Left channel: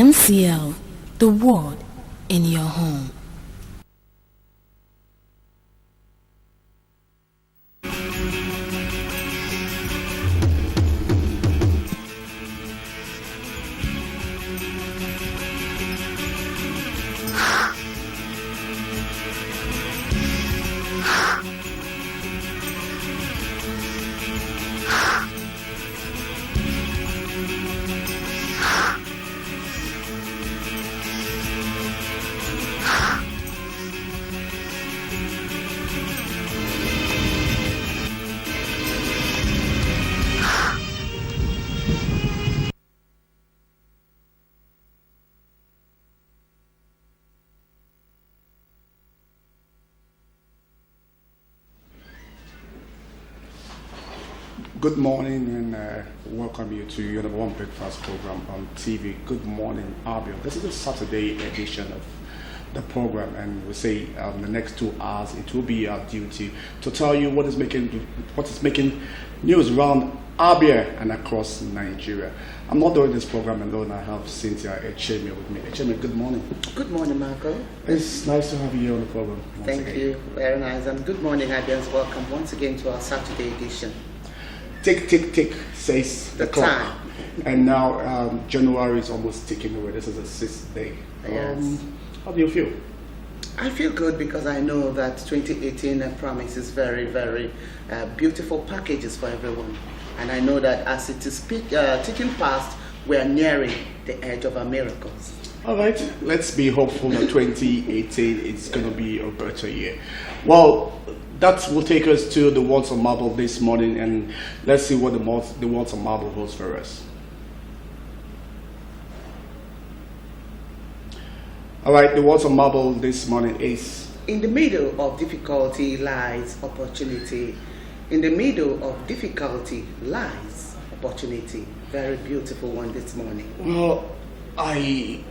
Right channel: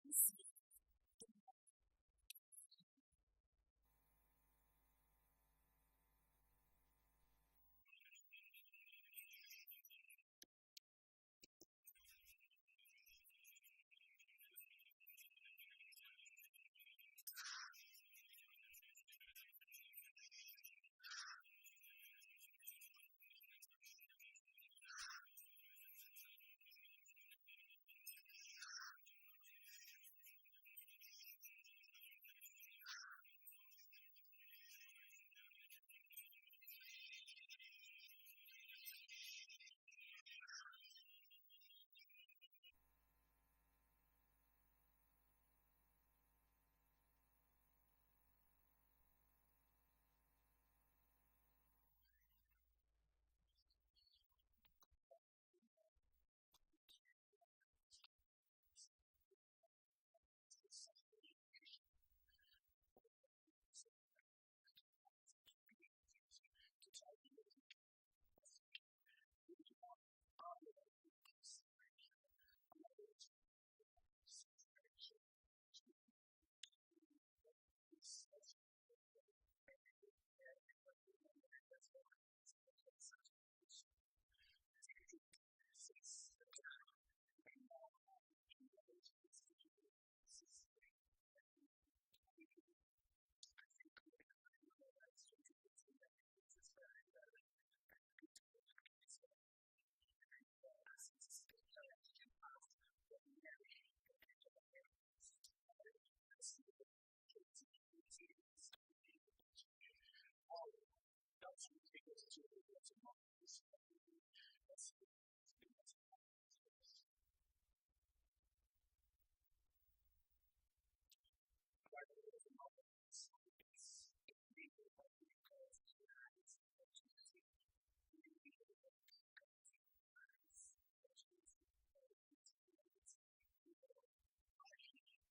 MCL, the word in your home. Good morning and welcome you to your number one breakfast program on TV, Good Morning, Abia. This is a Saturday edition of the program, and we say the next 2 hours it will be our duty to tell you what is making news around Abia and across Nigeria. I'm not doing this program alone. I have Cynthia Echeme with me. Echeme, good morning. Good morning, Marco. It's nice to have you here on the program. Thank you. Very nice. And good morning, Abians. Welcome once again to our Saturday edition. Tick, tick, tick, says the clock. Time. And now January is almost ticking away. This is the 6th day. Yes. How do you feel? I feel good because I know that 2018 promises very, very beautiful packages for everyone. And I know that as it is ticking past, we are nearing the edge of our miracles. All right, let's be hopeful that 2018 is going to be a better year. Well, that will take us to the Words of Marble this morning, and let's see what the Words of Marble holds for us. All right, the Words of Marble this morning is: in the middle of difficulty lies opportunity. In the middle of difficulty lies opportunity. Very beautiful one this morning. Well, I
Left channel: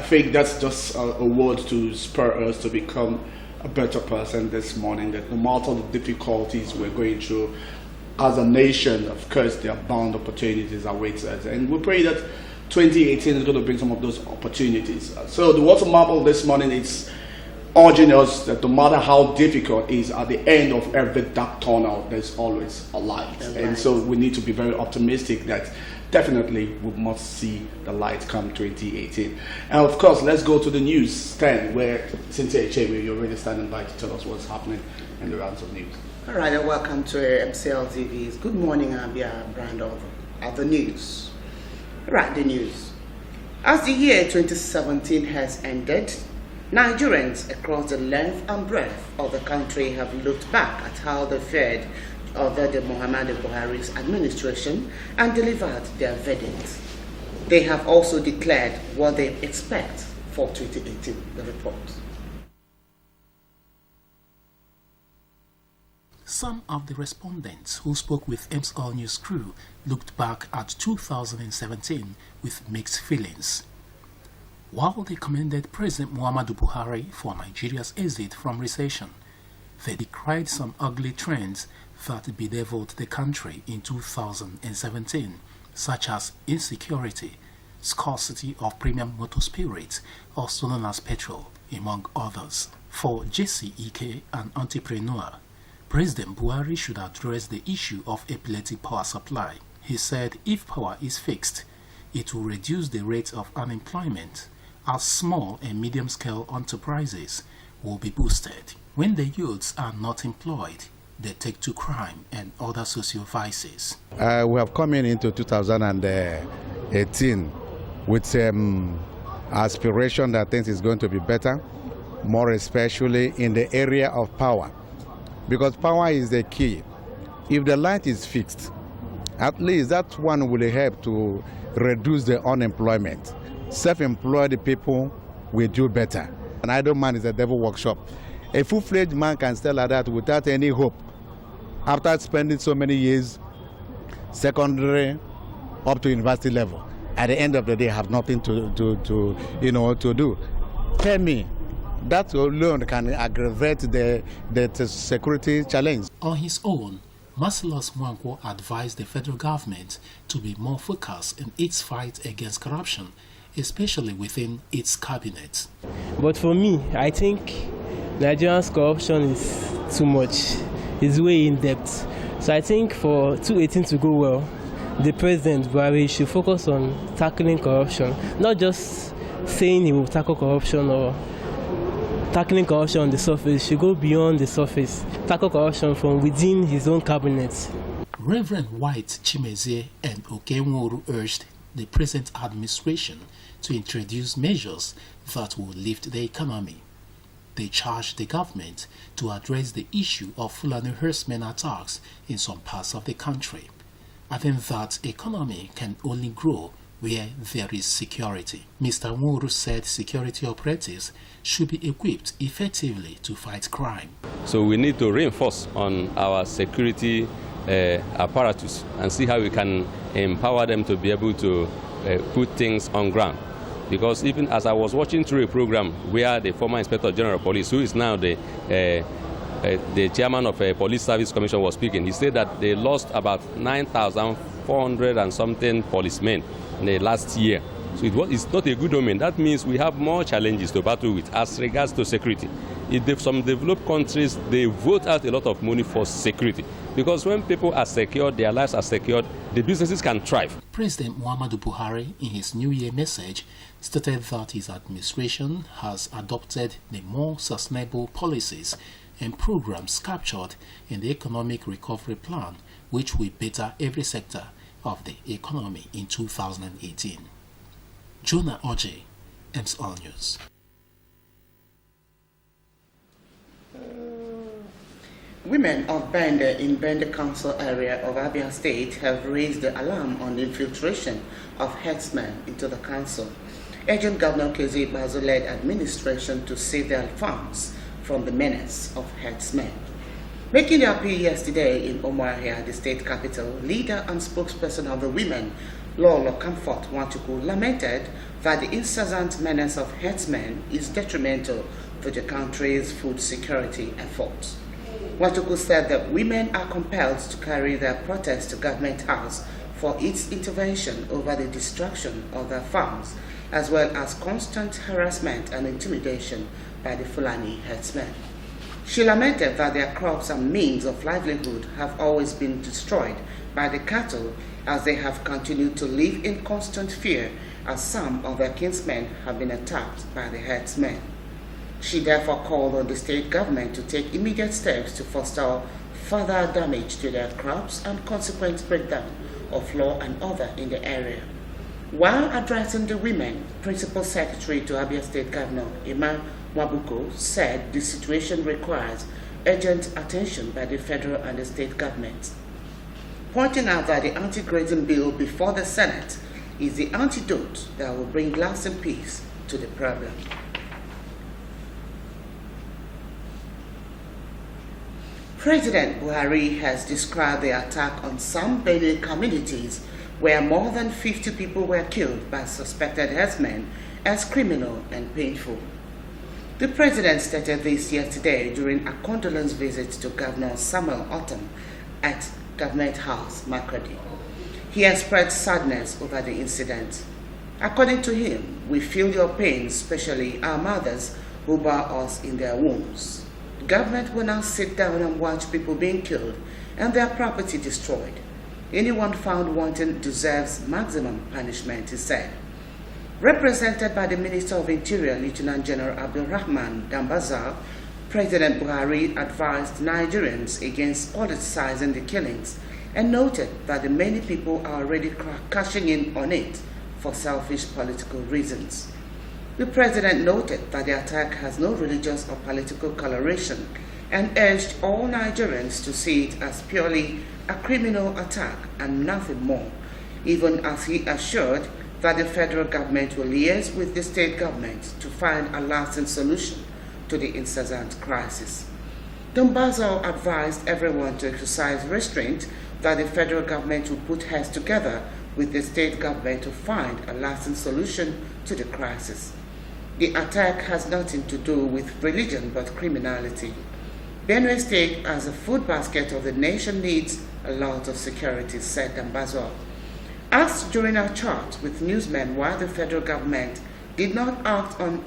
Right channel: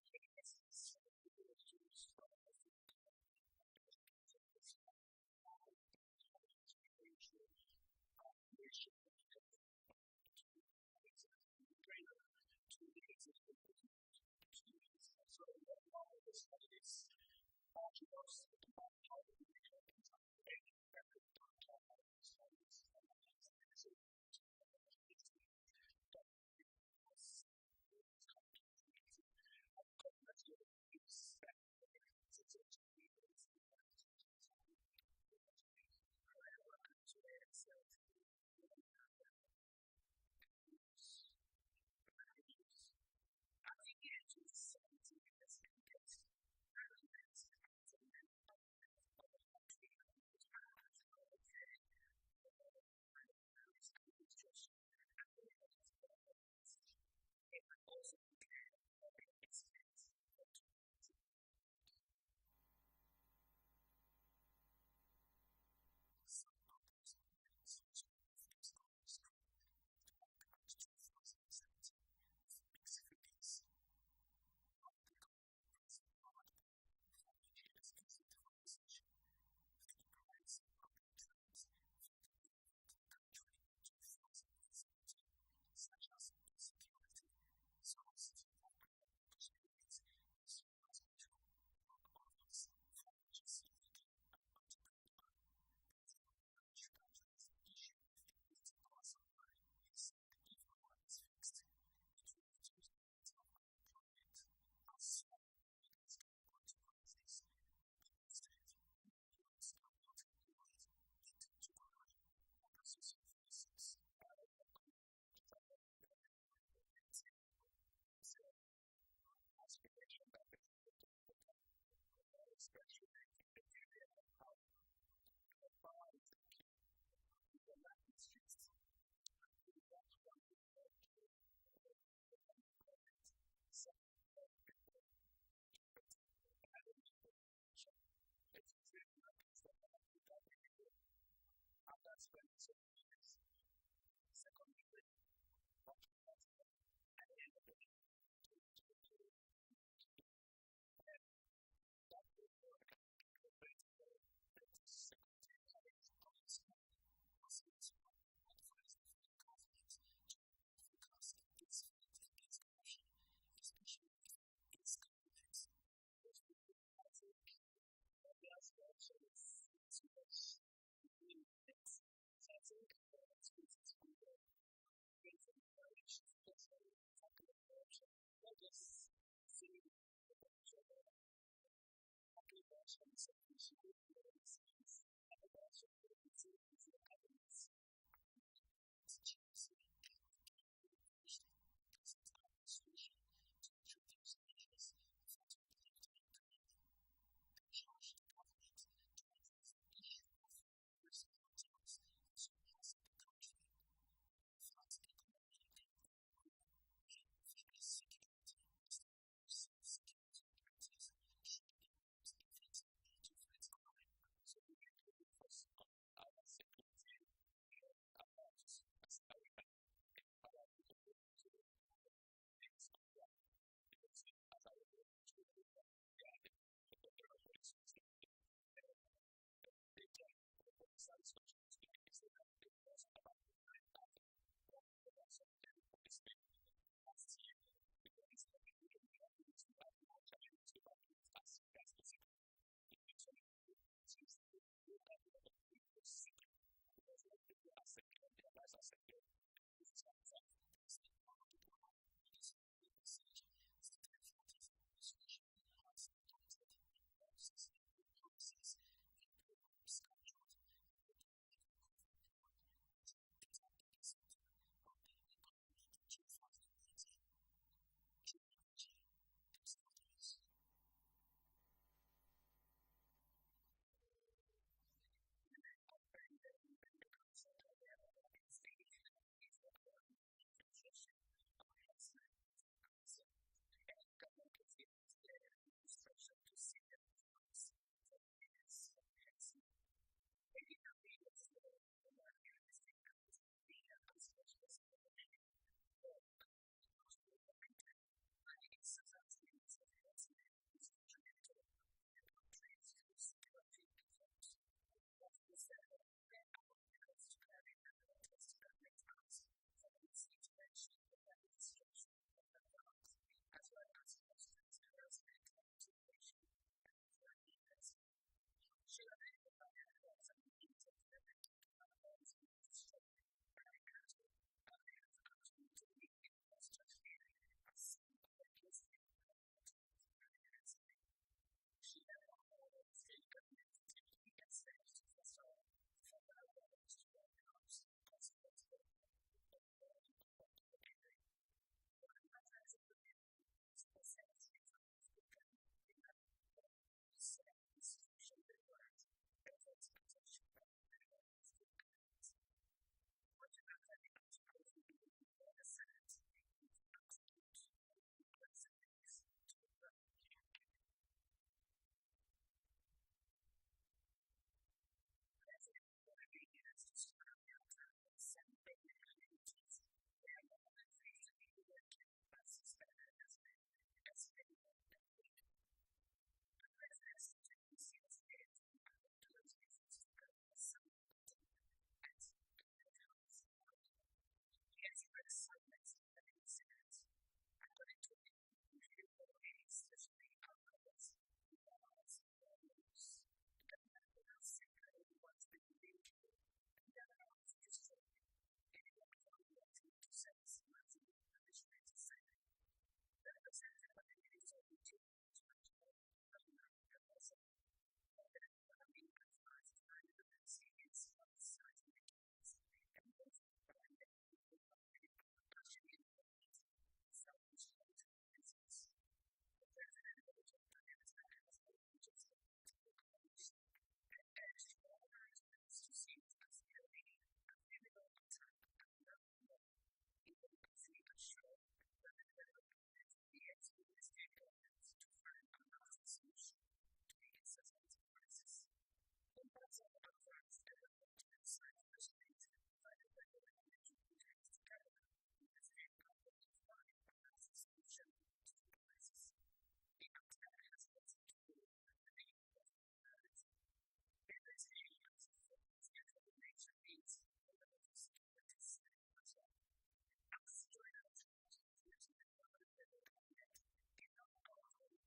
think that's just a word to spur us to become a better person this morning, that no matter the difficulties we're going through as a nation, of course, there are bound opportunities await us. And we pray that 2018 is going to bring some of those opportunities. So the Words of Marble this morning is urging us that no matter how difficult it is, at the end of every dark tunnel, there's always a light. And so we need to be very optimistic that definitely we must see the light come 2018. And of course, let's go to the news stand where Cynthia Echeme, you're already standing by to tell us what's happening in the rounds of news. All right, and welcome to MCL TV's Good Morning Abia brand of the news. Right, the news. As the year 2017 has ended, Nigerians across the length and breadth of the country have looked back at how they fared under the Muhammadu Buhari's administration and delivered their verdict. They have also declared what they expect for 2018. The report. Some of the respondents who spoke with MCL News crew looked back at 2017 with mixed feelings. While they commended President Muhammadu Buhari for Nigeria's exit from recession, they decried some ugly trends that bedeviled the country in 2017, such as insecurity, scarcity of premium motor spirits, or stolen as petrol, among others. For JC Ike, an entrepreneur, President Buhari should address the issue of epileptic power supply. He said if power is fixed, it will reduce the rate of unemployment, as small and medium-scale enterprises will be boosted. When the youths are not employed, they take to crime and other social vices. We have come into 2018 with aspiration that things is going to be better, more especially in the area of power, because power is the key. If the light is fixed, at least that one will help to reduce the unemployment. Self-employed people will do better. An idle man is a devil workshop. A full-fledged man can stay like that without any hope. After spending so many years, secondary up to university level, at the end of the day, have nothing to do. Tell me, that alone can aggravate the security challenge. On his own, Marcellus Mwankwo advised the federal government to be more focused in its fight against corruption especially within its cabinet. But for me, I think Nigeria's corruption is too much. It's way in depth. So I think for 2018 to go well, the President Buhari should focus on tackling corruption, not just saying he will tackle corruption or tackling corruption on the surface. He should go beyond the surface, tackle corruption from within his own cabinet. Reverend White Chimezie and Okenworu urged the present administration to introduce measures that will lift the economy. They charged the government to address the issue of Fulani herdsmen attacks in some parts of the country, adding that economy can only grow where there is security. Mr. Nworu said security operatives should be equipped effectively to fight crime. So we need to reinforce on our security apparatus and see how we can empower them to be able to put things on ground. Because even as I was watching through a program where the former Inspector General of Police, who is now the chairman of a police service commission, was speaking, he said that they lost about 9,400 and something policemen in the last year. So it's not a good omen. That means we have more challenges to battle with as regards to security. In some developed countries, they vote out a lot of money for security. Because when people are secured, their lives are secured, the businesses can thrive. President Muhammadu Buhari, in his New Year message, stated that his administration has adopted the more sustainable policies and programs captured in the Economic Recovery Plan, which will better every sector of the economy in 2018. Jonah Oje, MSR News. Women of Bende in Bende Council area of Abia State have raised the alarm on the infiltration of herdsmen into the council, urging Governor Kezi Bazo-led administration to save their farms from the menace of herdsmen. Making their appeal yesterday in Umuahia, the state capital, leader and spokesperson of the women, Lolo Comfort Nwachukwu, lamented that the incessant menace of herdsmen is detrimental to the country's food security efforts. Nwachukwu said that women are compelled to carry their protest to Government House for its intervention over the destruction of their farms, as well as constant harassment and intimidation by the Fulani herdsmen. She lamented that their crops and means of livelihood have always been destroyed by the cattle, as they have continued to live in constant fear as some of their kinsmen have been attacked by the herdsmen. She therefore called on the state government to take immediate steps to forestall further damage to their crops and consequent breakdown of law and order in the area. While addressing the women, Principal Secretary to Abia State Governor Emma Wabuko said the situation requires urgent attention by the federal and the state governments, pointing out that the anti-grazing bill before the Senate is the antidote that will bring lasting peace to the problem. President Buhari has described the attack on some Benin communities where more than 50 people were killed by suspected herdsmen as criminal and painful. The president stated this yesterday during a condolence visit to Governor Samuel Otom at Government House, Makurdi. He expressed sadness over the incident. According to him, we feel your pain, especially our mothers who bear us in their wombs. The government will now sit down and watch people being killed and their property destroyed. Anyone found wanting deserves maximum punishment, he said. Represented by the Minister of Interior, Lieutenant General Abdulrahman Dambazar, President Buhari advised Nigerians against politicizing the killings and noted that the many people are already cashing in on it for selfish political reasons. The president noted that the attack has no religious or political coloration and urged all Nigerians to see it as purely a criminal attack and nothing more, even as he assured that the federal government will liaise with the state government to find a lasting solution to the incessant crisis. Dambazar advised everyone to exercise restraint, that the federal government will put heads together with the state government to find a lasting solution to the crisis. The attack has nothing to do with religion but criminality. Benue State, as a food basket of the nation, needs a lot of security, said Dambazar. Asked during a chat with newsmen why the federal government did not act on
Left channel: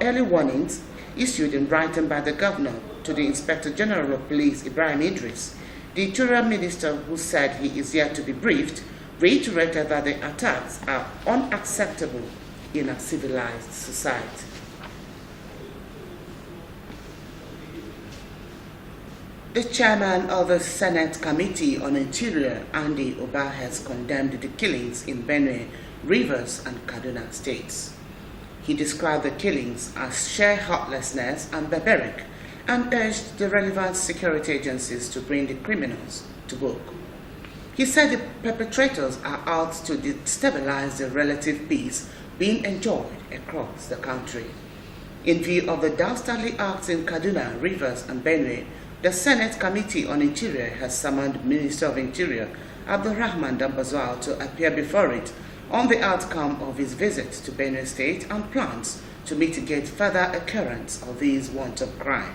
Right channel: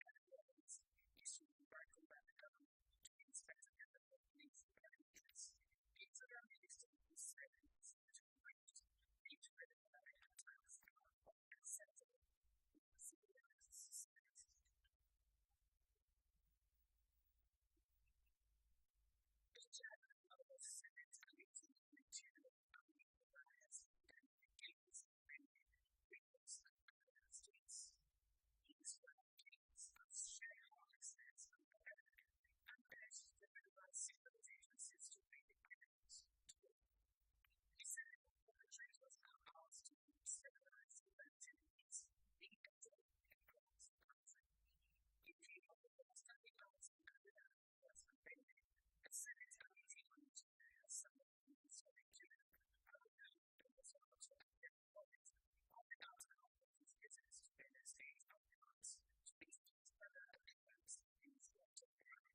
early warnings issued in writing by the governor to the Inspector General of Police, Ibrahim Idris, the Interior Minister, who said he is yet to be briefed, reiterated that the attacks are unacceptable in a civilized society. The chairman of the Senate Committee on Interior, Andy Oba, has condemned the killings in Benue, Rivers, and Kaduna states. He described the killings as sheer heartlessness and barbaric, and urged the relevant security agencies to bring the criminals to book. He said the perpetrators are out to destabilize the relative peace being enjoyed across the country. In view of the dastardly acts in Kaduna, Rivers, and Benue, the Senate Committee on Interior has summoned Minister of Interior Abdulrahman Dambazwal to appear before it on the outcome of his visit to Benue State and plans to mitigate further occurrence of these wanton crime.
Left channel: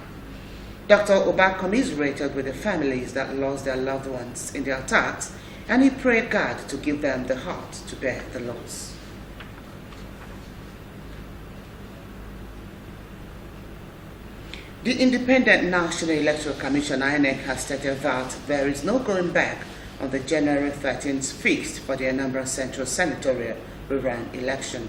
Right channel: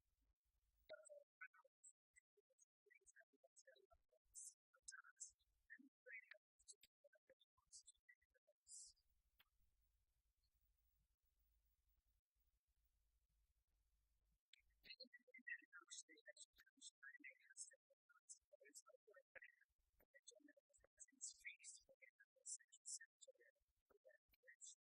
Dr. Oba commiserated with the families that lost their loved ones in the attacks, and he prayed God to give them the heart to bear the loss. The Independent National Electoral Commission, INEC, has stated that there is no going back on the January 13th fixed for the Anambra Central Senatorial rerun election.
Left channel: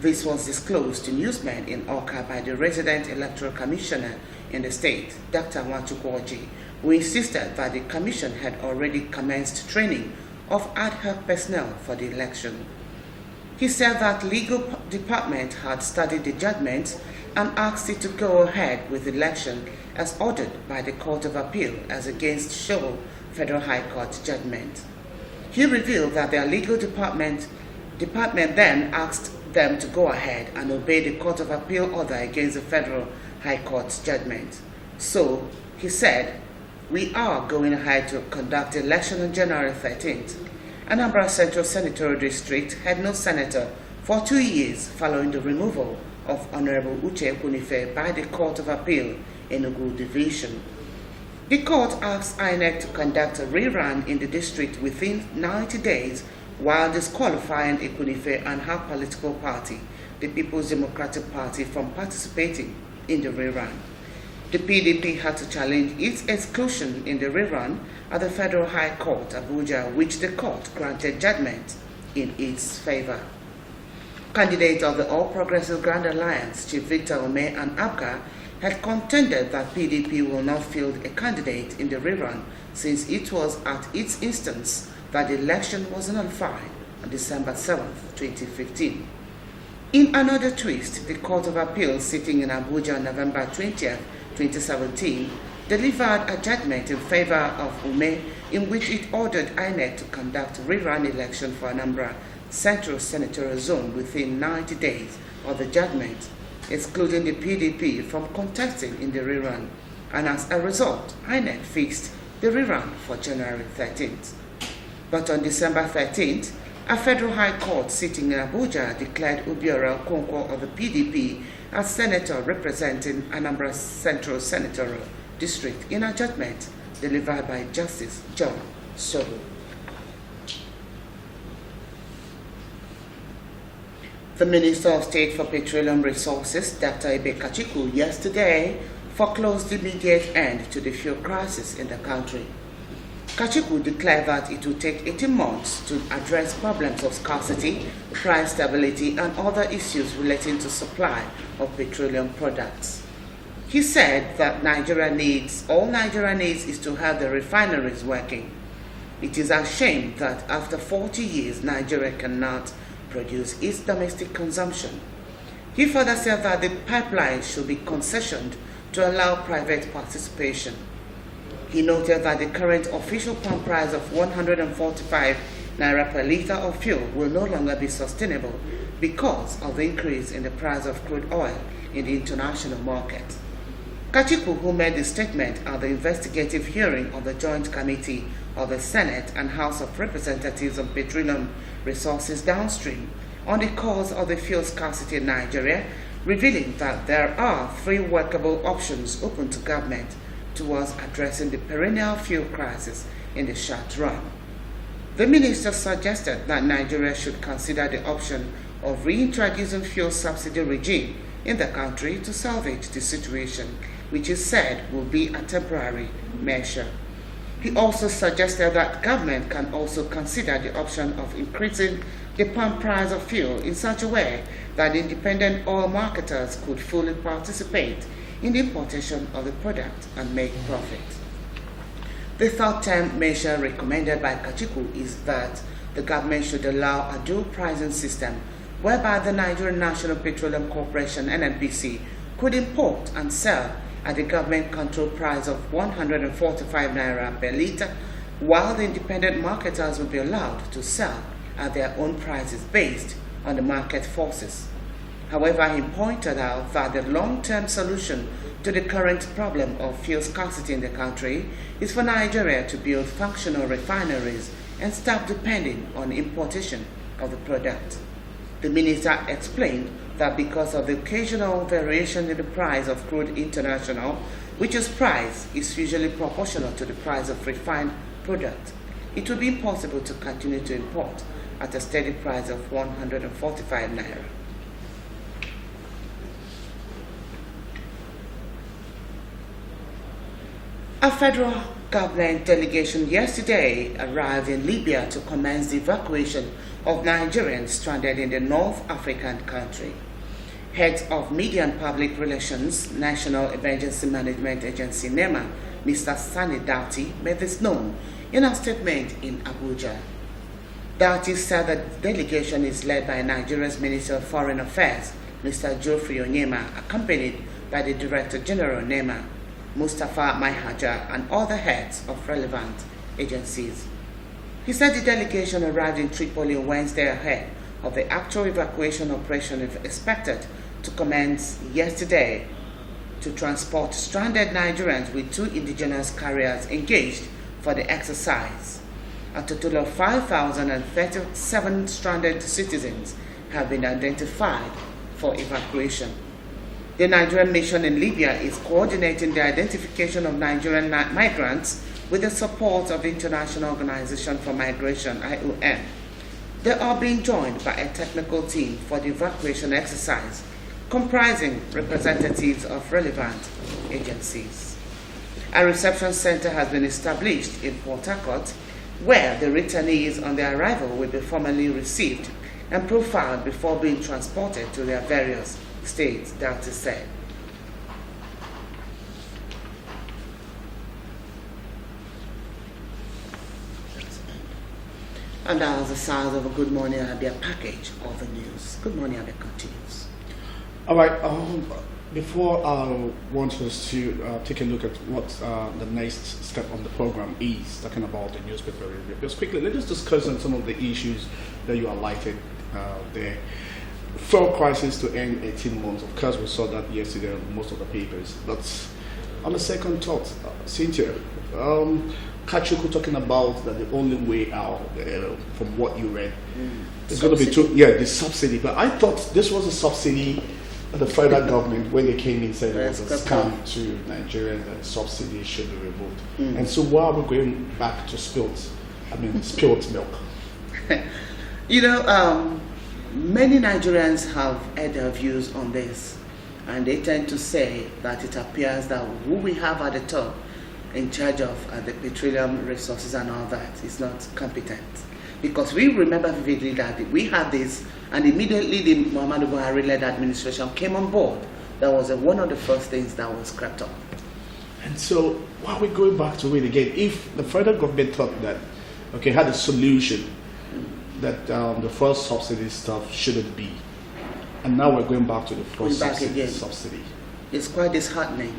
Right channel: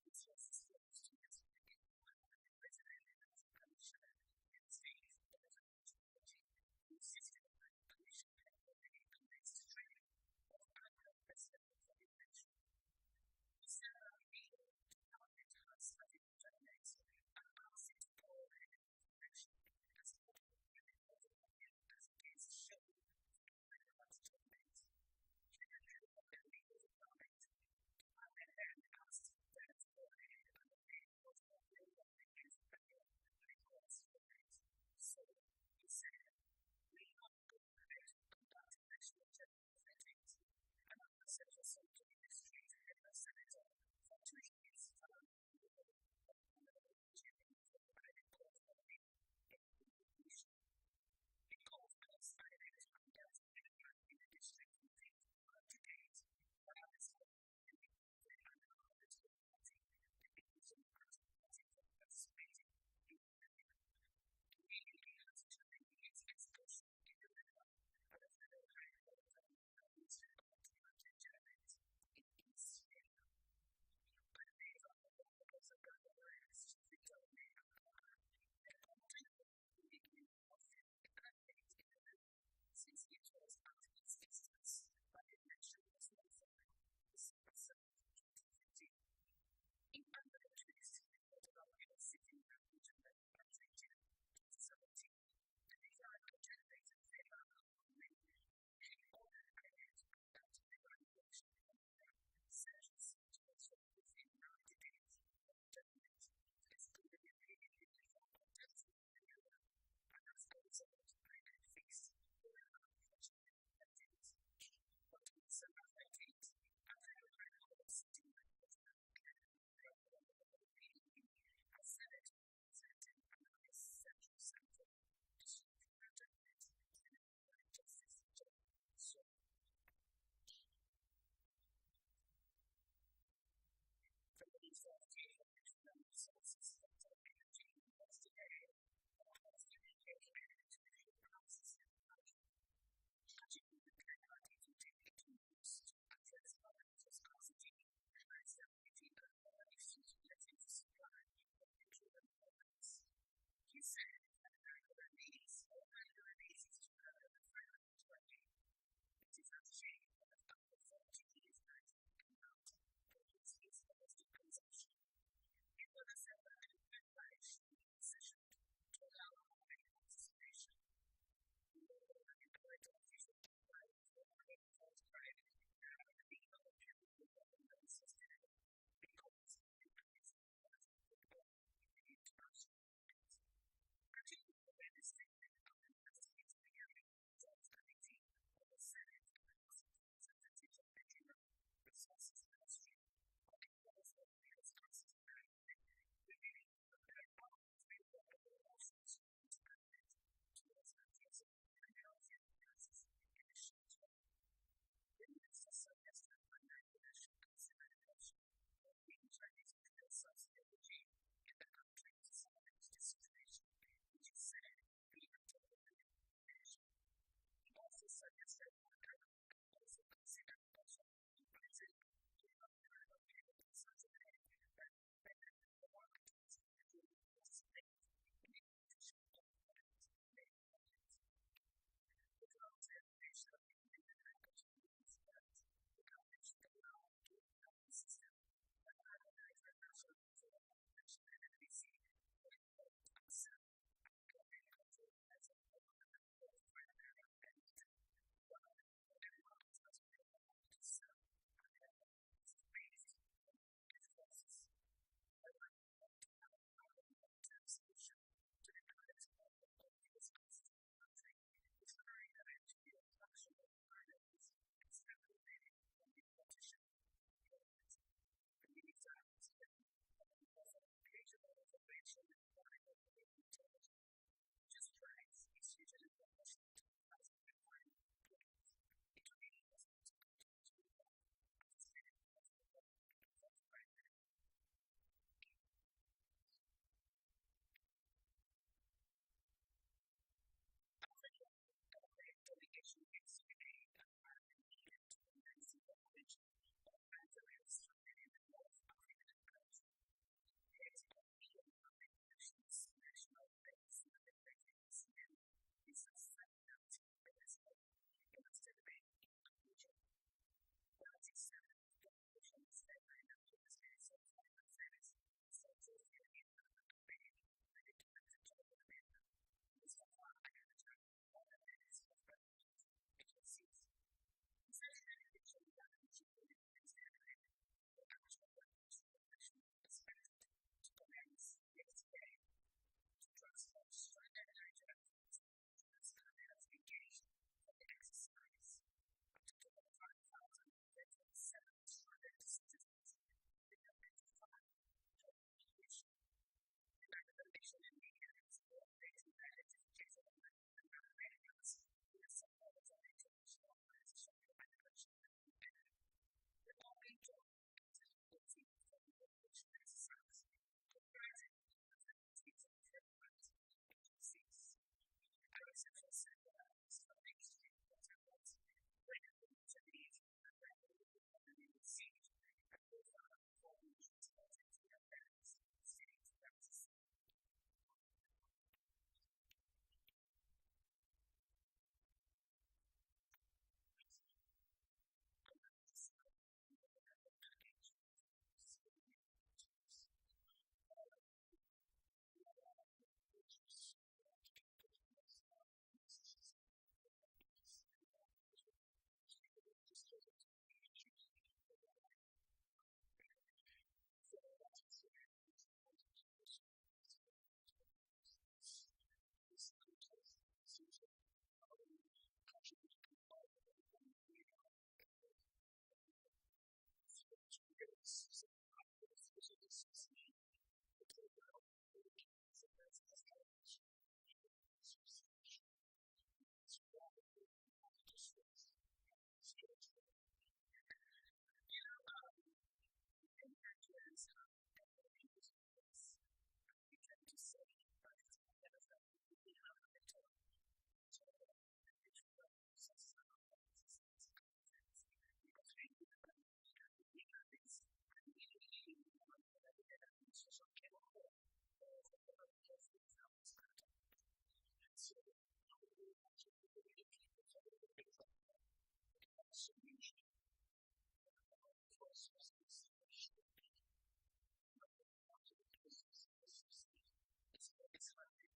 This was disclosed to newsmen in Awka by the resident electoral commissioner in the state, Dr. Nwachukwu, who insisted that the commission had already commenced training of ad hoc personnel for the election. He said that legal department had studied the judgment and asked it to go ahead with the election as ordered by the Court of Appeal as against Show Federal High Court judgment. He revealed that their legal department then asked them to go ahead and obey the Court of Appeal order against the Federal High Court's judgment. So, he said, we are going ahead to conduct the election on January 13th. Anambra Central Senatorial District had no senator for 2 years following the removal of Honorable Uche Ekwunife by the Court of Appeal in Enugu Division. The court asked INEC to conduct a rerun in the district within 90 days while disqualifying Ekwunife and her political party, the People's Democratic Party, from participating in the rerun. The PDP had to challenge its exclusion in the rerun at the Federal High Court, Abuja, which the court granted judgment in its favor. Candidates of the All Progressive Grand Alliance, Chief Victor Ome and Abga, had contended that PDP will not field a candidate in the rerun since it was at its instance that the election was nullified on December 7, 2015. In another twist, the Court of Appeal sitting in Abuja on November 20, 2017, delivered a judgment in favor of Ume in which it ordered INEC to conduct a rerun election for Anambra Central Senatorial Zone within 90 days of the judgment, excluding the PDP from contesting in the rerun, and as a result, INEC fixed the rerun for January 13th. But on December 13th, a federal high court sitting in Abuja declared Obiora Okonkwo of the PDP as senator representing Anambra Central Senatorial District in a judgment delivered by Justice John Sobo. The Minister of State for Petroleum Resources, Dr. Ibe Kachiku, yesterday foreclosed the immediate end to the fuel crisis in the country. Kachiku declared that it would take 18 months to address problems of scarcity, price stability, and other issues relating to supply of petroleum products. He said that all Nigeria needs is to have the refineries working. It is a shame that after 40 years, Nigeria cannot produce its domestic consumption. He further said that the pipeline should be concessioned to allow private participation. He noted that the current official pump price of 145 naira per litre of fuel will no longer be sustainable because of the increase in the price of crude oil in the international market. Kachiku, who made the statement at the investigative hearing of the Joint Committee of the Senate and House of Representatives on Petroleum Resources Downstream on the cause of the fuel scarcity in Nigeria, revealing that there are 3 workable options open to government towards addressing the perennial fuel crisis in the short run. The minister suggested that Nigeria should consider the option of reintroducing fuel subsidy regime in the country to salvage the situation, which is said will be a temporary measure. He also suggested that government can also consider the option of increasing the pump price of fuel in such a way that independent oil marketers could fully participate in the importation of the product and make profit. The third-term measure recommended by Kachiku is that the government should allow a dual pricing system whereby the Nigerian National Petroleum Corporation (NNPC) could import and sell at the government-controlled price of 145 naira per litre, while the independent marketers will be allowed to sell at their own prices based on the market forces. However, he pointed out that the long-term solution to the current problem of fuel scarcity in the country is for Nigeria to build functional refineries and stop depending on importation of the product. The minister explained that because of the occasional variation in the price of crude international, which is price is usually proportional to the price of refined product, it will be impossible to continue to import at a steady price of 145 naira. A federal government delegation yesterday arrived in Libya to commence the evacuation of Nigerians stranded in the North African country. Head of Media and Public Relations, National Emergency Management Agency (NEMA), Mr. Sani Doughty, made this known in a statement in Abuja. Doughty said the delegation is led by Nigeria's Minister of Foreign Affairs, Mr. Geoffrey Onyema, accompanied by the Director General NEMA, Mustafa Maihaja, and other heads of relevant agencies. He said the delegation arrived in Tripoli on Wednesday ahead of the actual evacuation operation expected to commence yesterday to transport stranded Nigerians with 2 indigenous carriers engaged for the exercise. A total of 5,037 stranded citizens have been identified for evacuation. The Nigerian mission in Libya is coordinating the identification of Nigerian migrants with the support of the International Organization for Migration, IOM. They are being joined by a technical team for the evacuation exercise, comprising representatives of relevant agencies. A reception center has been established in Port Harcourt, where the returnees on their arrival will be formally received and profiled before being transported to their various states, that is said. And that was the size of a Good Morning Abia package of the news. Good Morning Abia continues. All right. Before I want us to take a look at what the next step on the program is, talking about the newspaper review, just quickly, let's just discuss on some of the issues that you highlighted there. Fuel crisis to end 18 months. Of course, we saw that yesterday in most of the papers. But on the second thought, Cynthia, Kachuku talking about that the only way out, from what you read, is going to be the subsidy. But I thought this was a subsidy the federal government, when they came in, said it was a scam to Nigerians and subsidies should be removed. And so why are we going back to spilt milk? Many Nigerians have had their views on this, and they tend to say that it appears that who we have at the top in charge of the petroleum resources and all that is not competent. Because we remember vividly that we had this, and immediately the Muhammadu Buhari-led administration came on board. That was one of the first things that was crept up. And so, why are we going back to it again? If the federal government thought that, had a solution, that the first subsidy stuff shouldn't be, and now we're going back to the first subsidy. It's quite disheartening.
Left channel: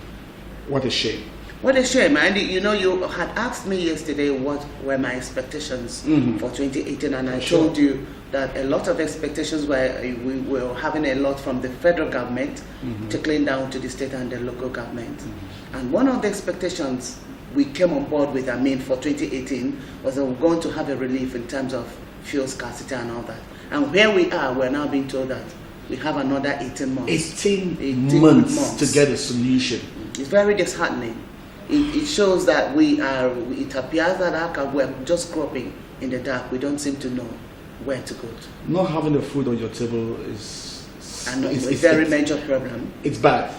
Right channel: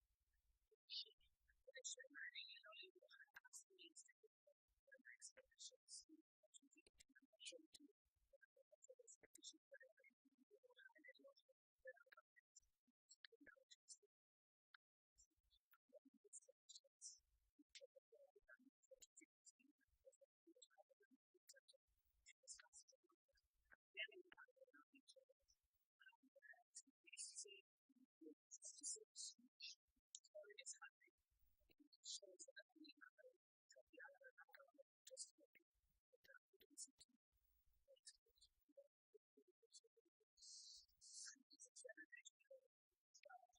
What a shame. What a shame. And you had asked me yesterday what were my expectations for 2018, and I told you that a lot of expectations we were having a lot from the federal government trickling down to the state and the local government. And one of the expectations we came on board with, for 2018, was that we're going to have a relief in terms of fuel scarcity and all that. And where we are, we're now being told that we have another 18 months. 18 months to get a solution. It's very disheartening. It shows that it appears that we're just groping in the dark. We don't seem to know where to go to. Not having the food on your table is a very major problem. It's bad.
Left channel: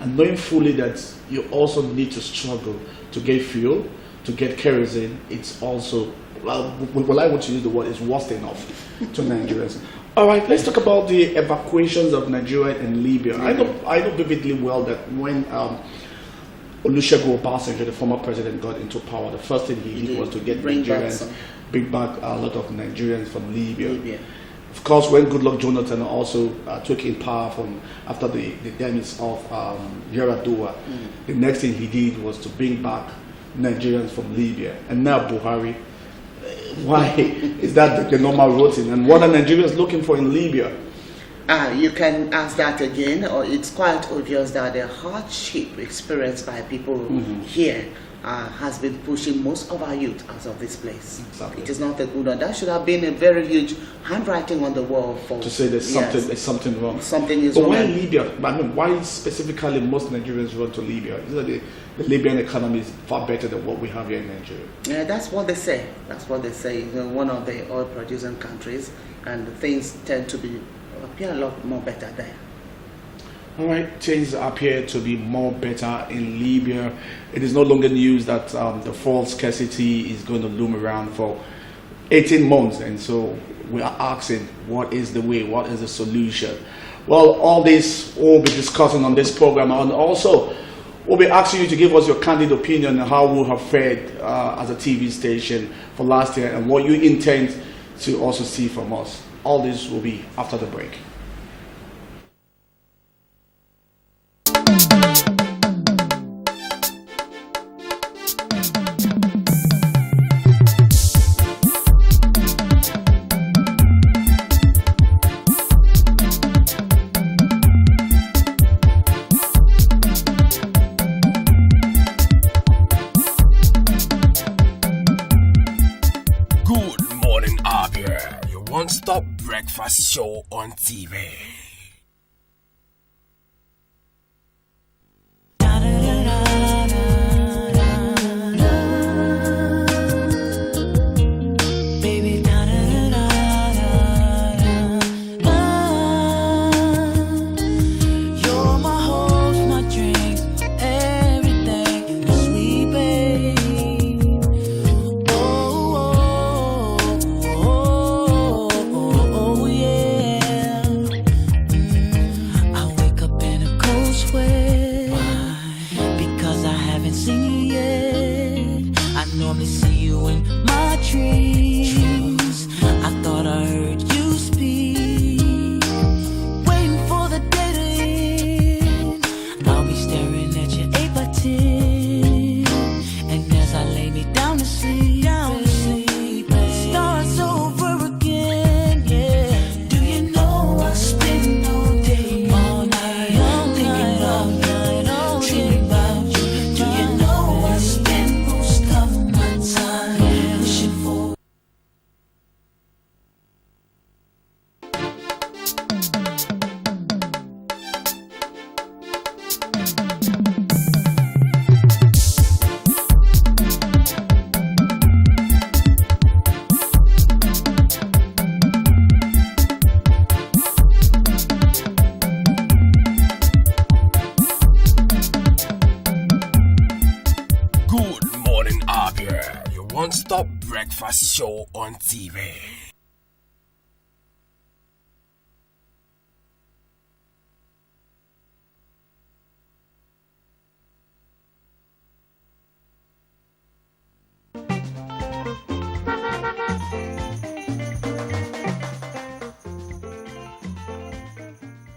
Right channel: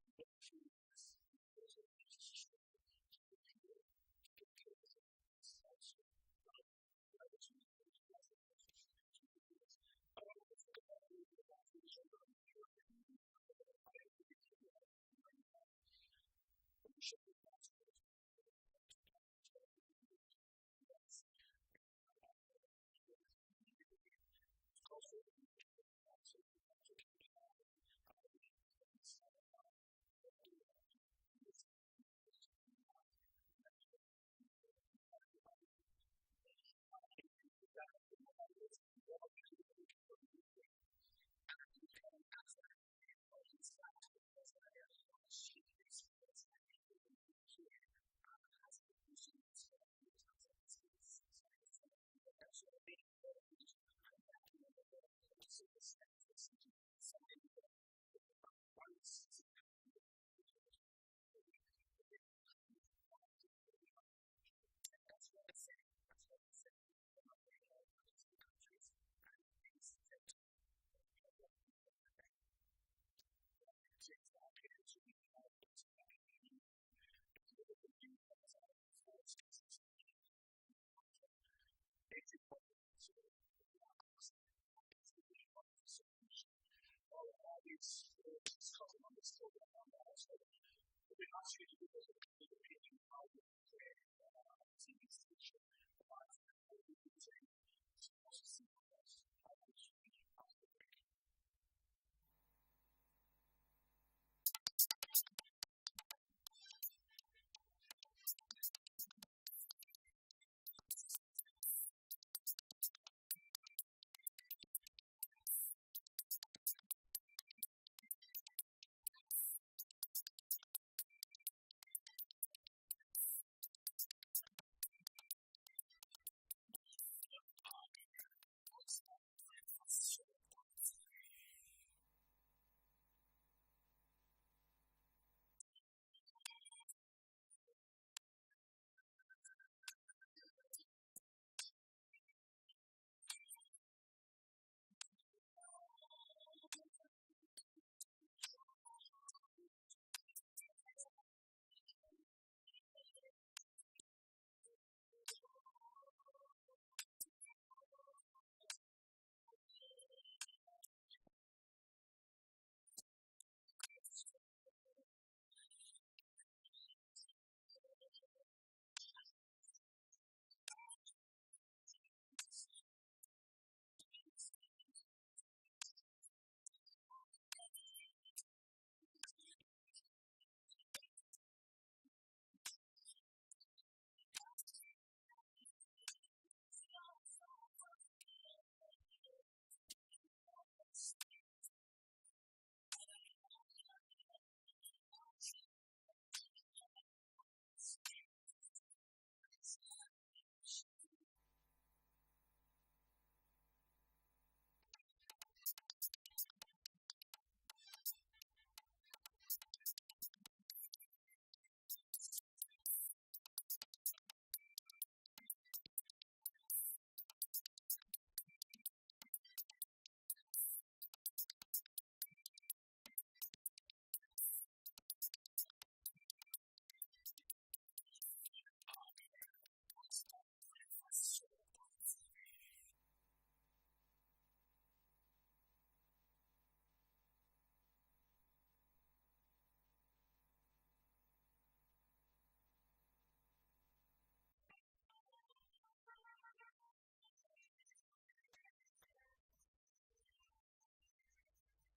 And knowing fully that you also need to struggle to get fuel, to get kerosene, it's also, well, I want to use the word, is worst enough to Nigerians. All right, let's talk about the evacuations of Nigeria and Libya. I know vividly well that when Olusegun Obasanjo, the former president, got into power, the first thing he did was to get bring back a lot of Nigerians from Libya. Of course, when Goodluck Jonathan also took in power after the demise of Yar'Adua, the next thing he did was to bring back Nigerians from Libya. And now Buhari, why is that the normal routine? And what are Nigerians looking for in Libya? You can ask that again, or it's quite obvious that the hardship experienced by people here has been pushing most of our youth out of this place. Exactly. It is not a good one. That should have been a very huge handwriting on the wall for to say there's something wrong. Something is wrong. But why Libya? I mean, why specifically most Nigerians run to Libya? Is that the Libyan economy is far better than what we have here in Nigeria? Yeah, that's what they say. That's what they say. One of the oil-producing countries, and things tend to appear a lot more better there. All right, things appear to be more better in Libya. It is no longer news that the fuel scarcity is going to loom around for 18 months. And so we are asking, what is the way? What is the solution? Well, all this we'll be discussing on this program. And also, we'll be asking you to give us your candid opinion on how we have fared as a TV station for last year and what you intend to also see from us. All this will be after the break. Good morning, Abia, your one-stop breakfast show on TV. One-stop breakfast show on TV.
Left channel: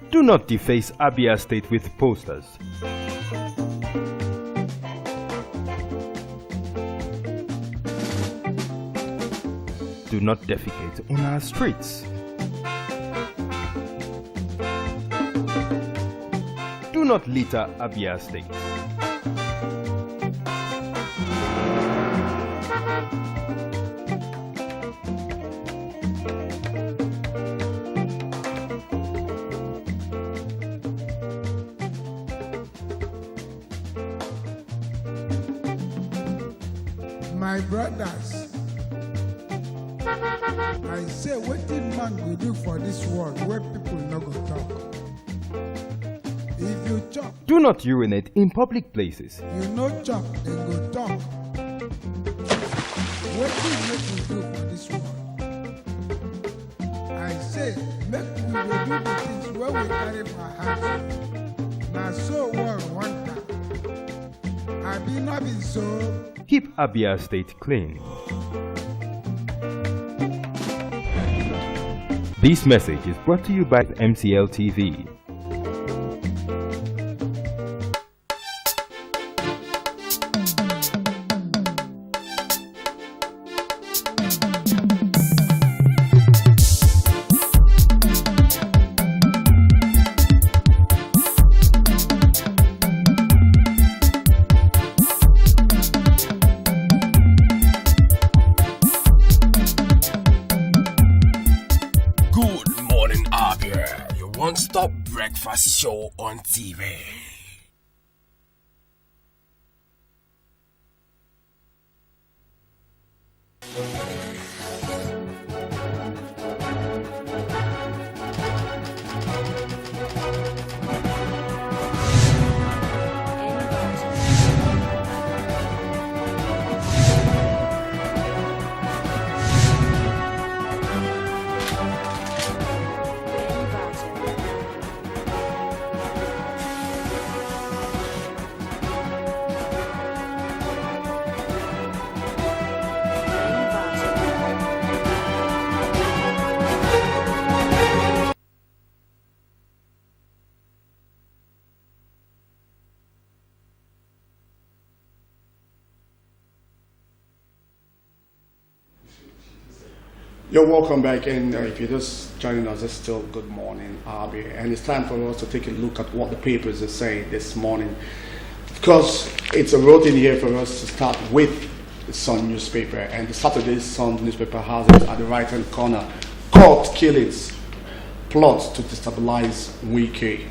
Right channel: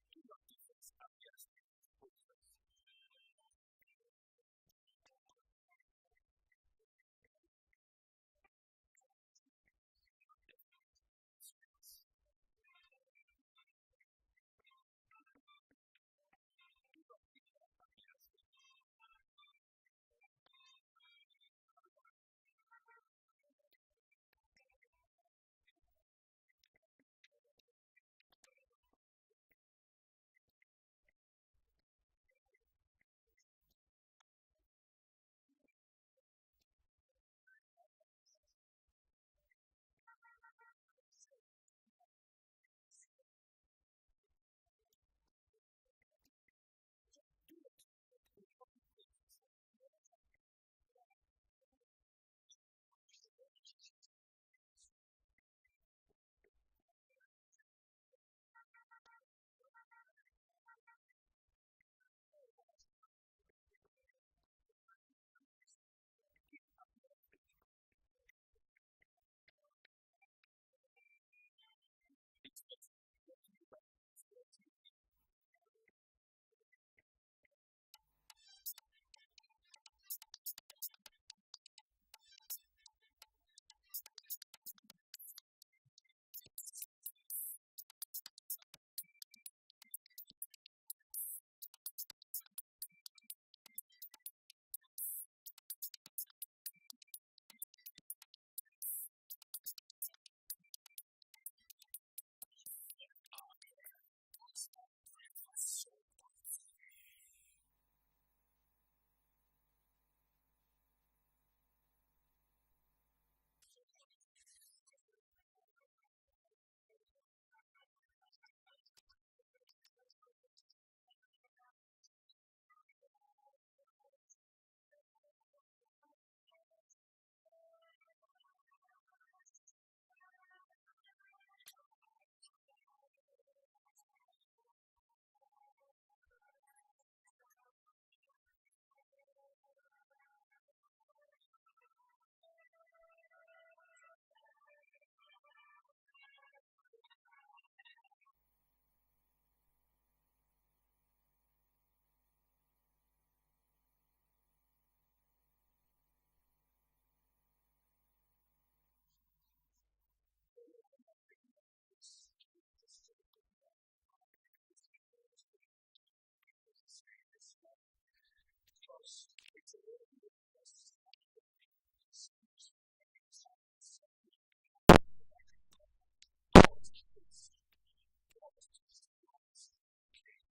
Do not deface Abia State with posters. Do not defecate on our streets. Do not litter Abia State. My brothers, man go do for this world where people no go talk? If you chop, Do not urinate in public places. you no chop, then go talk. What do you make we do for this world? I say, make we dey do the things where we carry for heart. Now so world want that. I be not be so. Keep Abia State clean. This message is brought to you by MCL TV. Good morning, Abia. Your one-stop breakfast show on TV. You're welcome back, and if you're just joining us, it's still Good Morning, Abia, and it's time for us to take a look at what the papers are saying this morning. Of course, it's a routine here for us to start with the Sun newspaper, and the Saturday Sun newspaper has it at the right-hand corner. Court killings, plot to destabilize Wiki.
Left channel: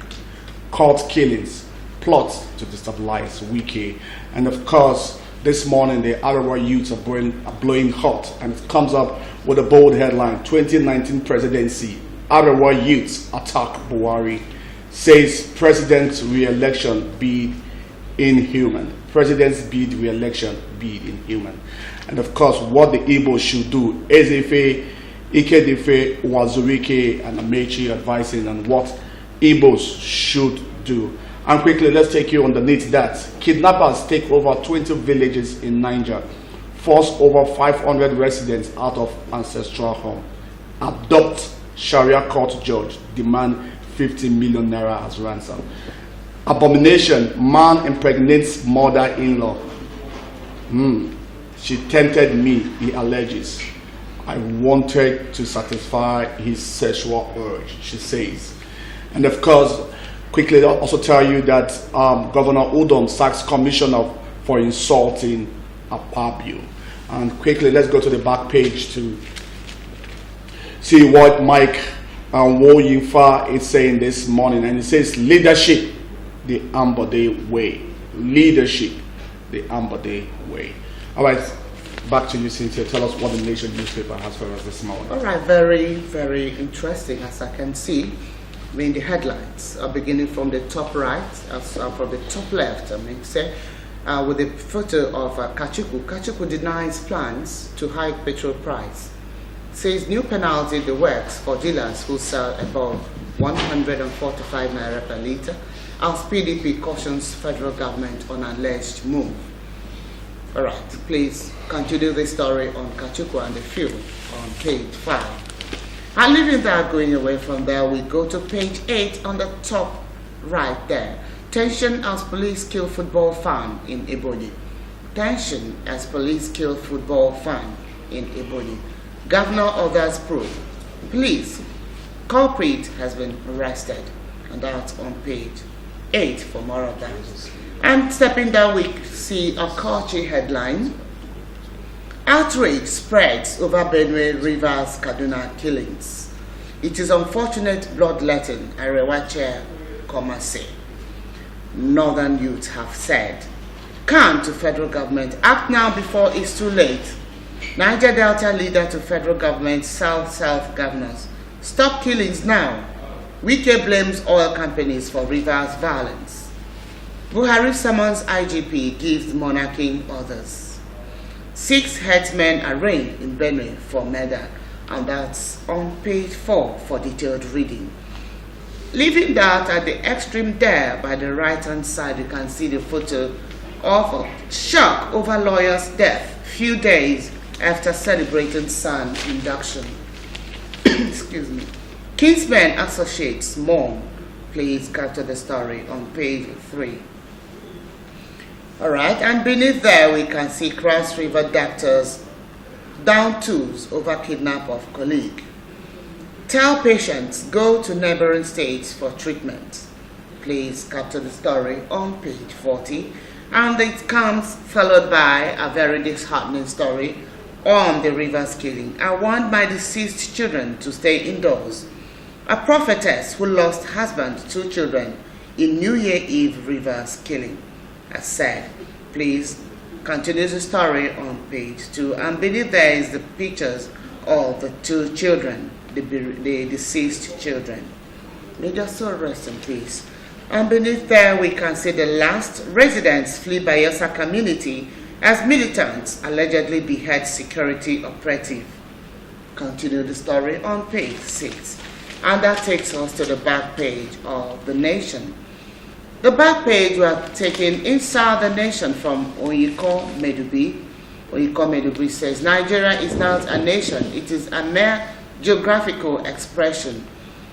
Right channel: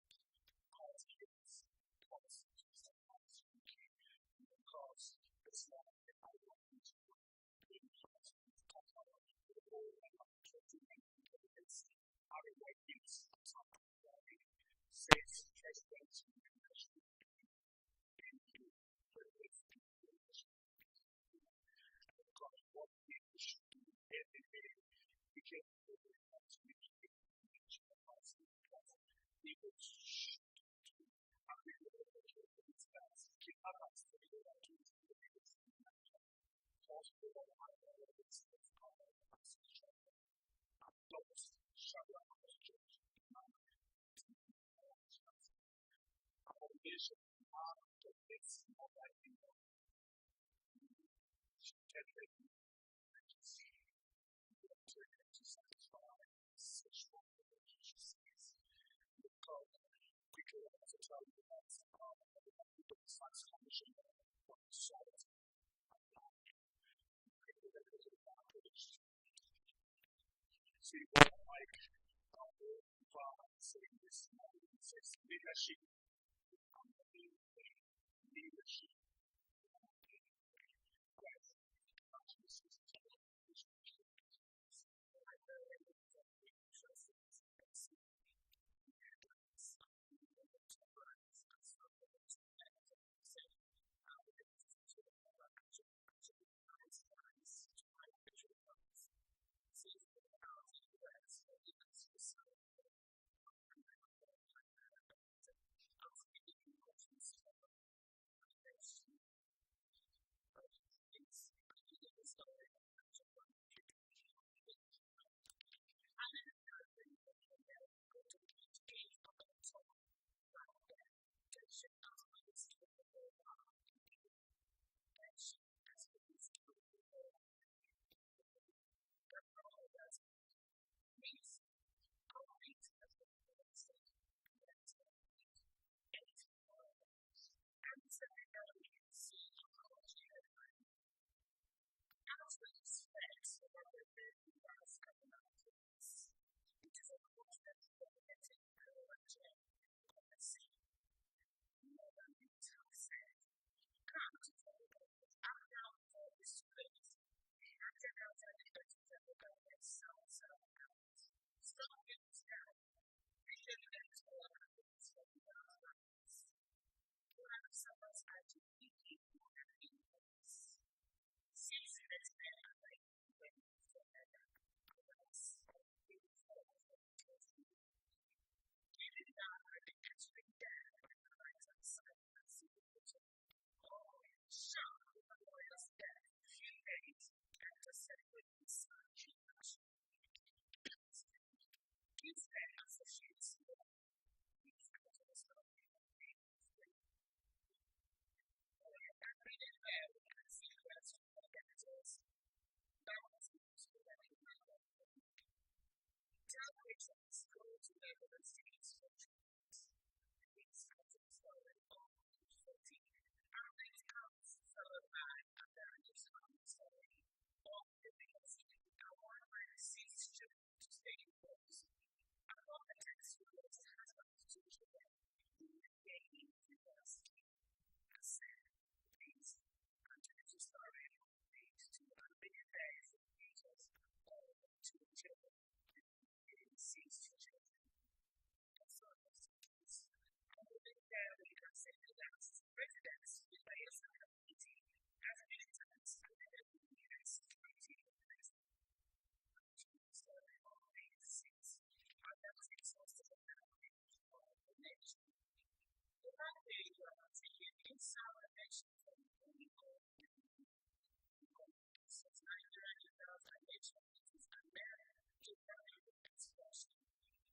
Court killings, plot to destabilize Wiki. And of course, this morning the Arawa youths are blowing hot, and it comes up with a bold headline: 2019 presidency, Arawa youths attack Buhari, says president's re-election bid inhuman. President's bid re-election bid inhuman. And of course, what the Igbo should do. Ezefe, Ikedefe, Wazurike, and Amechi advising on what Igbos should do. And quickly, let's take you underneath that. Kidnappers take over 20 villages in Niger, force over 500 residents out of ancestral home, adopt Sharia court judge, demand 50 million naira as ransom. Abomination, man impregnates mother-in-law. She tempted me, he alleges. I wanted to satisfy his sexual urge, she says. And of course, quickly I'll also tell you that Governor Udom sacks commissioner for insulting Abia. And quickly, let's go to the back page to see what Mike Woyinfa is saying this morning. And it says, leadership, the Ambode way. Leadership, the Ambode way. All right, back to you, Cynthia. Tell us what the Nation newspaper has for us this morning. All right, very, very interesting, as I can see. I mean, the headlines are beginning from the top right, from the top left, with a photo of Kachuku. Kachuku denies plans to hike petrol price. Says new penalty in the works for dealers who sell above 145 naira per litre, as PDP cautions federal government on alleged move. All right, please continue the story on Kachuku and the fuel on page 5. And leaving that, going away from there, we go to page 8 on the top right there. Tension as police kill football fan in Ebonyi. Tension as police kill football fan in Ebonyi. Governor others probe. Police culprit has been arrested. And that's on page 8 for more of that. And stepping down, we see a Kochi headline. Outrage spreads over Benue Rivers Kaduna killings. It is unfortunate bloodletting, Arewa Chair Komase. Northern youths have said, can to federal government act now before it's too late. Niger Delta leader to federal government, South governors. Stop killings now. Wike blames oil companies for rivers violence. Buhari summons IGP, gives monarchy orders. 6 headsmen arraigned in Benue for murder, and that's on page 4 for detailed reading. Leaving that at the extreme there by the right-hand side, you can see the photo of a shock over lawyer's death few days after celebrating son induction. Excuse me. Kingsmen Associates mourn. Please capture the story on page 3. Alright, and beneath there we can see Cross River doctors down tools over kidnap of colleague. Tell patients go to neighboring states for treatment. Please capture the story on page 40. And it comes followed by a very disheartening story on the rivers killing. I want my deceased children to stay indoors. A prophetess who lost husband, 2 children in New Year Eve rivers killing has said. Please continue the story on page 2. And beneath there is the pictures of the 2 children, the deceased children. May their soul rest in peace. And beneath there we can see the last residents flee Bayelsa community as militants allegedly behead security operative. Continue the story on page 6. And that takes us to the back page of The Nation. The back page we are taken inside the nation from Oyiko Medubi. Oyiko Medubi says, Nigeria is not a nation, it is a mere geographical expression.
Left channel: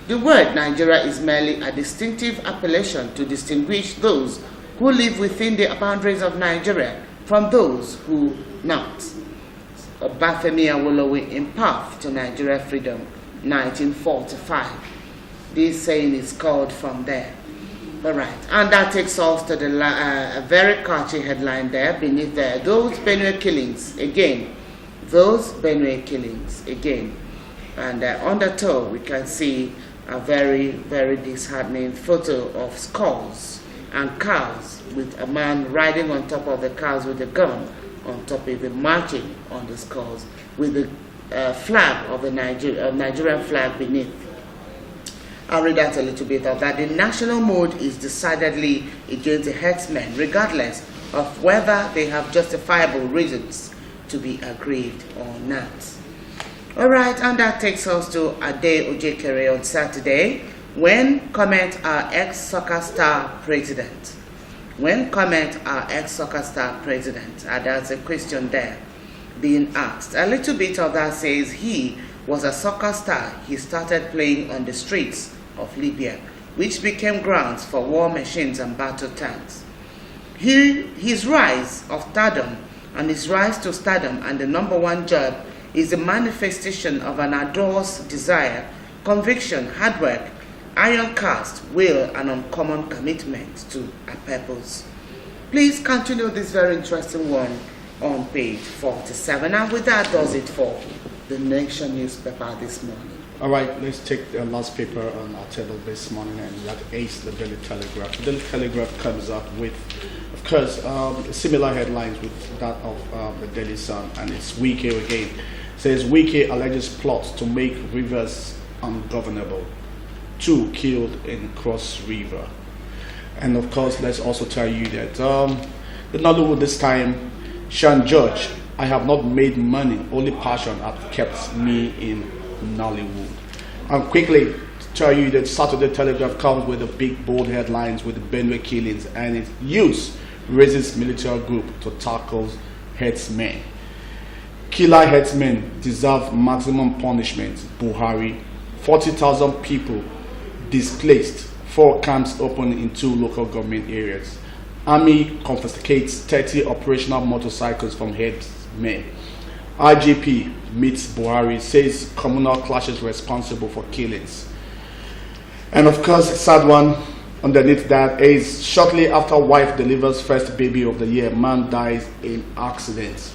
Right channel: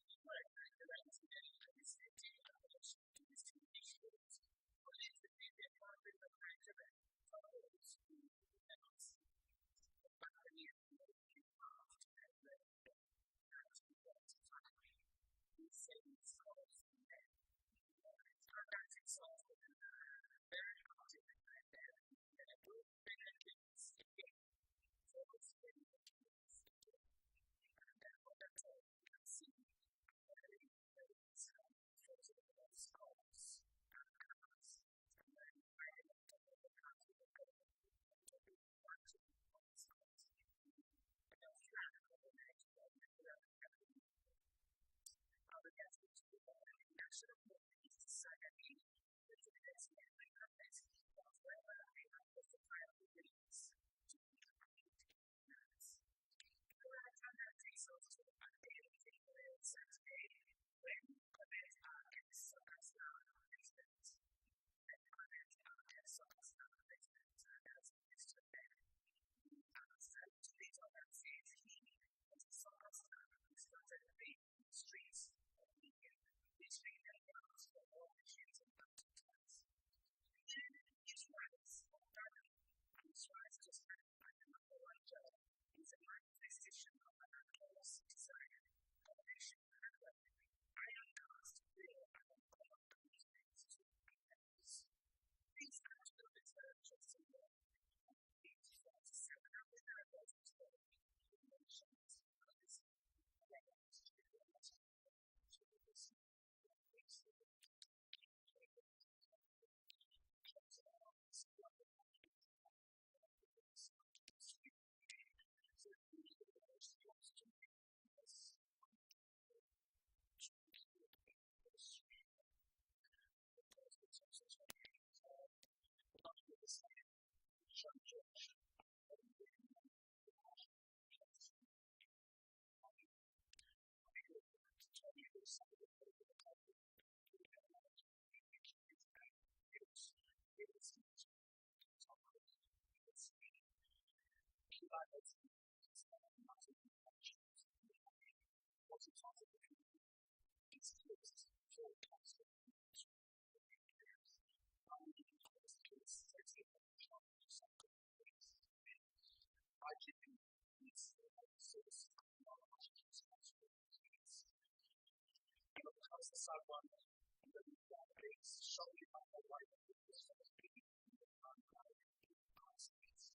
The word Nigeria is merely a distinctive appellation to distinguish those who live within the boundaries of Nigeria from those who not. Obafemi Awolowo in Path to Nigeria Freedom, 1945. This saying is called from there. All right, and that takes us to the a very catchy headline there beneath there. Those Benue killings again. Those Benue killings again. And on the toe we can see a very, very disheartening photo of skulls and cows with a man riding on top of the cows with a gun on top of it, marching on the skulls with the flag of the Nigerian flag beneath. I'll read out a little bit of that. The national mood is decidedly against the herdsmen, regardless of whether they have justifiable reasons to be aggrieved or not. All right, and that takes us to Ade Ojekere on Saturday, when comment our ex-soccer star president. When comment our ex-soccer star president, there's a question there being asked. A little bit of that says he was a soccer star. He started playing on the streets of Libya, which became grounds for war machines and battle tanks. His rise of stardom and his rise to stardom and the #1 job is a manifestation of an ador's desire, conviction, hard work, iron cast, will, and uncommon commitment to a purpose. Please continue this very interesting one on page 47. And with that does it for the Nation newspaper this morning. All right, let's take the last paper on our table this morning, and that is the Daily Telegraph. The Daily Telegraph comes up with, of course, similar headlines with that of the Daily Sun, and it's Wike again. It says Wike alleges plots to make rivers ungovernable. 2 killed in Cross River. And of course, let's also tell you that the Nollywood this time, Sean George, I have not made money, only passion has kept me in Nollywood. And quickly tell you that Saturday Telegraph comes with the big bold headlines with the Benue killings, and its use raises military group to tackle headsmen. Killer headsmen deserve maximum punishment. Buhari. 40,000 people displaced. 4 camps open in 2 local government areas. Army confiscates 30 operational motorcycles from headsmen. IGP meets Buhari, says communal clashes responsible for killings. And of course, sad one underneath that is shortly after wife delivers first baby of the year, man dies in accident.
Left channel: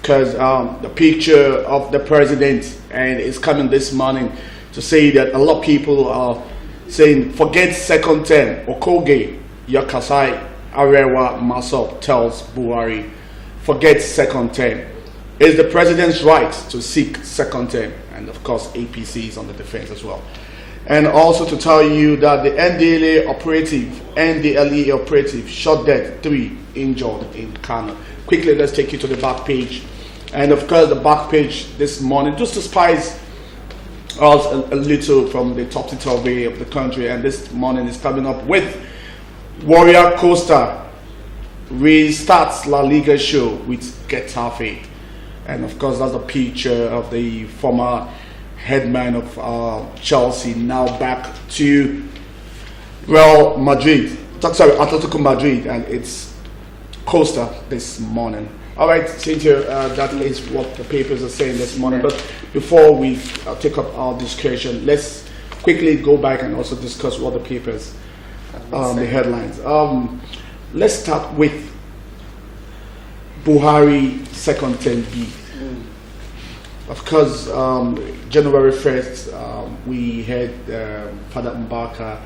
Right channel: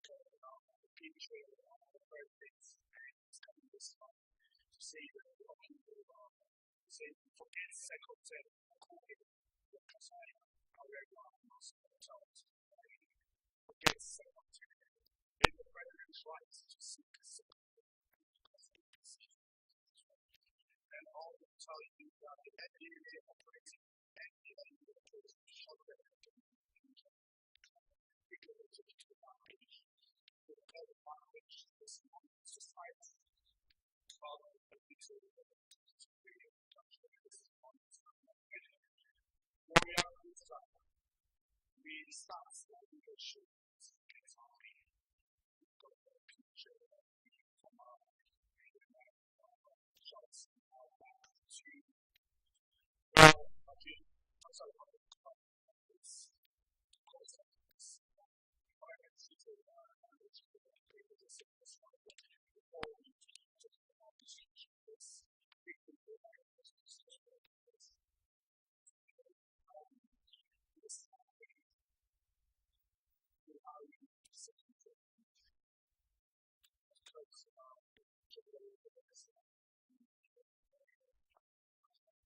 Because the picture of the president and it's coming this morning to say that a lot of people are saying forget second term. Okoge Yakasai Arewa Masop tells Buhari forget second term. It's the president's right to seek second term, and of course APC is on the defense as well. And also to tell you that the NDLEA operative shot dead 3 injured in Kano. Quickly, let's take you to the back page. And of course, the back page this morning just to spice us a little from the topsy-turvy of the country. And this morning is coming up with Warrior Costa restarts La Liga show with Getafe. And of course, that's a picture of the former headman of Chelsea, now back to Real Madrid. Sorry, Atletico Madrid, and it's Costa this morning. All right, Cynthia, that is what the papers are saying this morning. But before we take up our discussion, let's quickly go back and also discuss what the papers, the headlines. Let's start with Buhari second term bid. Of course, January 1st, we had Father Mbaka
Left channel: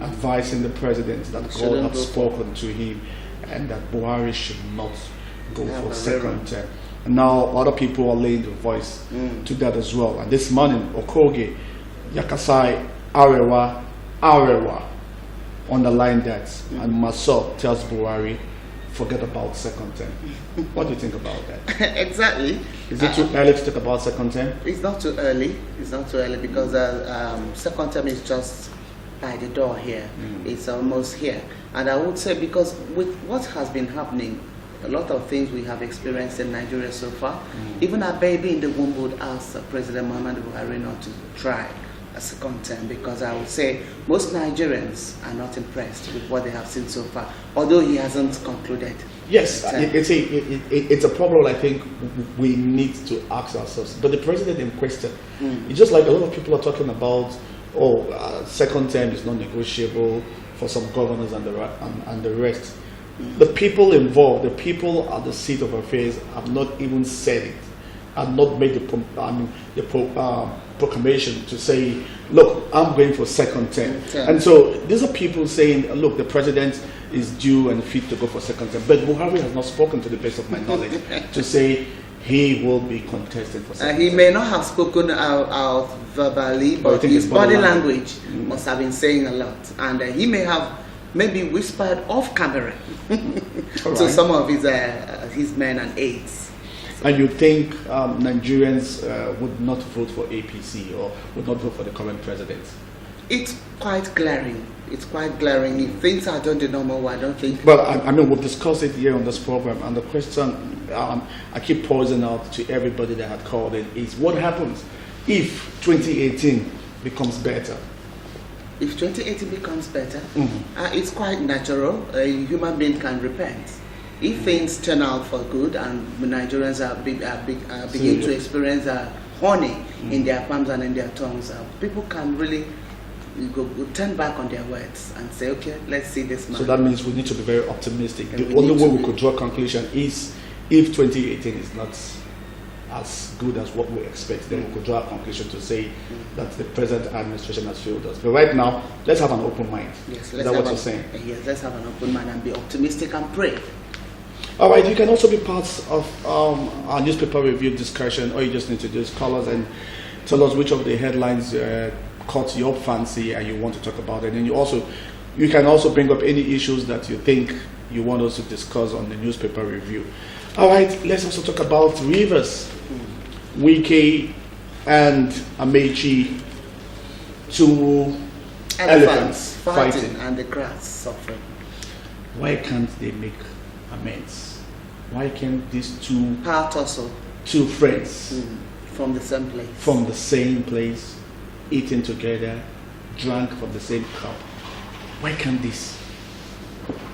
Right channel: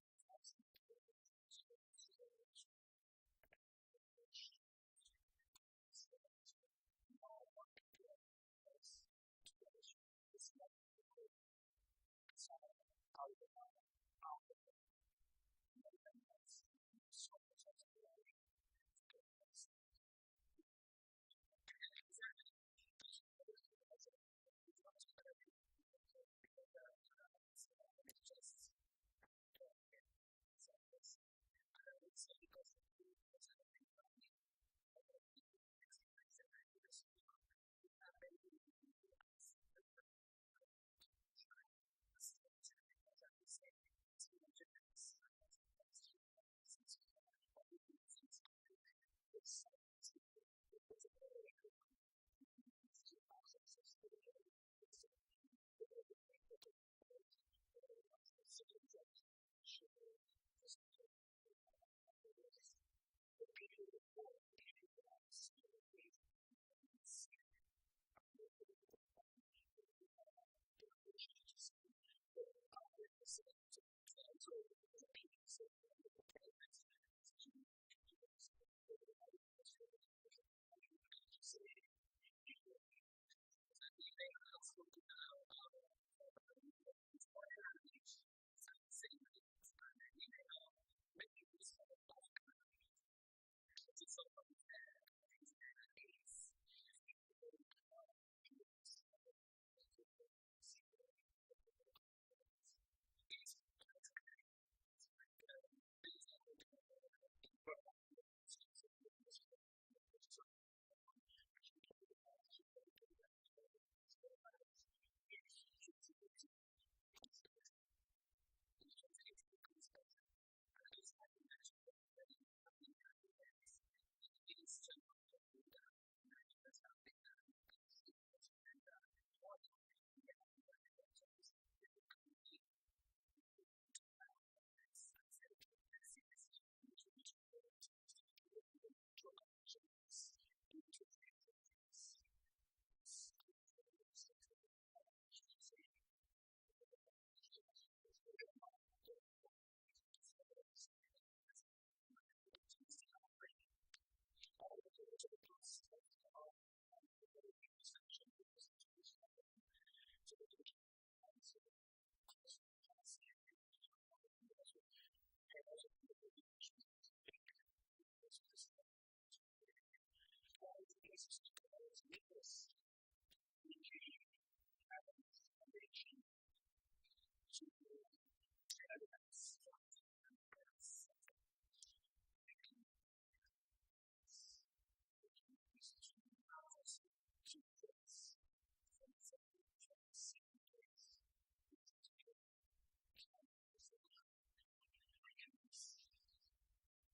advising the president that God had spoken to him and that Buhari should not go for second term. And now other people are laying the voice to that as well. And this morning, Okoge, Yakasai, Arewa underlined that. And Maso tells Buhari, forget about second term. What do you think about that? Exactly. Is it too early to talk about second term? It's not too early. It's not too early because second term is just by the door here. It's almost here. And I would say because with what has been happening, a lot of things we have experienced in Nigeria so far, even a baby in the womb would ask President Muhammadu Buhari not to try a second term, because I would say most Nigerians are not impressed with what they have seen so far, although he hasn't concluded. Yes, it's a problem I think we need to ask ourselves. But the president in question, it's just like a lot of people are talking about, second term is not negotiable for some governors and the rest. The people involved, the people at the seat of affairs have not even said it, have not made the proclamation to say, look, I'm going for second term. And so these are people saying, look, the president is due and fit to go for second term. But Buhari has not spoken, to the best of my knowledge, to say he will be contested for second term. He may not have spoken out verbally, but his body language must have been saying a lot. And he may have maybe whispered off camera to some of his men and aides. And you think Nigerians would not vote for APC or would not vote for the current president? It's quite glaring. It's quite glaring. If things are done the normal way, I don't think. Well, I mean, we've discussed it here on this program, and the question I keep posing out to everybody that had called in is, what happens if 2018 becomes better? If 2018 becomes better, it's quite natural. A human being can repent. If things turn out for good and Nigerians begin to experience honey in their palms and in their tongues, people can really turn back on their words and say, okay, let's see this man. So that means we need to be very optimistic. The only way we could draw a conclusion is if 2018 is not as good as what we expect, then we could draw a conclusion to say that the present administration has failed us. But right now, let's have an open mind. Yes, is that what you're saying? Yes, let's have an open mind and be optimistic and pray. All right, you can also be part of our newspaper review discussion. All you just need to do is call us and tell us which of the headlines caught your fancy and you want to talk about it. And you can also bring up any issues that you think you want us to discuss on the newspaper review. All right, let's also talk about Rivers. Wike and Amechi, two elephants fighting and the grass suffering. Why can't they make amends? Why can't these two friends from the same place, eating together, drank from the same cup? Why can't this?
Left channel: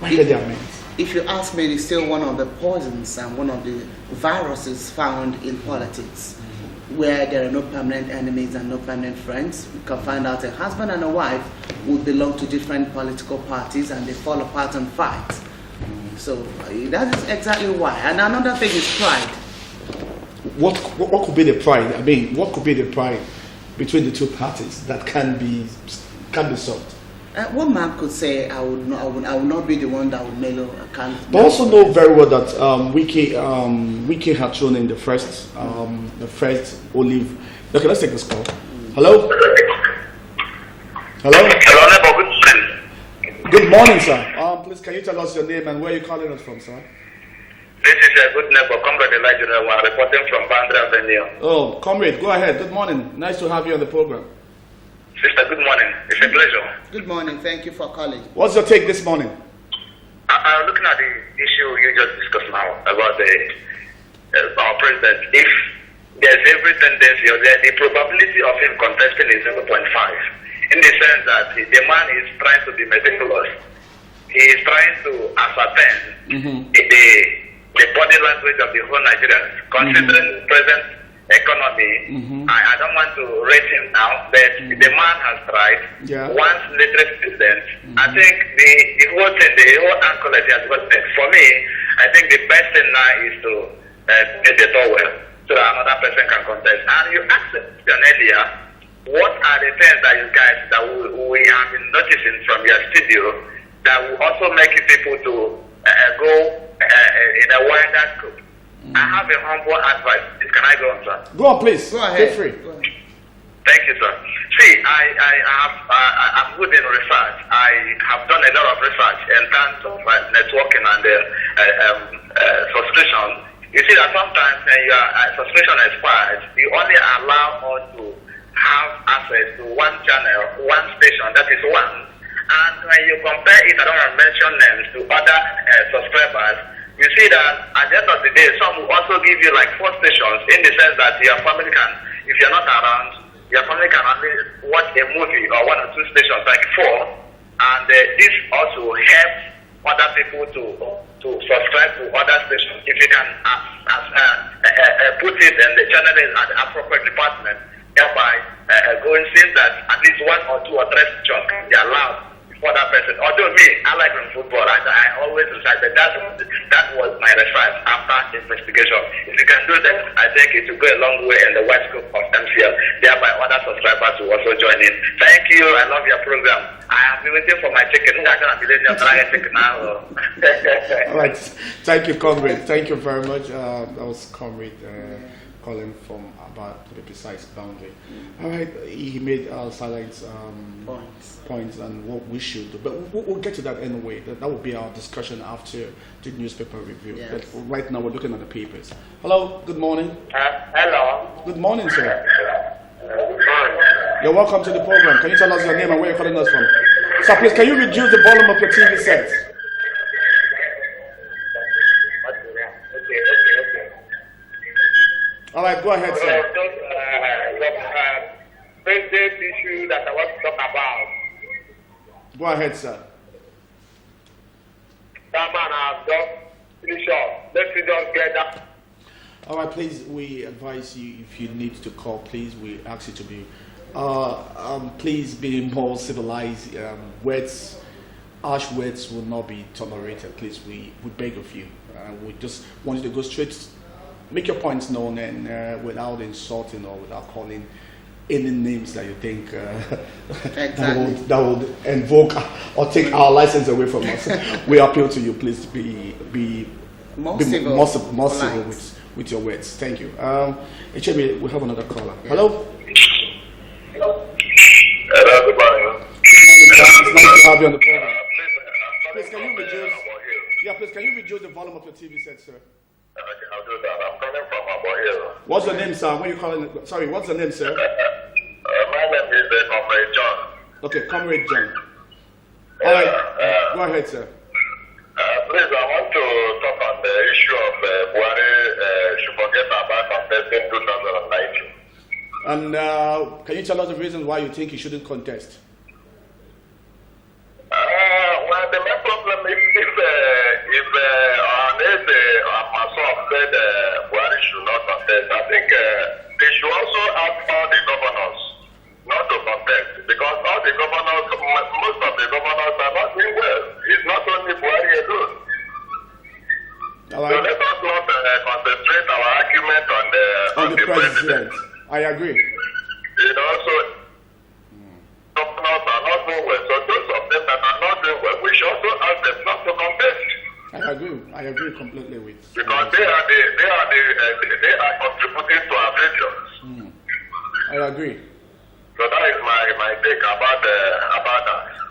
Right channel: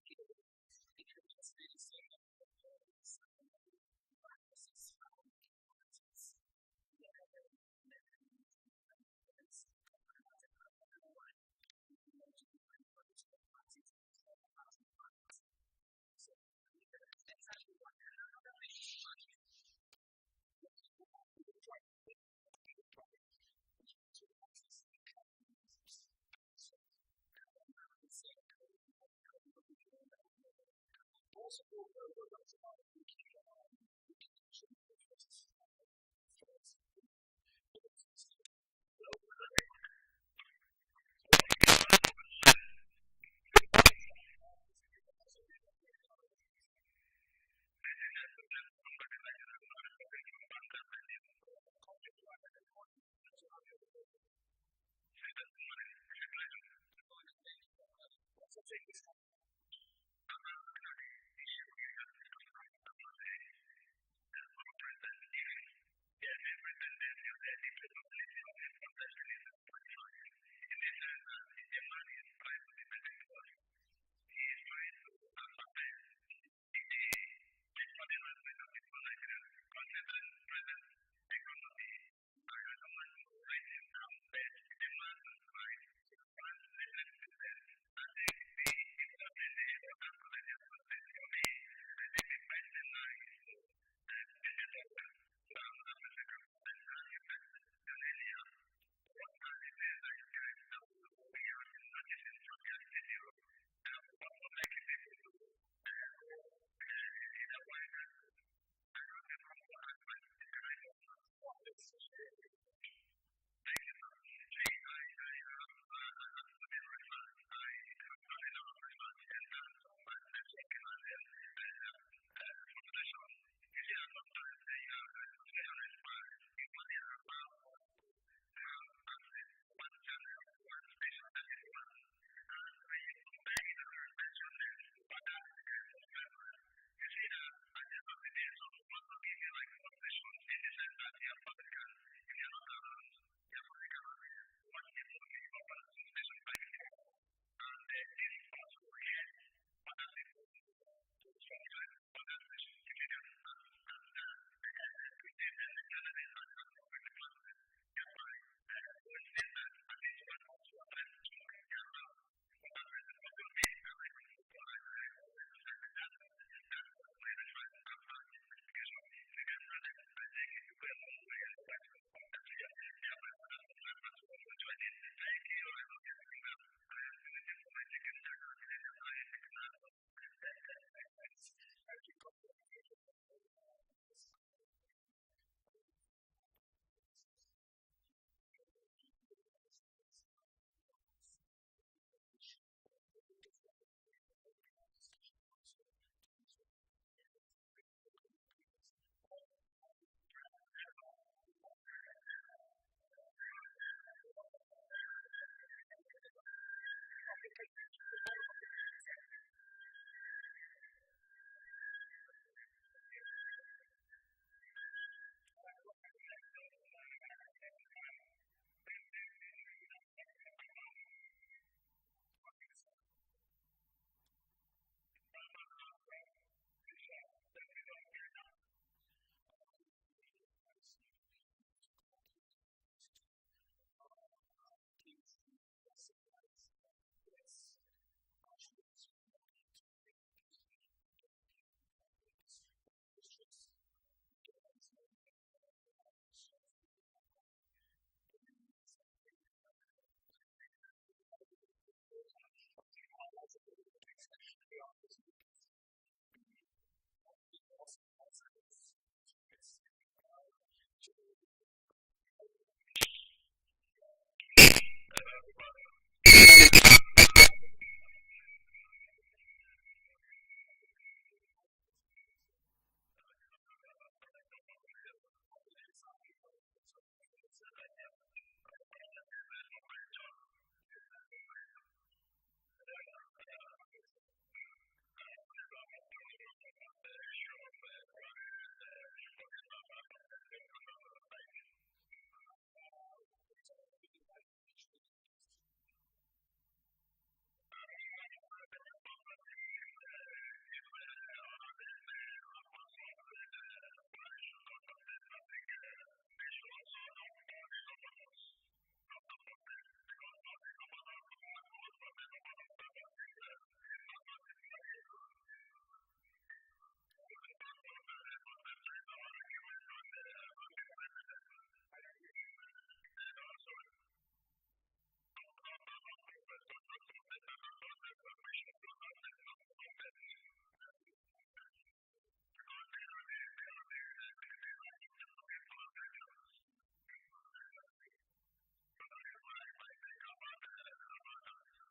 Why can't they amend? If you ask me, it's still one of the poisons and one of the viruses found in politics, where there are no permanent enemies and no permanent friends. You can find out a husband and a wife who belong to different political parties and they fall apart and fight. So that is exactly why. And another thing is pride. What could be the pride? I mean, what could be the pride between the two parties that can be solved? One man could say, I will not be the one that will mellow. I can't. But also know very well that Wiki had thrown in the first olive. Okay, let's take this call. Hello. Hello. Good morning, sir. Please, can you tell us your name and where you're calling us from, sir? This is a good neighbor, Comrade Elijah, reporting from Bandra Avenue. Oh, comrade, go ahead. Good morning. Nice to have you on the program. Sister, good morning. It's a pleasure. Good morning. Thank you for calling. What's your take this morning? I'm looking at the issue you just discussed now about our president. If there's every tendency or the probability of him contesting is 0.5, in the sense that the man is trying to be meticulous. He is trying to ascertain the body language of the whole Nigerians, considering the present economy. I don't want to rate him now, but the man has tried. Yeah. Once literate president, I think the whole thing, the whole anchorage has got it. For me, I think the best thing now is to get the door well so that another person can contest. And you asked them earlier, what are the things that you guys that we have been noticing from your studio that will also make people to go in a wider scope? I have a humble advice. Can I go on, sir? Go on, please. Go ahead. Feel free. Thank you, sir. See, I'm good in research. I have done a lot of research in terms of networking and subscription. You see that sometimes when your subscription expires, you only allow us to have access to one channel, one station, that is one. And when you compare it, I don't want to mention names, to other subscribers, you see that at the end of the day, some will also give you like 4 stations in the sense that your family can, if you're not around, your family can only watch a movie or 1 or 2 stations, like 4. And this also helps other people to subscribe to other stations. If you can put it in the channel at the appropriate department, thereby going since that at least 1 or 2 or 3 stations can be allowed for that person. Although me, I like football, I always decide that that was my research after investigation. If you can do that, I think it will go a long way in the wide scope of MCL. Thereby other subscribers will also join in. Thank you. I love your program. I have been waiting for my chicken. I'm going to be letting you chicken now. All right. Thank you, comrade. Thank you very much. That was comrade calling from about, to be precise, boundary. All right. He made silence points and what we should do. But we'll get to that anyway. That will be our discussion after the newspaper review. Yes. But right now we're looking at the papers. Hello. Good morning. Hello. Good morning, sir. Good morning. You're welcome to the program. Can you tell us your name and where you're calling us from? Sir, please, can you reduce the volume of your TV set? Okay. All right, go ahead, sir. President issue that I want to talk about. Go ahead, sir. That man has just finished up. Let's just get that. All right, please, we advise you, if you need to call, please, we ask you to be, please be more civilized. Harsh words will not be tolerated. Please, we beg of you. We just want you to go straight, make your points known, and without insulting or without calling any names that you think Exactly. that would invoke or take our license away from us. We appeal to you, please be More be civil. more civil Polite. with your words. Thank you. HMA, we have another caller. Hello. Hello, good morning. Good morning, sir. It's nice to have you on the program. Please, can you reduce? Yeah, please, can you reduce the volume of your TV set, sir? Okay, I'll do that. I'm calling from Abia. What's your name, sir? Where you calling? Sorry, what's your name, sir? My name is Comrade John. Okay, Comrade John. All right, go ahead, sir. Please, I want to talk on the issue of Buhari should forget about contesting 2019. And can you tell us the reasons why you think he shouldn't contest? Well, the main problem is if myself said Buhari should not contest, I think they should also ask all the governors not to contest, because all the governors, most of the governors are not doing well. It's not only Buhari alone. All So right. let us not concentrate our argument on the president. I agree. You know, so governors are not doing well. So those of them agree completely with. Because they are contributing to our failures. I agree. So that is my take about that.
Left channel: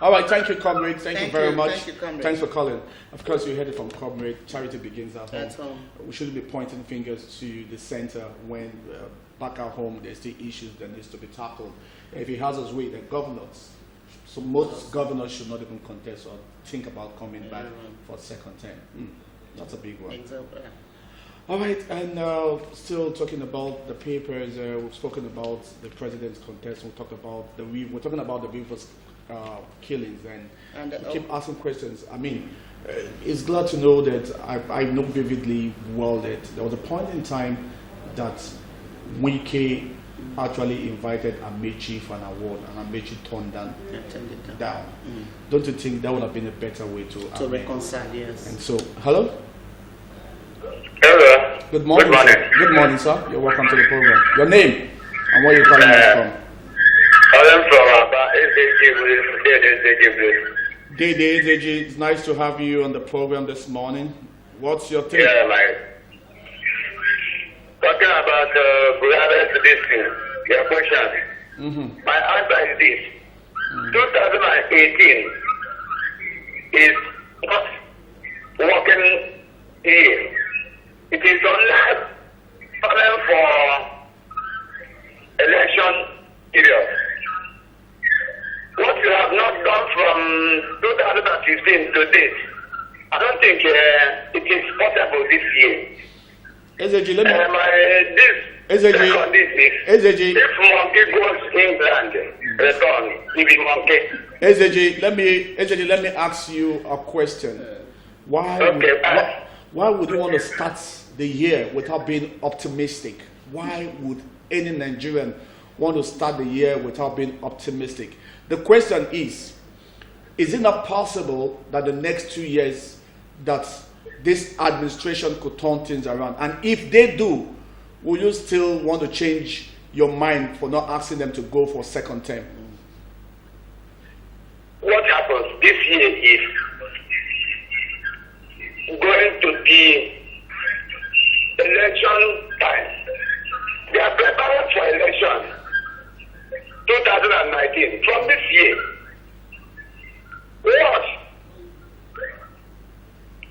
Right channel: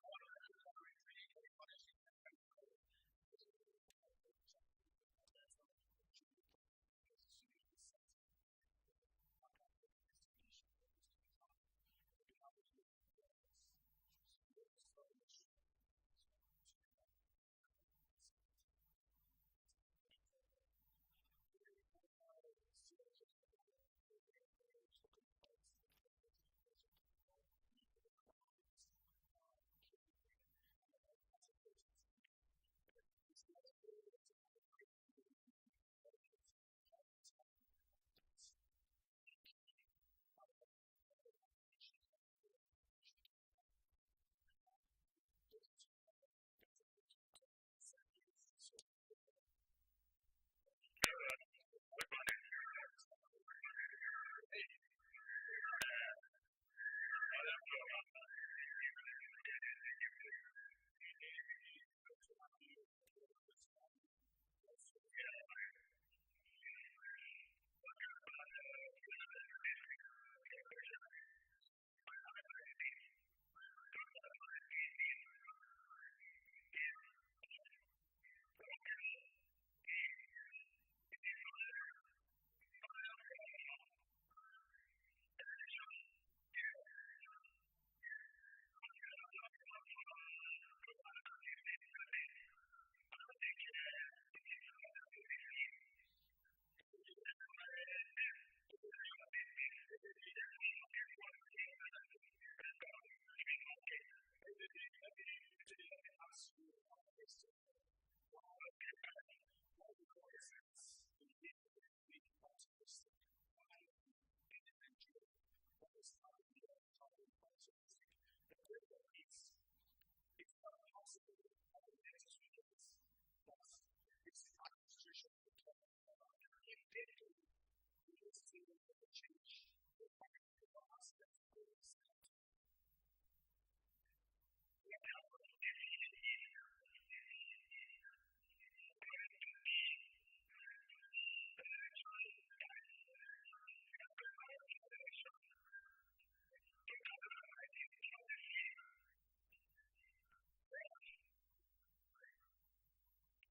All right, thank you, comrade. Thank you very much. Thank you, comrade. Thanks for calling. Of course, you heard it from comrade. Charity begins at home. At home. We shouldn't be pointing fingers to the center when back at home there's still issues that needs to be tackled. If he has his way, the governors. So most governors should not even contest or think about coming back for second term. That's a big one. Exactly. All right, and still talking about the papers. We've spoken about the president's contest. We're talking about the Rivers killings, and we keep asking questions. I mean, it's glad to know that I know vividly well that there was a point in time that Wike actually invited Amechi for an award, and Amechi turned down. Don't you think that would have been a better way to reconcile? Yes. And so, hello. Hello. Good morning. Good morning. Sir. Good morning, sir. You're welcome to the program. Your name and where you're calling us from? I'm from SAG. Dede, it's nice to have you on the program this morning. What's your take? Yeah, talking about this thing, your question. My answer is this. 2018 is not working year. It is only for election period. What you have not done from 2015 to date, I don't think it is possible this year. SAG, let me. If monkey goes England, return, if it monkey. SAG, let me ask you a question. Why would you want to start the year without being optimistic? Why would any Nigerian want to start the year without being optimistic? The question is it not possible that the next 2 years that this administration could turn things around? And if they do, will you still want to change your mind for not asking them to go for second term? What happens this year is going to be election time. They are preparing for election 2019. From this year, what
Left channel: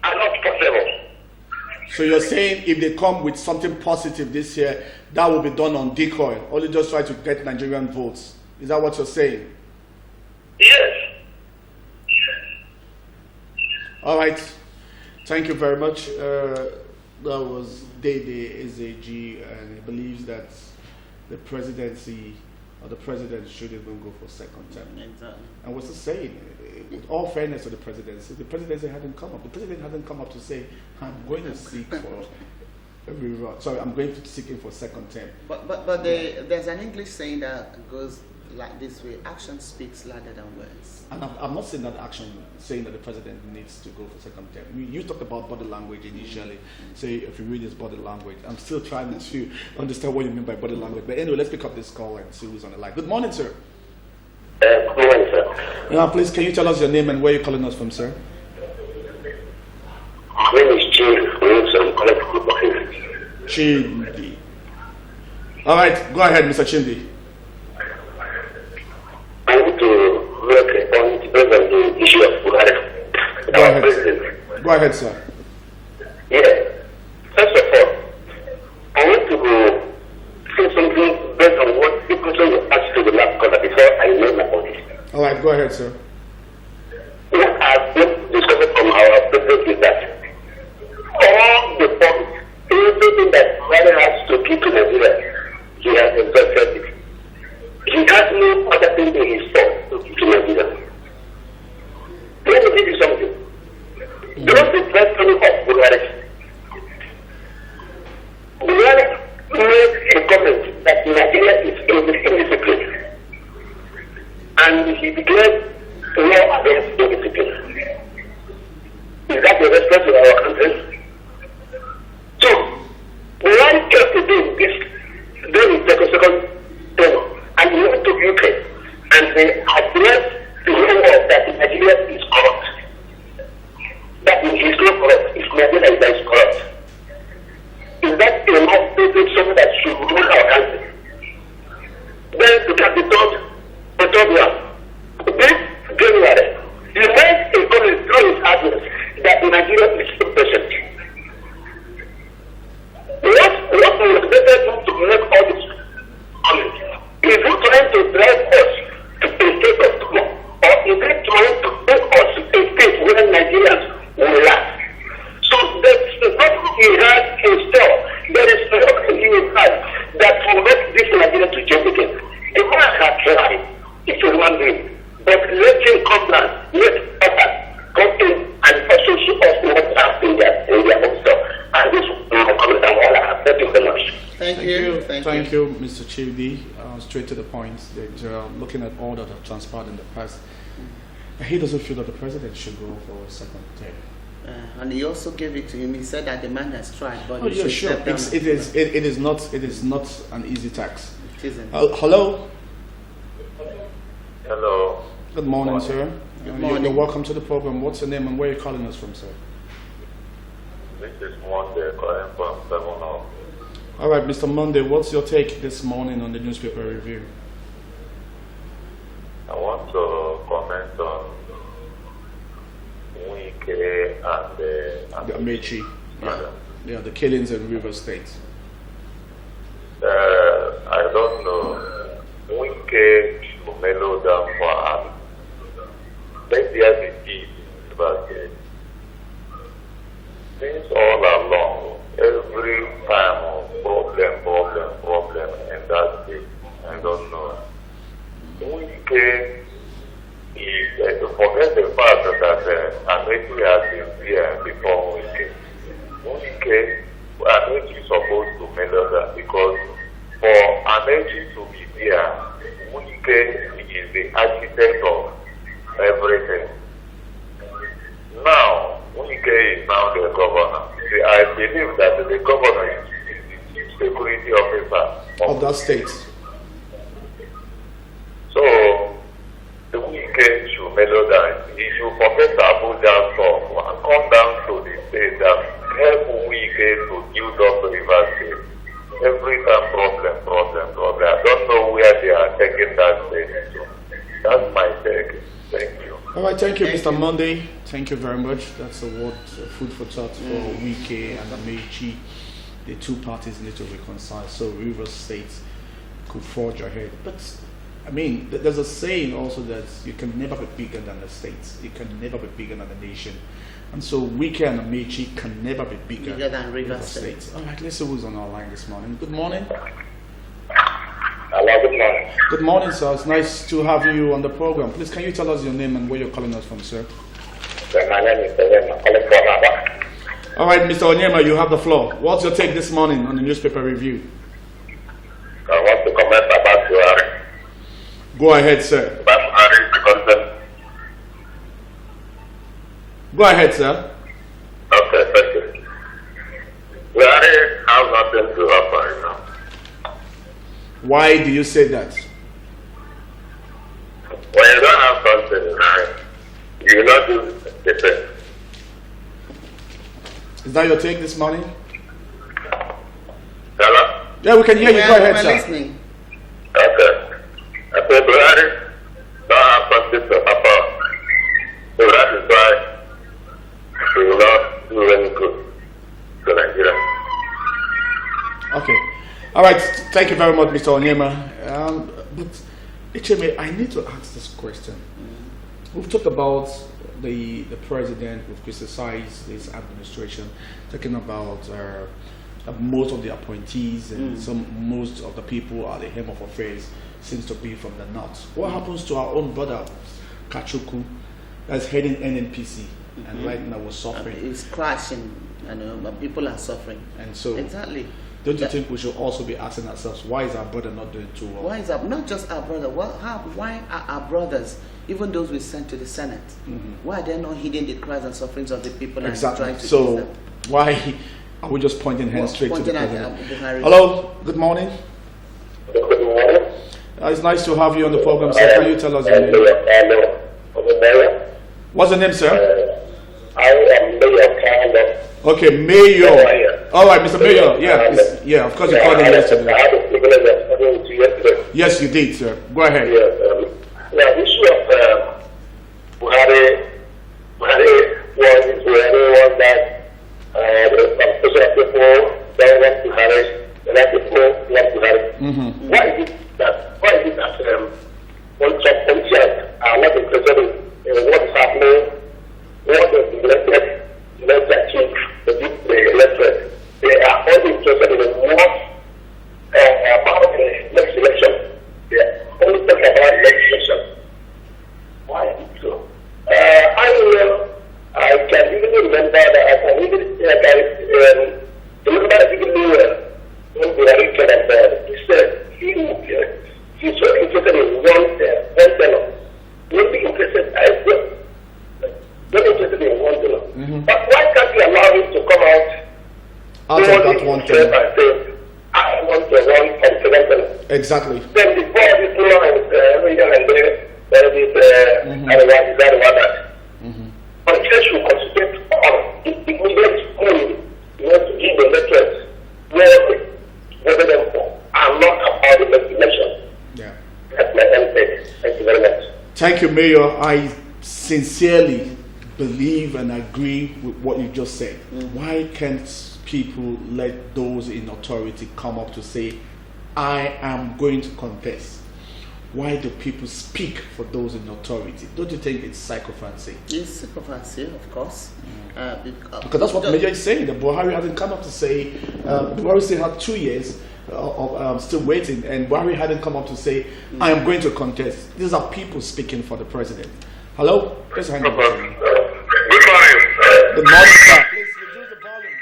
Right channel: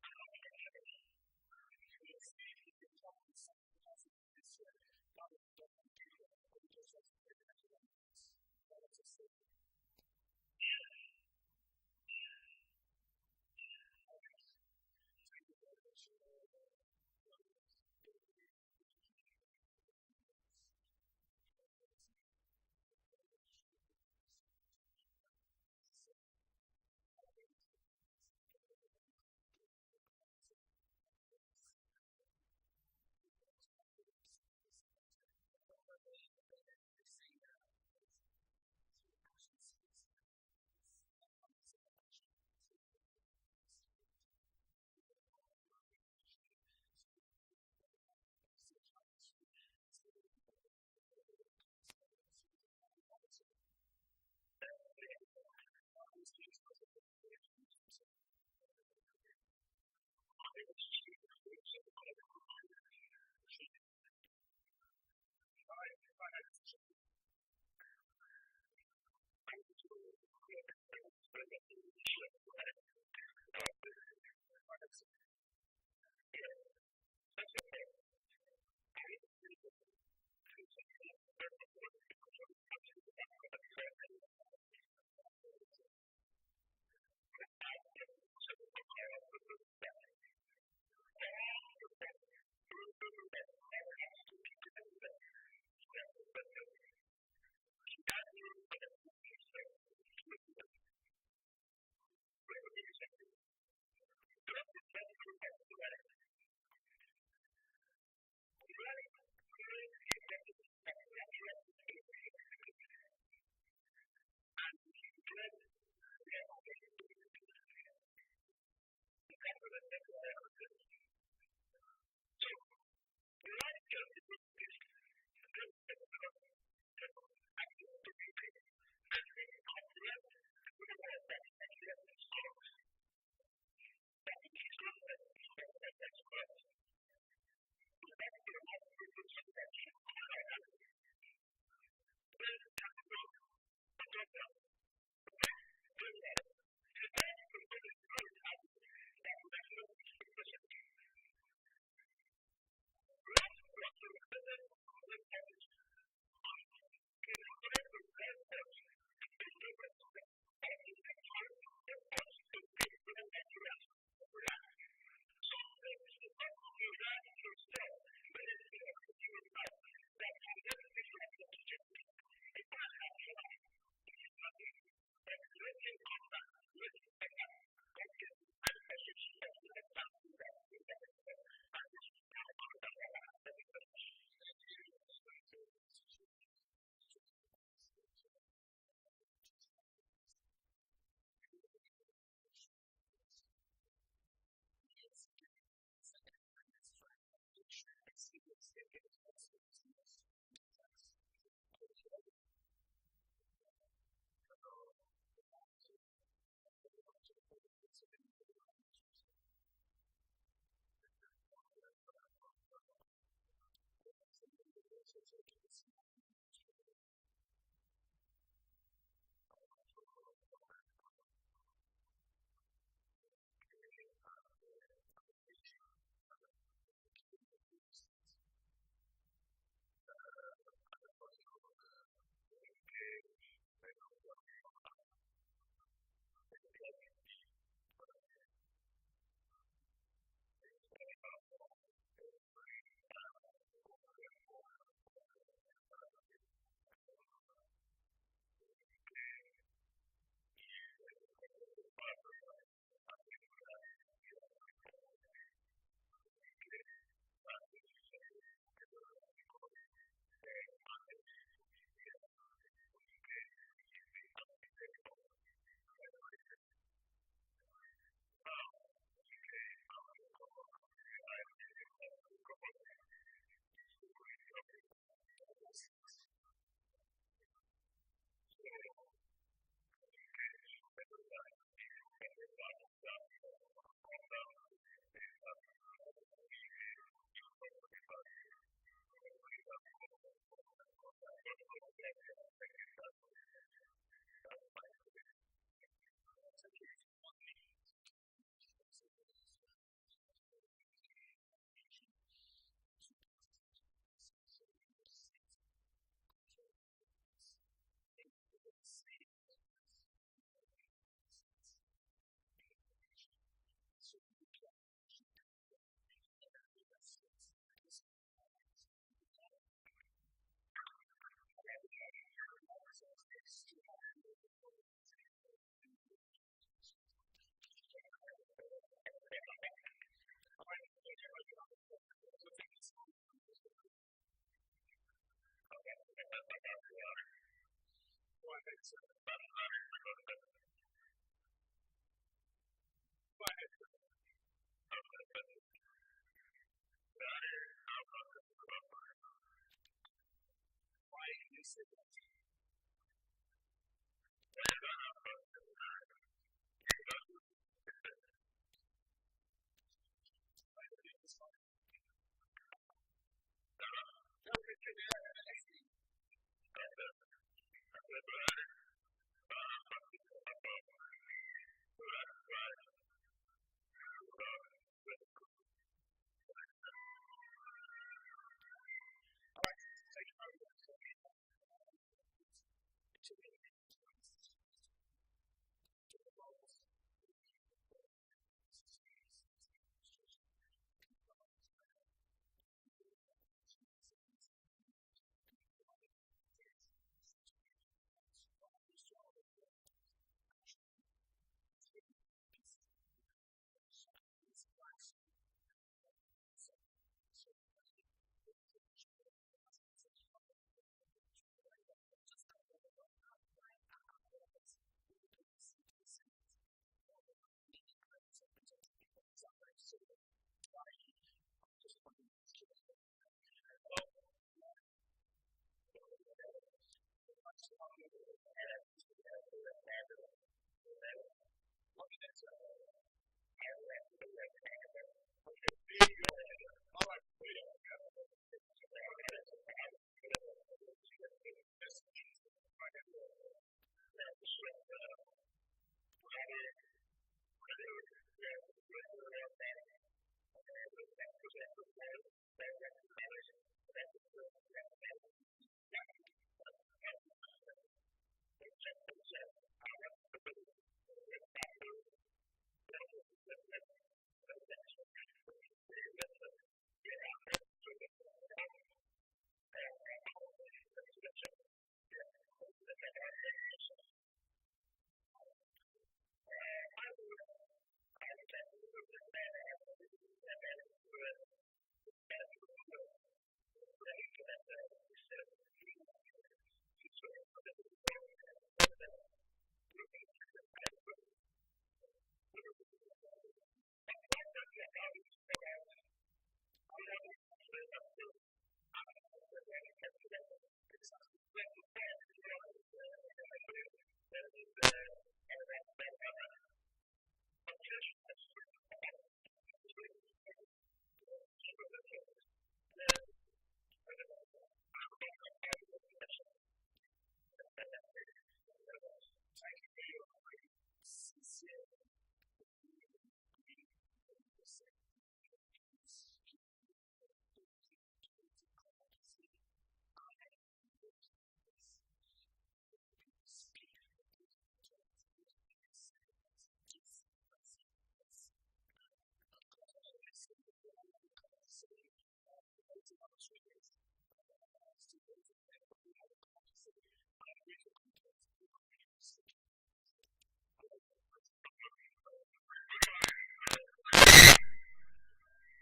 are not possible. So you're saying if they come with something positive this year, that will be done on decoy, only just try to get Nigerian votes. Is that what you're saying? Yes. All right. Thank you very much. That was Dede SAG, and he believes that the presidency or the president should even go for second term. Exactly. And what's he saying? With all fairness to the presidency hadn't come up. The president hasn't come up to say, I'm going to seek for I'm going to seek him for second term. But there's an English saying that goes like this way: action speaks louder than words. And I'm not saying that action, saying that the president needs to go for second term. You talked about body language initially. Say if you read his body language, I'm still trying to understand what you mean by body language. But anyway, let's pick up this call and see who's on the line. Good morning, sir. Good morning, sir. Yeah, please, can you tell us your name and where you're calling us from, sir? My name is Chindi. All right, go ahead, Mr. Chindi. I want to make a point based on the issue of Buhari. Go ahead. Go ahead, sir. Yeah. First of all, I want to say something based on what the question you asked to the last caller before I made my point. All right, go ahead, sir. What I've discovered from our president is that all the points, everything that Buhari has to give to Nigeria, he has exhausted it. He has no other thing in his store to give to Nigeria. Let me give you something. Don't be dreadful of Buhari. Buhari made a comment that Nigeria is indisciplined. And he declared war against indiscipline. Is that a respect to our country? So, Buhari came to do this during his second term, and he went to UK and they addressed the whole world that Nigeria is corrupt. That is not corrupt, it's Thank you, Mr. Chidi. Straight to the point. That looking at all that have transpired in the past, he doesn't feel that the president should go for a second term. And he also gave it to him. He said that the man has tried, but Oh he yeah, should sure. step down. It is not an easy task. It isn't. Hello. Hello. Good morning, sir. Good morning. You're welcome to the program. What's your name and where are you calling us from, sir? This is Monday calling from 7 Up. All right, Mr. Monday, what's your take this morning on the newspaper review? I want to comment on Wike and The Amechi. Yeah, the killings in River State. I don't know. Wike should mellow down for us. Let there be peace, but since all along, every time problem, and that's it. I don't know. Wike is to forget the fact that Amechi has been here before Wike. Wike, Amechi is supposed to mellow down because for Amechi to be here, Wike is the architect of everything. Now, Wike is now the governor. See, I believe that the governor is the chief security officer Of that state. So, the Wike should mellow down. He should forget Abuja stuff and come down to the state and help Wike to build up River State. Every time problem. I don't know where they are taking that state to. That's my take. Thank you. All right, thank you, Mr. Monday. Thank you very much. That's a word, food for thought for Wike and Amechi. The two parties need to reconcile so River State could forge ahead. But, I mean, there's a saying also that you can never be bigger than the states. You can never be bigger than the nation. And so Wike and Amechi can never be bigger than River State. All right, let's see who's on our line this morning. Good morning. Hello, good morning. Good morning, sir. It's nice to have you on the program. Please, can you tell us your name and where you're calling us from, sir? My name is Onyema, calling from Abia. All right, Mr. Onyema, you have the floor. What's your take this morning on the newspaper review? I want to comment about Buhari. Go ahead, sir. Buhari is the concept. Go ahead, sir. Okay, thank you. Buhari has nothing to offer right now. Why do you say that? When you don't have something in mind, you will not do the thing. Is that your take this morning? Hello? Yeah, we can hear you. Go ahead, we're sir. listening. Okay. I said Buhari don't have something to offer. So that is why we will not do any good to Nigeria. Okay. All right. Thank you very much, Mr. Onyema. But, HMA, I need to ask this question. We've talked about the president, we've criticized his administration, talking about most of the appointees and most of the people at the helm of affairs seems to be from the north. What happens to our own brother, Kachuku, that's heading NNPC, and right now we're suffering? It's crashing, but people are suffering. And so, exactly. Don't you think we should also be asking ourselves, why is our brother not doing too well? Why is not just our brother? Why are our brothers, even those we sent to the Senate, why are they not heeding the cries and sufferings of the people and trying to so them? why are we just pointing hands straight to the president? Buhari. Hello, good morning. Good morning. It's nice to have you on the program, sir. Can you tell us your name? Hello. What's the name, sir? I am Mayor Carlo. Okay, Mayor. All right, Mr. Mayor. Yeah, of course you called in yesterday. I had the privilege of speaking to you yesterday. Yes, you did, sir. Go ahead. Yes. Now, the issue of Buhari was that there are some special people that want Buhari, and other people want Buhari. Why is it that when some politicians are not interested in what is happening, what is elected chief, the electorate, they are only interested in what about the next election. They are only talking about legislation. Why is it so? I can even remember that I can even remember even when we are reaching on board. He one thing. I want to run from Senegal. Exactly. Then before this region and there is that. But church should concentrate on the immediate school, to give the lectures whether them are not about the destination. Yeah. That's my message. Thank you very much. Thank you, Mayor. I sincerely believe and agree with what you just said. Why can't people let those in authority come up to say, I am going to contest? Why do people speak for those in authority? Don't you think it's sycophancy? It's sycophancy, of course. Because that's what the Major is saying. The Buhari hasn't come up to say, Buhari still had 2 years of still waiting, and Buhari hadn't come up to say, I am going to contest. These are people speaking for the president. Hello? Please hang on. Good morning. Good morning, sir. Please reduce the volume.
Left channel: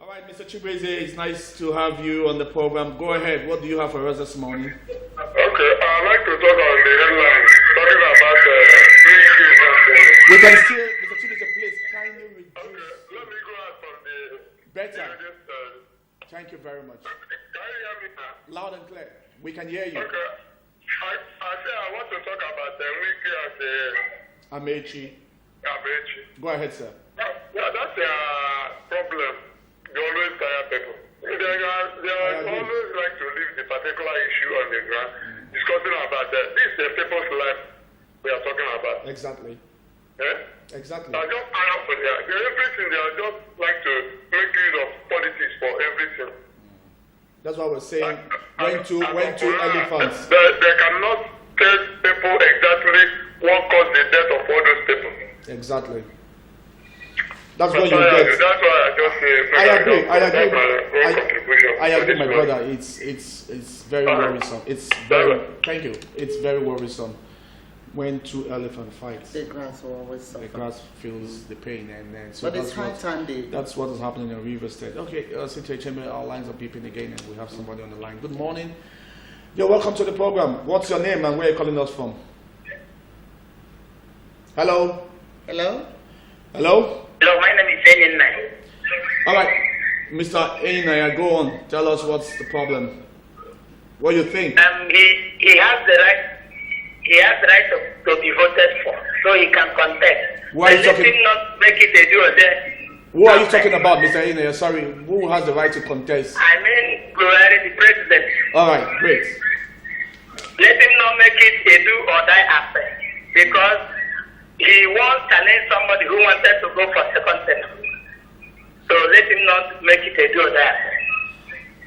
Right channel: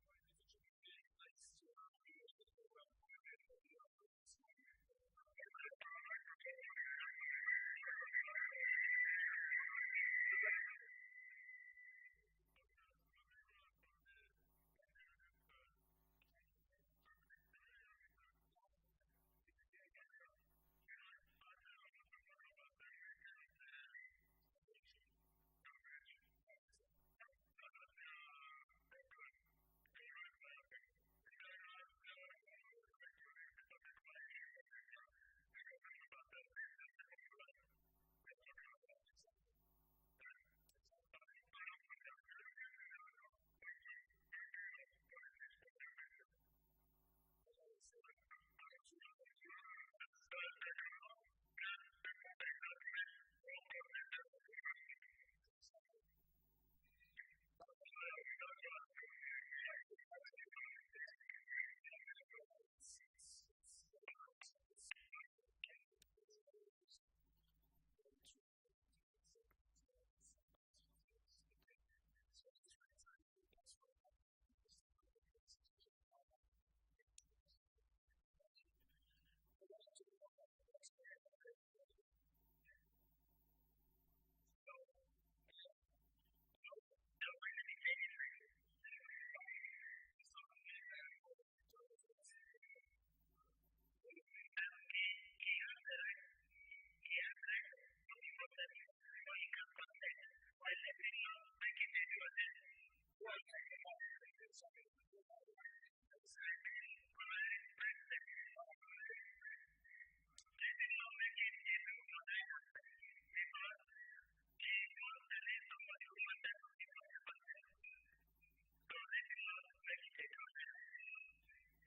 All right, Mr. Chibeze, it's nice to have you on the program. Go ahead. What do you have for us this morning? Okay, I'd like to talk on the headlines, talking about We can still, Mr. Chibeze, please kindly reduce. Okay, let me go out from the... Better. Thank you very much. Can you hear me now? Loud and clear. We can hear you. Okay. I say I want to talk about the Wiki and the... Amechi. Go ahead, sir. Yeah, that's a problem. They always tire people. They always like to leave the particular issue on the ground, discussing about that. This is the people's life we are talking about. Exactly. Yeah? Exactly. I just hire for that. Everything, they are just like to make use of politics for everything. That's why we're saying when to elephants. They cannot tell people exactly what caused the death of all those people. Exactly. That's what you get. That's why I just say. I agree, my brother. It's very worrisome. Thank you. It's very worrisome when two elephant fights. The grass will always suffer. The grass feels the pain, and so but it's high time, that's what is happening in River State. Okay, our lines are beeping again, and we have somebody on the line. Good morning. You're welcome to the program. What's your name and where are you calling us from? Hello. Hello. Hello. Hello, my name is Enin. All right, Mr. Einaya, go on. Tell us what's the problem. What do you think? He has the right. He has the right to be voted for, so he can contest. Why are you talking? Let him not make it a do or die. Who are you talking about, Mr. Einaya? Sorry, who has the right to contest? I mean, Buhari, the president. All right, great. Let him not make it a do or die affair, because he won't challenge somebody who wanted to go for second term. So let him not make it a do or die affair.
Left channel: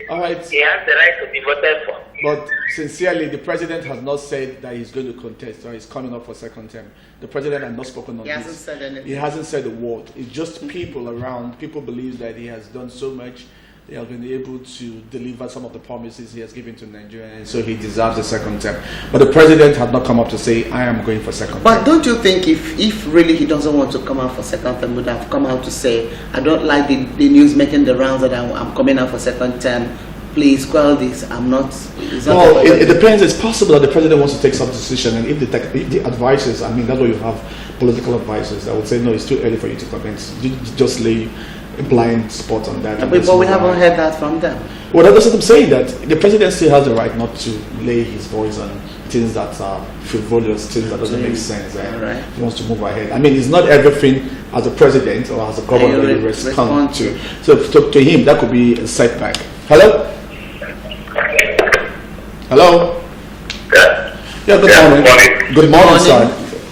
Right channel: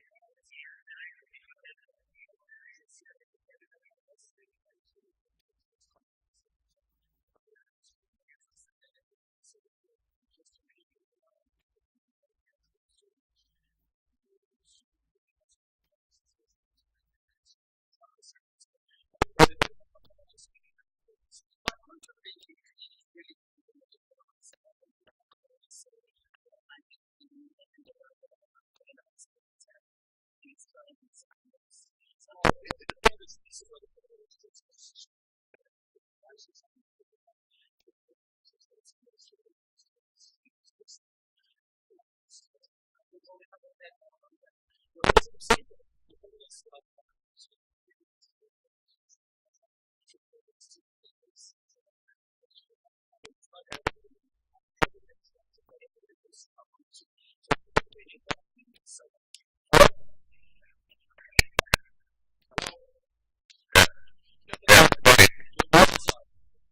All right. He has the right to be voted for. But sincerely, the president has not said that he's going to contest or he's coming up for second term. The president has not spoken on this. He hasn't said anything. He hasn't said a word. It's just people around. People believe that he has done so much. He has been able to deliver some of the promises he has given to Nigeria, and so he deserves a second term. But the president has not come up to say, I am going for second term. But don't you think if really he doesn't want to come out for second term, would have come out to say, I don't like the news making the rounds that I'm coming out for second term. Please quell this. I'm not. Well, it depends. It's possible that the president wants to take some decision, and if the advisors, I mean, that's why you have political advisors that would say, no, it's too early for you to comment. You just lay a blind spot on that. But we haven't heard that from them. Well, that's what I'm saying, that the president still has the right not to lay his voice on things that are frivolous, things that doesn't make sense. Right. He wants to move ahead. I mean, it's not everything as a president or as a governor that you respond to. So to him, that could be a setback. Hello? Hello? Yeah, good morning. Good morning, sir.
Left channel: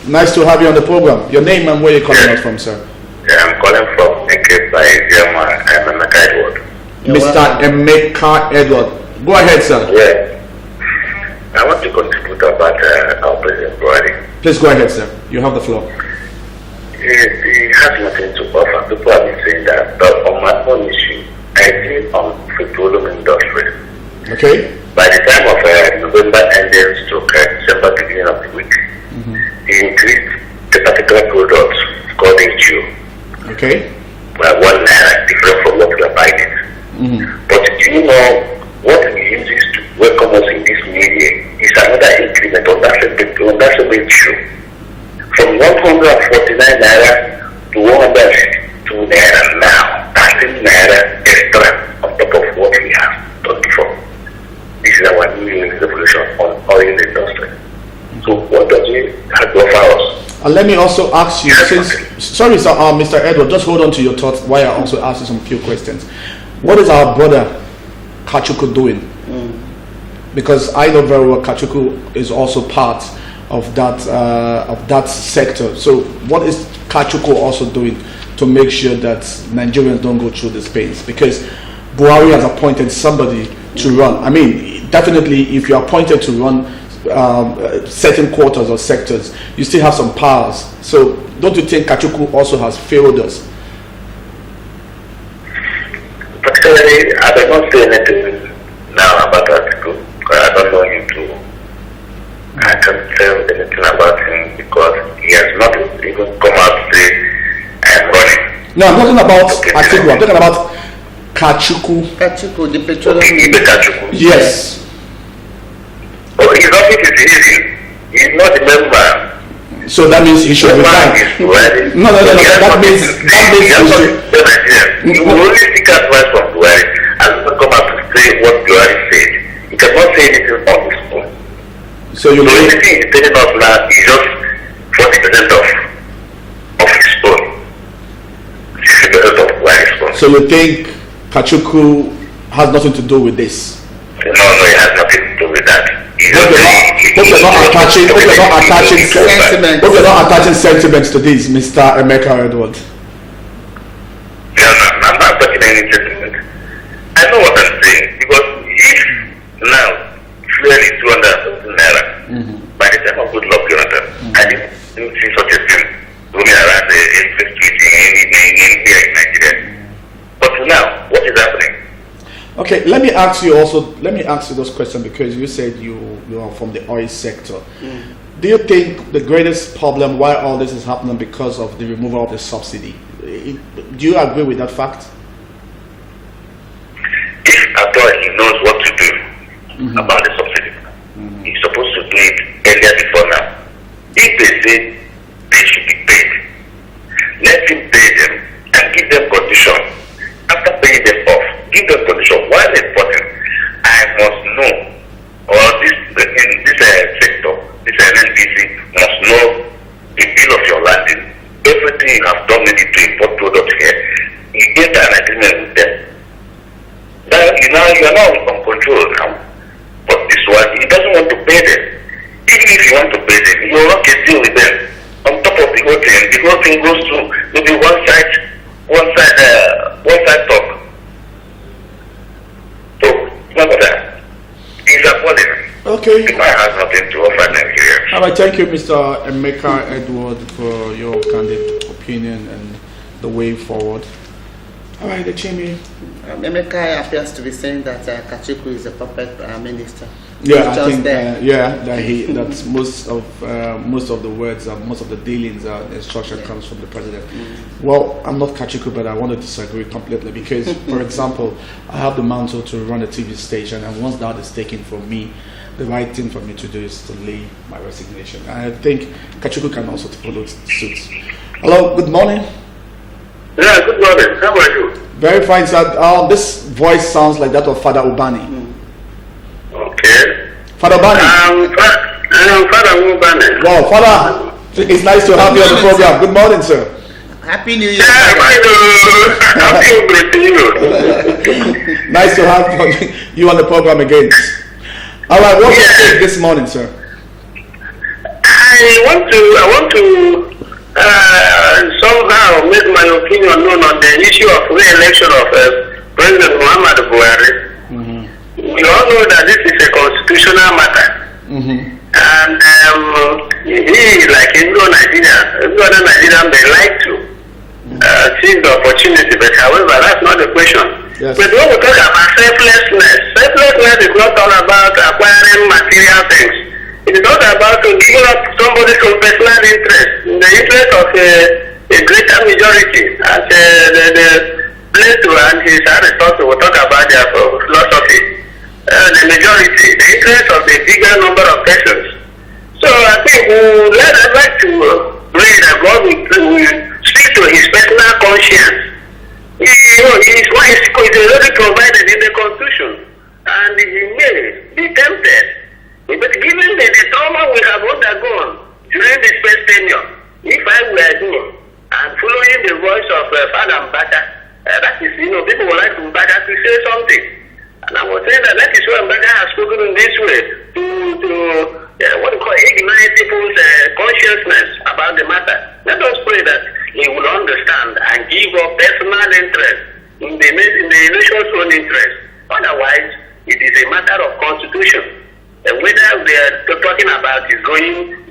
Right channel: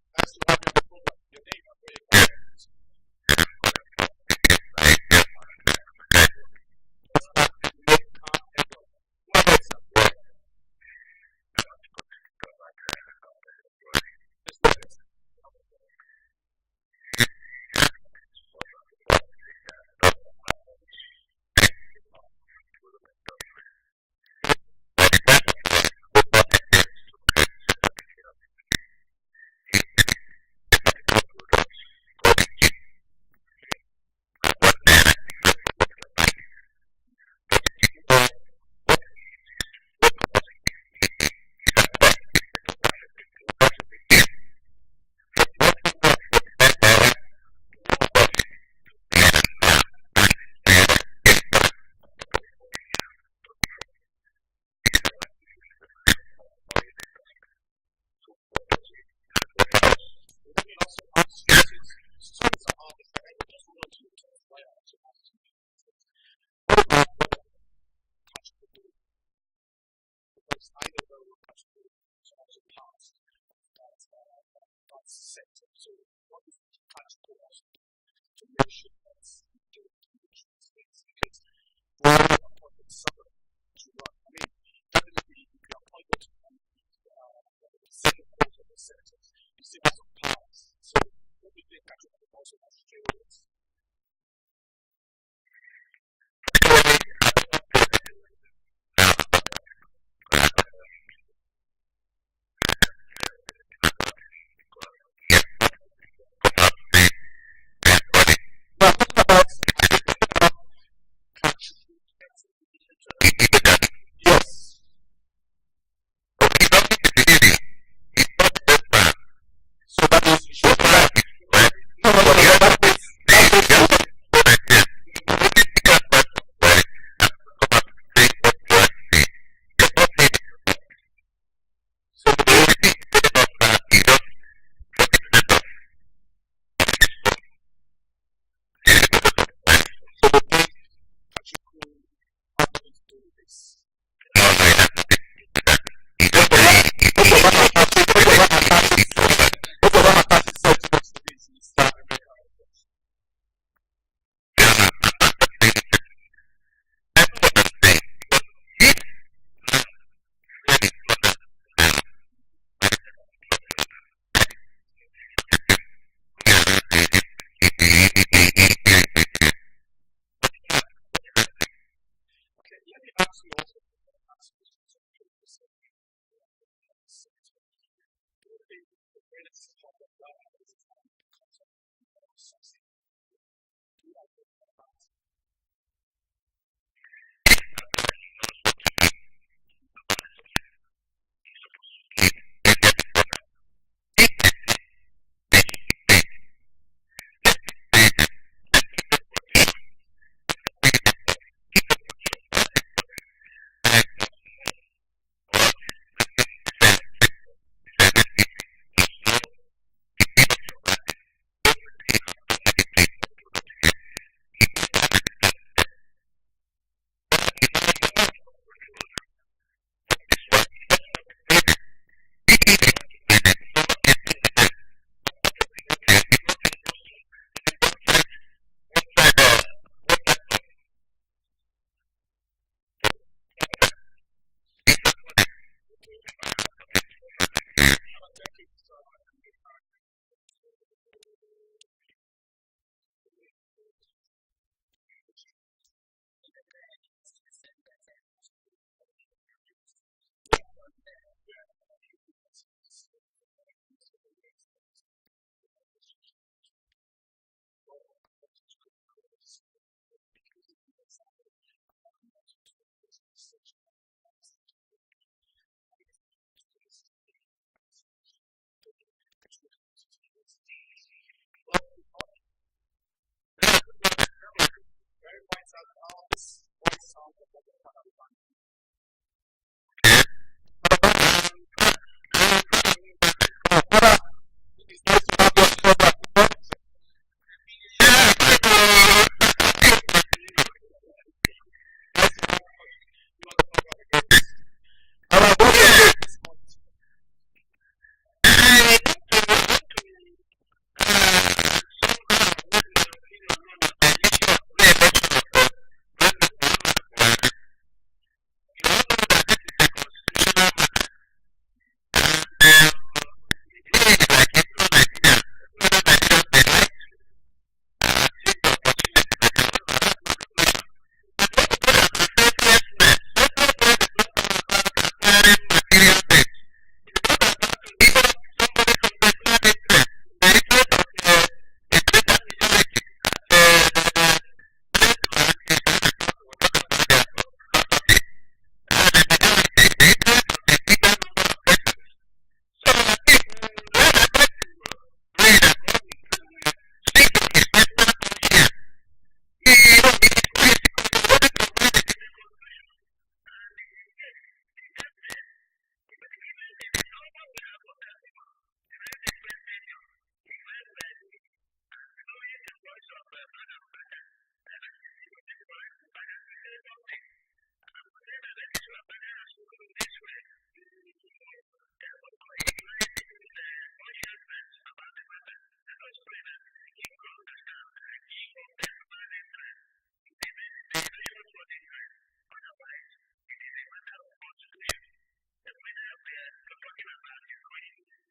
Nice to have you on the program. Your name and where you're calling us from, sir? Yeah, I'm calling from Cape by Emeka Edward. Mr. Emeka Edward. Go ahead, sir. Yeah. I want to contribute about our President Buhari. Please go ahead, sir. You have the floor. He has nothing to offer. People have been saying that, but on my own issue, I think on petroleum industry. Okay. By the time of November ending stroke December beginning of the week, he increased the particular product called HU. Okay. By 1 naira, different from what we are buying it. But do you know what he uses to welcome us in this new year is another increment on that same issue. From 149 naira to 160 new revolution on oil industry. So what does he have to offer us? And let me also ask you, sorry, sir, Mr. Edward, just hold on to your thoughts while I also ask you some few questions. What is our brother Kachuku doing? Because I know very well Kachuku is also part of that sector. So what is Kachuku also doing to make sure that Nigerians don't go through these pains? Because Buhari has appointed somebody to run. I mean, definitely if you're appointed to run certain quarters or sectors, you still have some powers. So don't you think Kachuku also has failed us? Particularly, I do not say anything now about Kachuku because I don't know him too. I can't tell anything about him because he has not even come out to say I'm running. No, I'm talking about Atiku. I'm talking about Kachuku. Kachuku, the petroleum. Okay, Kachuku. Yes. Oh, his office is hidden. He's not a member. So that means he should resign. No. That means he will only seek advice from Buhari and not come out to say what Buhari said. He cannot say anything on his own. So anything he's telling us now is just 40% of his own. 60% of Buhari's own. So you think Kachuku has nothing to do with this? No, it has nothing to do with that. Hope you're not attaching sentiments to this, Mr. Emeka Edward. Yeah, no, I'm not attaching any sentiment. I know what I'm saying because if now fuel is 200 naira, by the time of good luck, I didn't see such a thing roaming around the street in Nigeria. But now, what is happening? Okay, let me ask you those questions because you said you are from the oil sector. Do you think the greatest problem why all this is happening because of the removal of the subsidy? Do you agree with that fact? If at all he knows what to do about the subsidy, he's supposed to do it earlier before now. If they say they should be paid, let him pay them and give them conditions. After paying them off, give them conditions. While important, I must know, or in this sector, this NNPC must know the bill of your landing, everything you have done maybe to import products here. You get an agreement with them. Now you are now on control now. But this one, he doesn't want to pay them. Even if you want to pay them, you will not get deal with them. On top of the whole thing goes to maybe one side talk. So, remember that. These are policies. Okay. It has nothing to offer Nigeria. All right, thank you, Mr. Emeka Edward, for your candid opinion and the way forward. All right, Echimi. Emeka appears to be saying that Kachuku is a puppet minister. Yeah, I think that's most of the words, most of the dealings, instruction comes from the president. Well, I'm not Kachuku, but I want to disagree completely because, for example, I have the mantle to run a TV station, and once that is taken from me, the right thing for me to do is to lay my resignation. And I think Kachuku can also follow suit. Hello, good morning. Yeah, good morning. How are you? Very fine, sir. This voice sounds like that of Father Ubani. Okay. Father Ubani. Father Ubani. Wow, Father, it's nice to have you on the program. Good morning, sir. Happy New Year. Yeah, Happy New Year. Nice to have you on the program again. All right, what's your take this morning, sir? I want to somehow make my opinion known on the issue of re-election of President Muhammadu Buhari. We all know that this is a constitutional matter. And he, like every other Nigerian, may like to seize the opportunity, but however, that's not the question. Yes. But when we talk about selflessness is not all about acquiring material things. It is not about giving up somebody some personal interest in the interest of a greater majority. As Plato and his Aristotle will talk about their philosophy. The majority, the interest of the bigger number of persons. So I think I'd like to pray that God will speak to his personal conscience. His already provided in the Constitution, and he may be tempted people would like Mbaka to say something. And I was saying that is why Mbaka has spoken in this way to ignite people's consciousness about the matter. Let us pray that he will understand and give up personal interest in the nation's own interest. Otherwise, it is a matter of constitution. Whether we are talking about is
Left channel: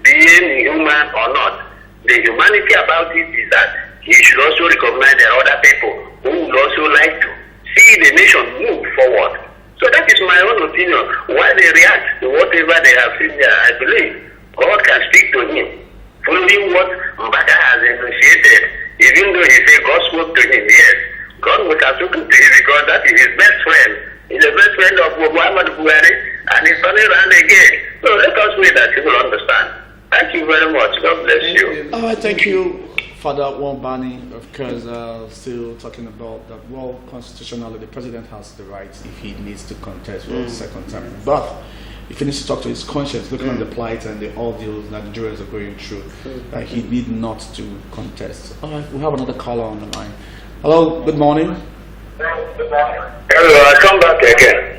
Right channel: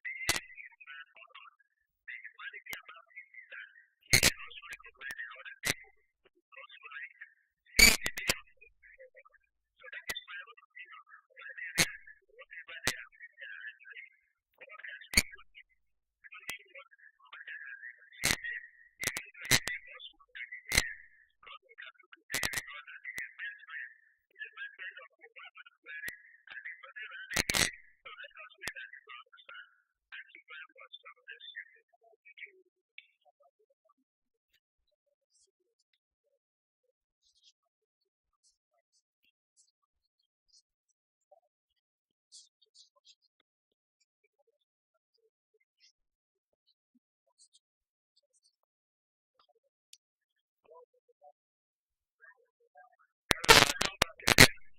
being human or not, the humanity about it is that he should also recognize there are other people who would also like to see the nation move forward. So that is my own opinion. Why they react to whatever they have seen there, I believe God can speak to him. Following what Mbaka has enunciated, even though he said God spoke to him, yes, God would have spoken to him because that is his best friend. He's the best friend of Muhammad Buhari, and he's turning around again. So let us pray that he will understand. Thank you very much. God bless you. All right, thank you, Father Wambani. Of course, still talking about that. Well, constitutionally, the president has the right if he needs to contest for the second time. But if he needs to talk to his conscience, looking at the plight and the ordeal that Nigerians are going through, he need not to contest. All right, we have another caller on the line. Hello, good morning. Hello, I come back again.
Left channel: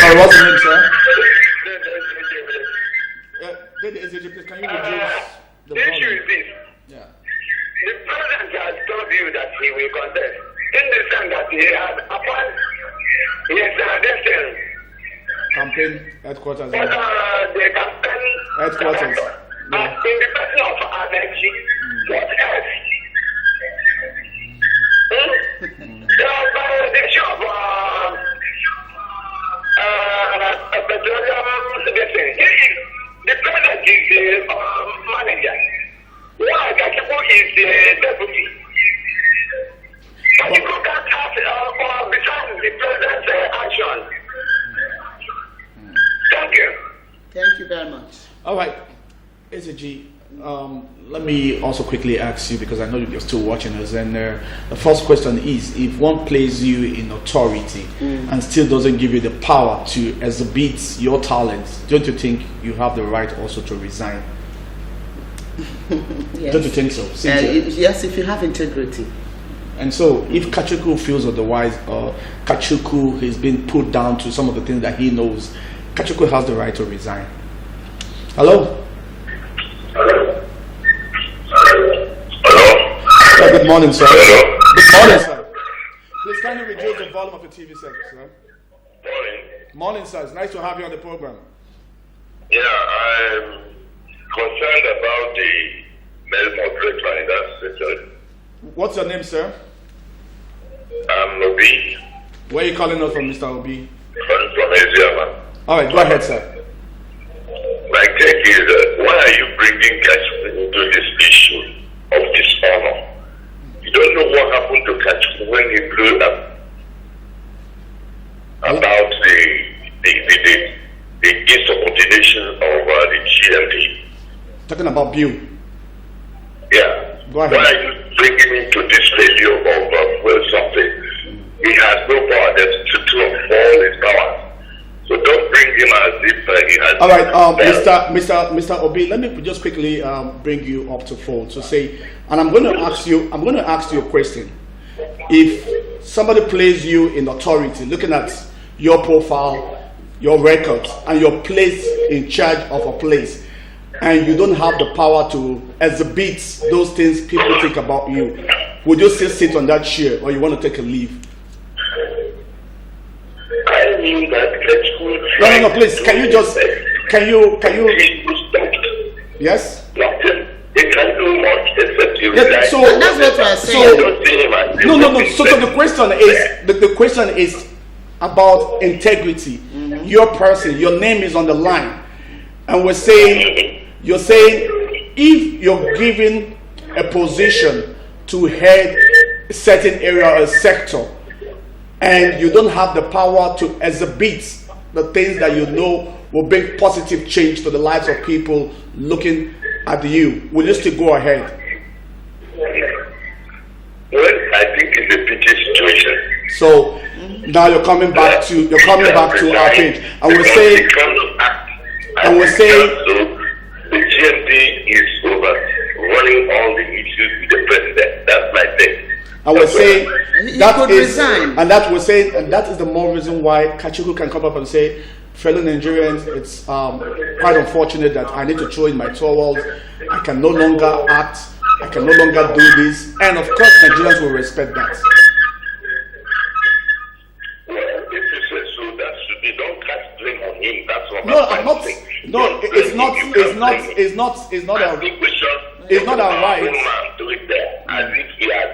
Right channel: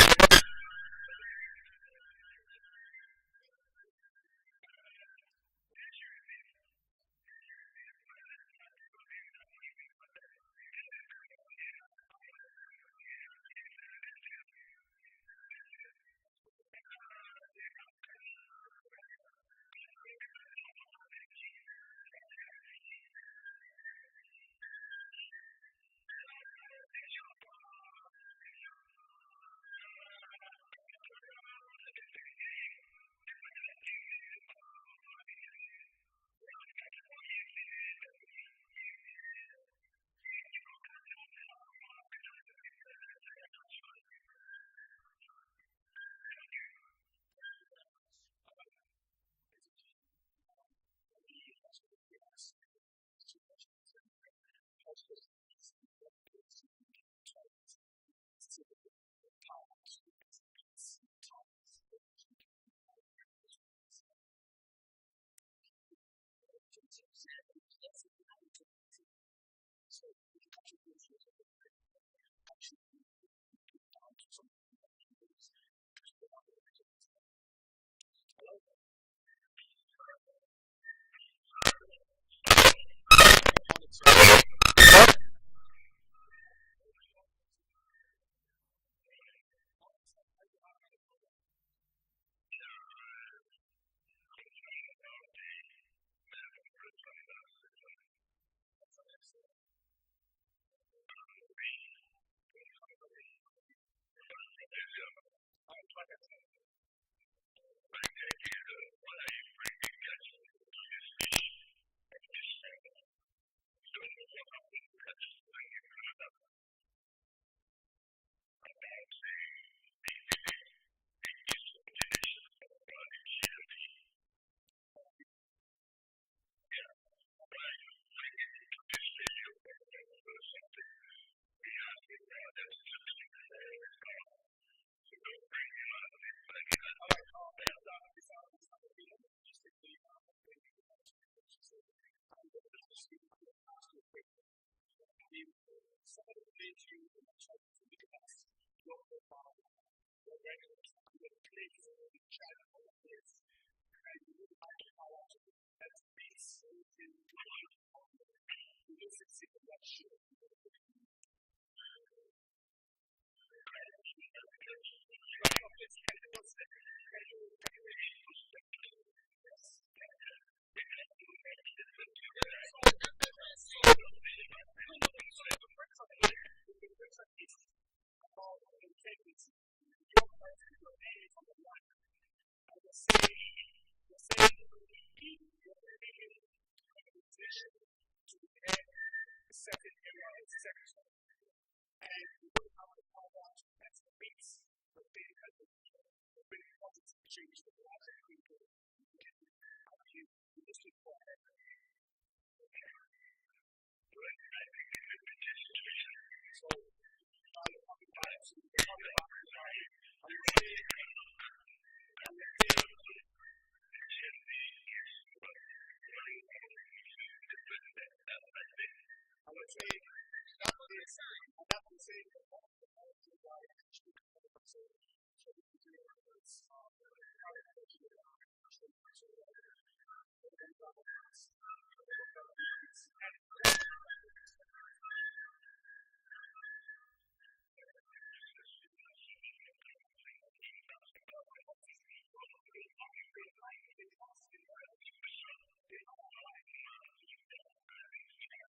Sorry, what's your name, sir? Can you reduce the The issue is this. Yeah. The president has told you that he will contest. In the sense that he has appointed campaign headquarters. But the campaign Headquarters. In the person of Abenji, what else? The issue of the president is the manager. Why Kakipo is the deputy? Kakipo can't have beside the president's action. Thank you. Thank you very much. All right, SAG, let me also quickly ask you, because I know you're still watching us, and the first question is, if one places you in authority and still doesn't give you the power to exhibit your talents, don't you think you have the right also to resign? Yes. Don't you think so? Yes, if you have integrity. And so, if Kachuku feels otherwise, or Kachuku has been put down to some of the things that he knows, Kachuku has the right to resign. Hello? Hello? Good morning, sir. Hello? Good morning, sir. Please kindly reduce the volume of the TV set, sir. Morning. Morning, sir. It's nice to have you on the program. Yeah, I'm concerned about the male moderator in that section. What's your name, sir? I'm Obi. Where are you calling us from, Mr. Obi? From Asia. All right, go ahead, sir. My take is, why are you bringing Kachuku into this issue of dishonor? You don't know what happened to Kachuku when he blew up about the insubordination of the GMD. Talking about Bill. Yeah. Go ahead. Why are you bringing into this failure of something? He has no power. There's two of all his powers. So don't bring him as if he has. All right, Mr. Obi, let me just quickly bring you up to fold to say, and I'm going to ask you a question. If somebody places you in authority, looking at your profile, your records, and you're placed in charge of a place, and you don't have the power to exhibit those things people think about you, would you still sit on that chair, or you want to take a leave? I mean that No, please. Can you? Yes. They can't do much except you Yes, so that's what we're saying. No. So the question is about integrity. Your person, your name is on the line, and you're saying if you're given a position to head a certain area or sector, and you don't have the power to exhibit the things that you know will bring positive change to the lives of people looking at you, will you still go ahead? Well, I think it's a pity situation. So now you're coming back to our page, and we're saying the GMD is over running all the issues with the president. That's my thing. And we're saying He could resign. And that we're saying, and that is the more reason why Kachuku can come up and say, fellow Nigerians, it's quite unfortunate that I need to throw in my towels. I can no longer act. I can no longer do this. And of course, Nigerians will respect that. Well, if you say so, that should be, don't cast blame on him. That's what No, I'm not. No, it's not our right. Do it there, as if he has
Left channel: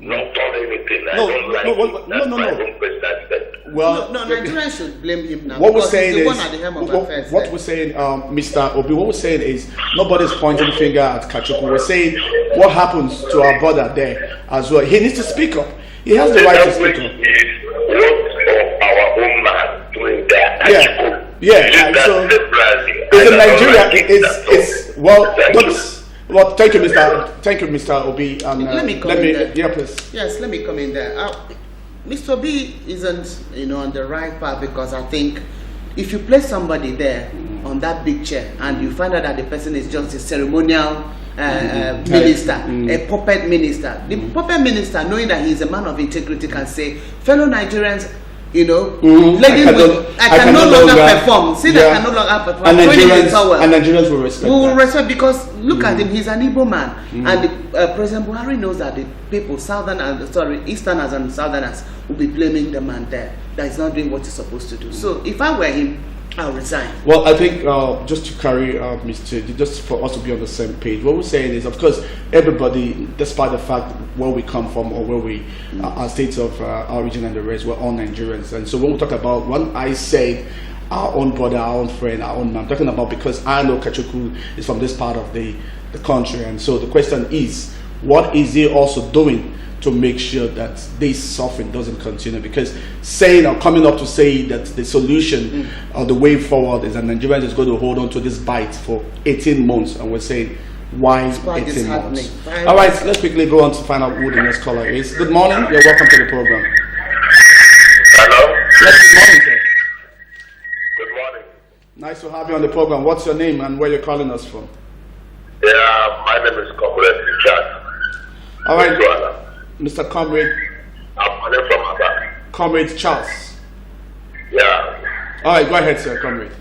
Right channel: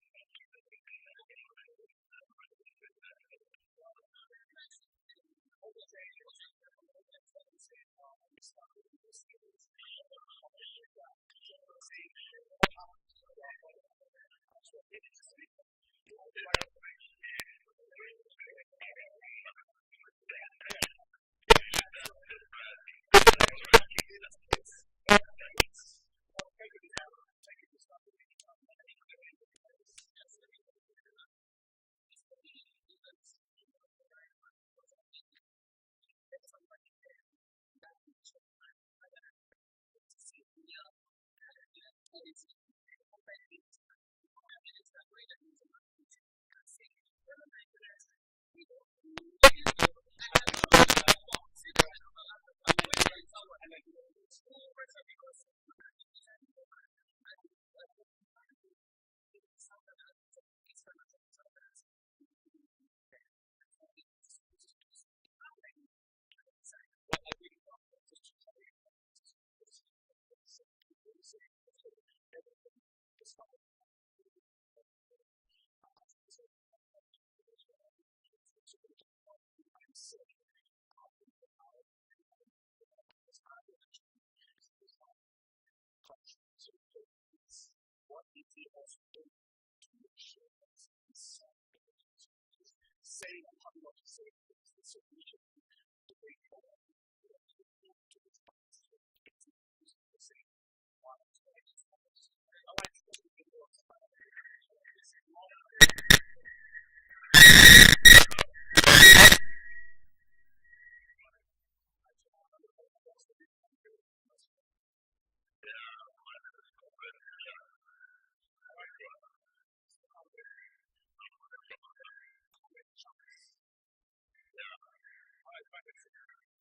not done anything. No. Well, no, Nigerians should blame him now. What we're saying is, Mr. Obi, what we're saying is, nobody's pointing finger at Kachuku. We're saying what happens to our brother there as well. He needs to speak up. He has the right to speak up. Our own man doing that. Yeah. So it's in Nigeria. Well, thank you, Mr. Obi. Let me come in there. Yeah, please. Yes, let me come in there. Mr. Obi isn't, on the right path, because I think if you place somebody there on that big chair and you find out that the person is just a ceremonial minister, a puppet minister, the puppet minister, knowing that he is a man of integrity, can say, fellow Nigerians, I can no longer perform. See that I can no longer perform. And Nigerians will respect. We will respect, because look at him. He's an Igbo man, and President Buhari knows that the people, Easterners and Southerners, will be blaming the man there that is not doing what he's supposed to do. So if I were him, I'll resign. Well, I think just to carry just for us to be on the same page, what we're saying is, of course, everybody, despite the fact where we come from or where we, our states of origin and the rest, we're all Nigerians. And so when we talk about, when I say our own brother, our own friend, our own man, I'm talking about because I know Kachuku is from this part of the country. And so the question is, what is he also doing to make sure that this suffering doesn't continue? Because saying or coming up to say that the solution or the way forward is that Nigerians is going to hold on to this bite for 18 months, and we're saying, why 18 months? All right, let's quickly go on to find out who the next caller is. Good morning, you're welcome to the program. Hello? Yes, good morning, sir. Good morning. Nice to have you on the program. What's your name and where you're calling us from? Yeah, my name is Comrade Richard. All right, Mr. Comrade. I'm calling from Abia. Comrade Charles. Yeah. All right, go ahead, sir, Comrade.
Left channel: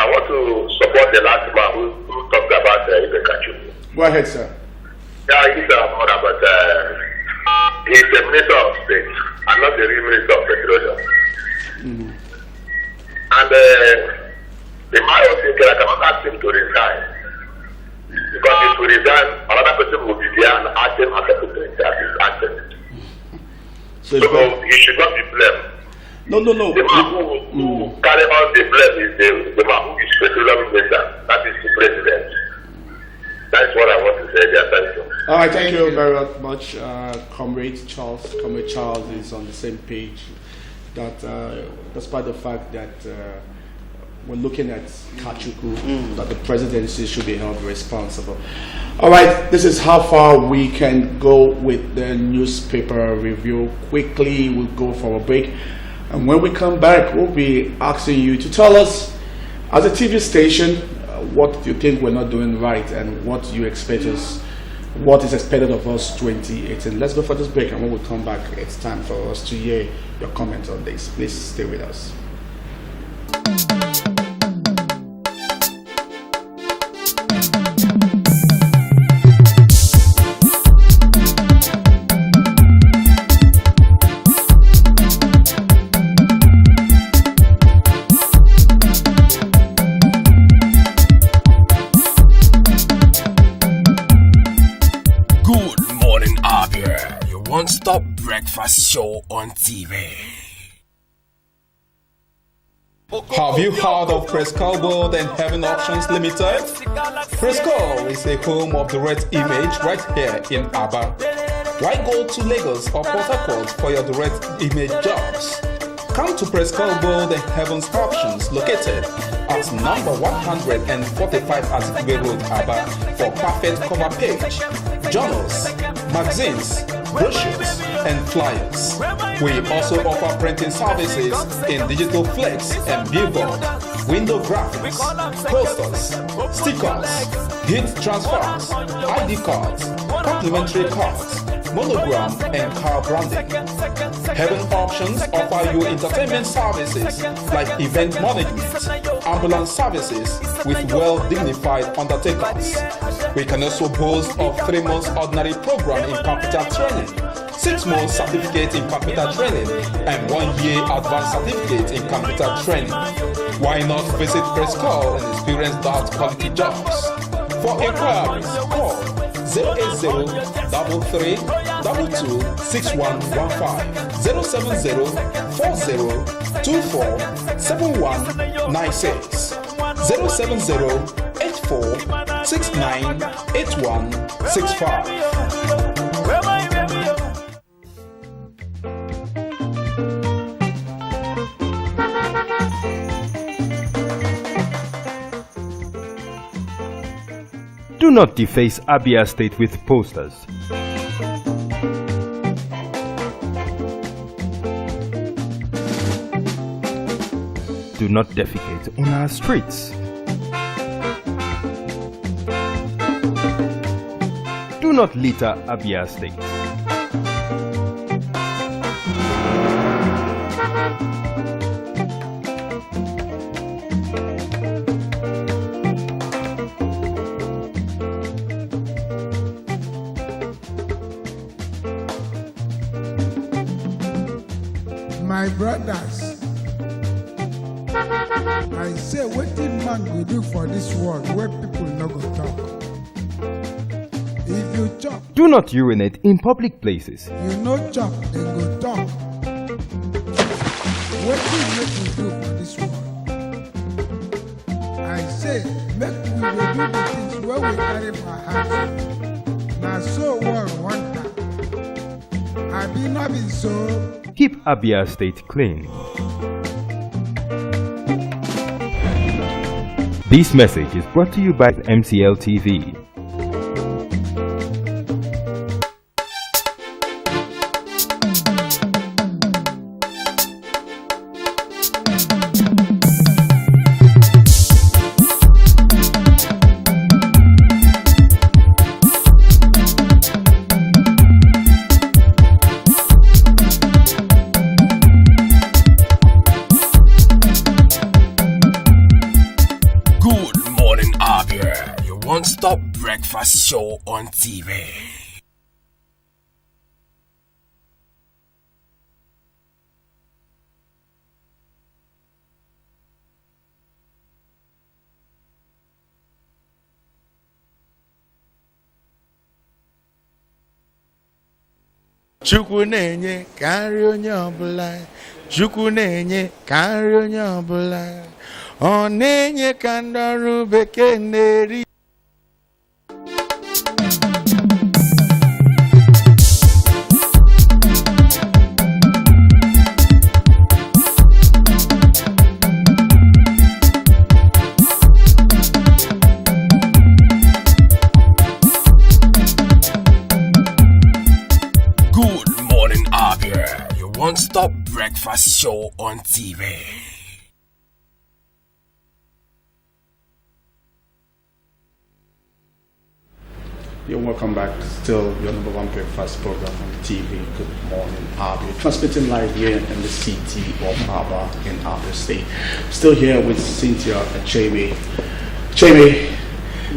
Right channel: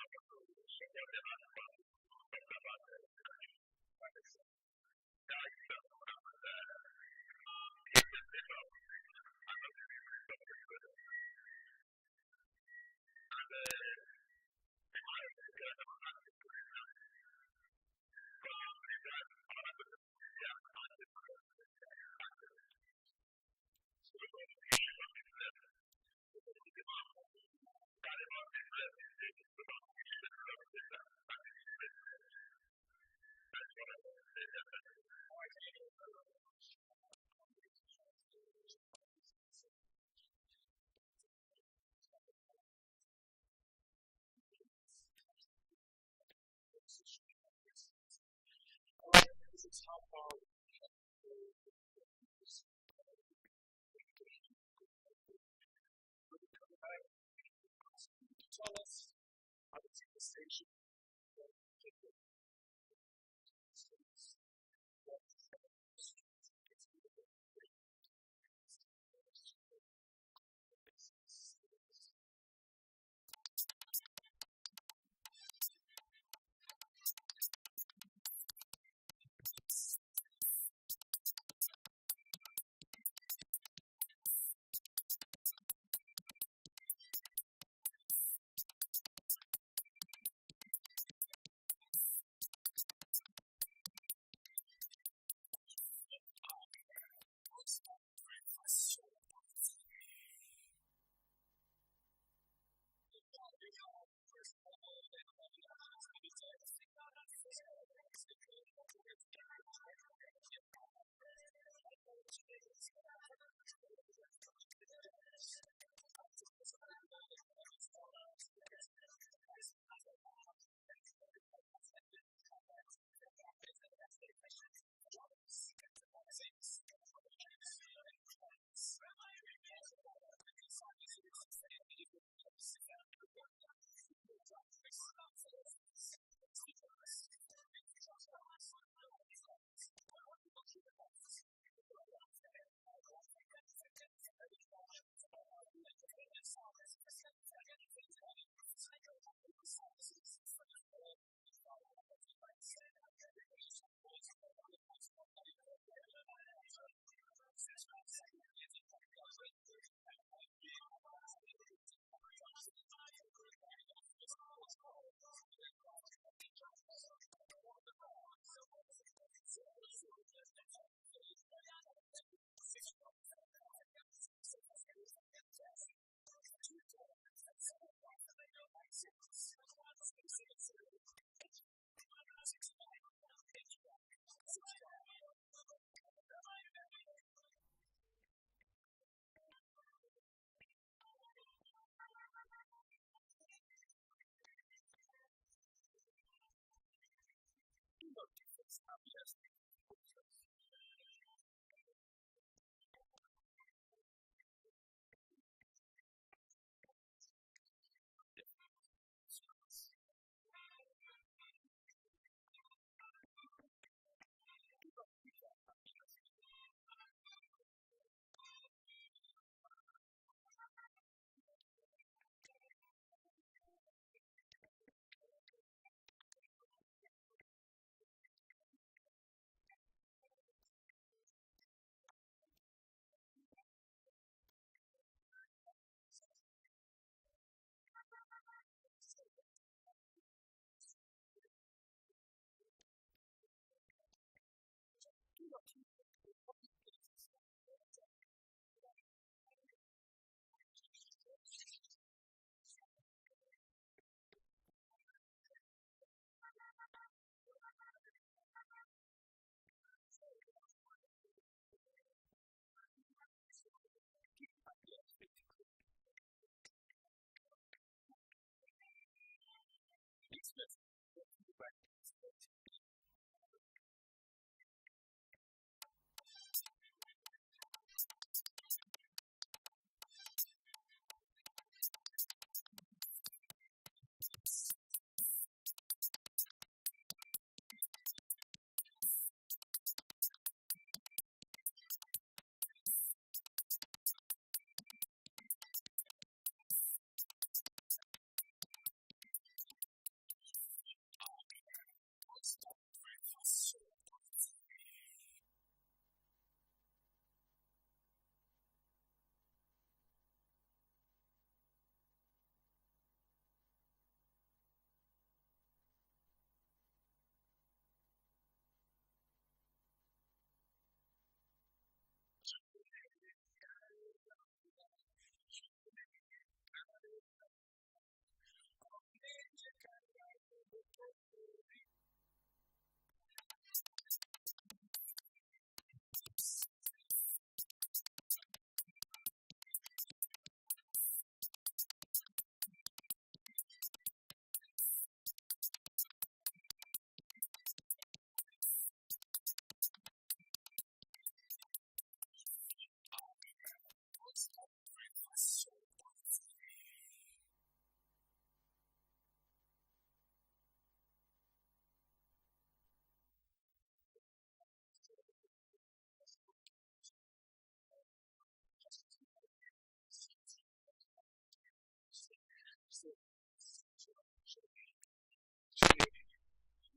I want to support the last man who talked about Ibe Kachuku. Go ahead, sir. Yeah, he's a mother, but he's the Minister of State and not the real Minister of Petroleum. And in my opinion, I cannot ask him to resign. Because if we resign, another person will be there and ask him as a president as he's acting. So he should not be blamed. No. The man who carry out the blame is the man who is petroleum minister. That is the president. That's what I want to say there. Thank you. All right, thank you very much, Comrade Charles. Comrade Charles is on the same page. That despite the fact that we're looking at Kachuku, that the presidency should be held responsible. All right, this is how far we can go with the newspaper review. Quickly, we'll go for a break. And when we come back, we'll be asking you to tell us, as a TV station, what you think we're not doing right and what you expect us, what is expected of us 2018. Let's go for this break, and when we come back, it's time for us to hear your comments on this. Please stay with us. One-stop breakfast show on TV. Have you heard of Prescal World and Heaven Options Limited? Prescal is the home of direct image right here in Abia. Why go to Lagos or Port Harcourt for your direct image jobs? Come to Prescal World and Heaven's Options, located at number 145 Azikwe Road, Abia, for perfect cover page, journals, magazines, brochures, and flyers. We also offer printing services in digital flex and billboard, window graphics, posters, stickers, heat transfers, ID cards, complimentary cards, monogram, and car branding. Heaven Auctions offer you entertainment services like event management, ambulance services with well-dignified undertakers. We can also boast of 3 months ordinary program in computer training, 6 months certificate in computer training, and 1 year advanced certificate in computer training. Why not visit Press Call and experience that quality jobs? For inquiries, call 080-3322-6115, 070-4024-7196, 070-8469-8165. Do not deface Abia State with posters. Do not defecate on our streets. Do not litter Abia State. My brothers, I say wetin man go do for this world where people no go talk. If you chop, Do not urinate in public places. you no chop, dem go talk. Wetin make we do for this world? I say make we dey do the things wey we carry for heart. Na so world want am. Abi no be so? Keep Abia State clean. This message is brought to you by MCL TV. Good morning, Abia. Your one-stop breakfast show on TV. Chukwu na-enye ka nri onye ọbụla. Chukwu na-enye ka nri onye ọbụla. Ọ na-enye ka ndị ọrụ bekee na-eri. Good morning, Abia. Your one-stop breakfast show on TV. You're welcome back. Still your number one breakfast program on TV. Good morning, Abia. Transmitting live here in the city of Abia in Abia State. Still here with Cynthia Achebe. Achebe,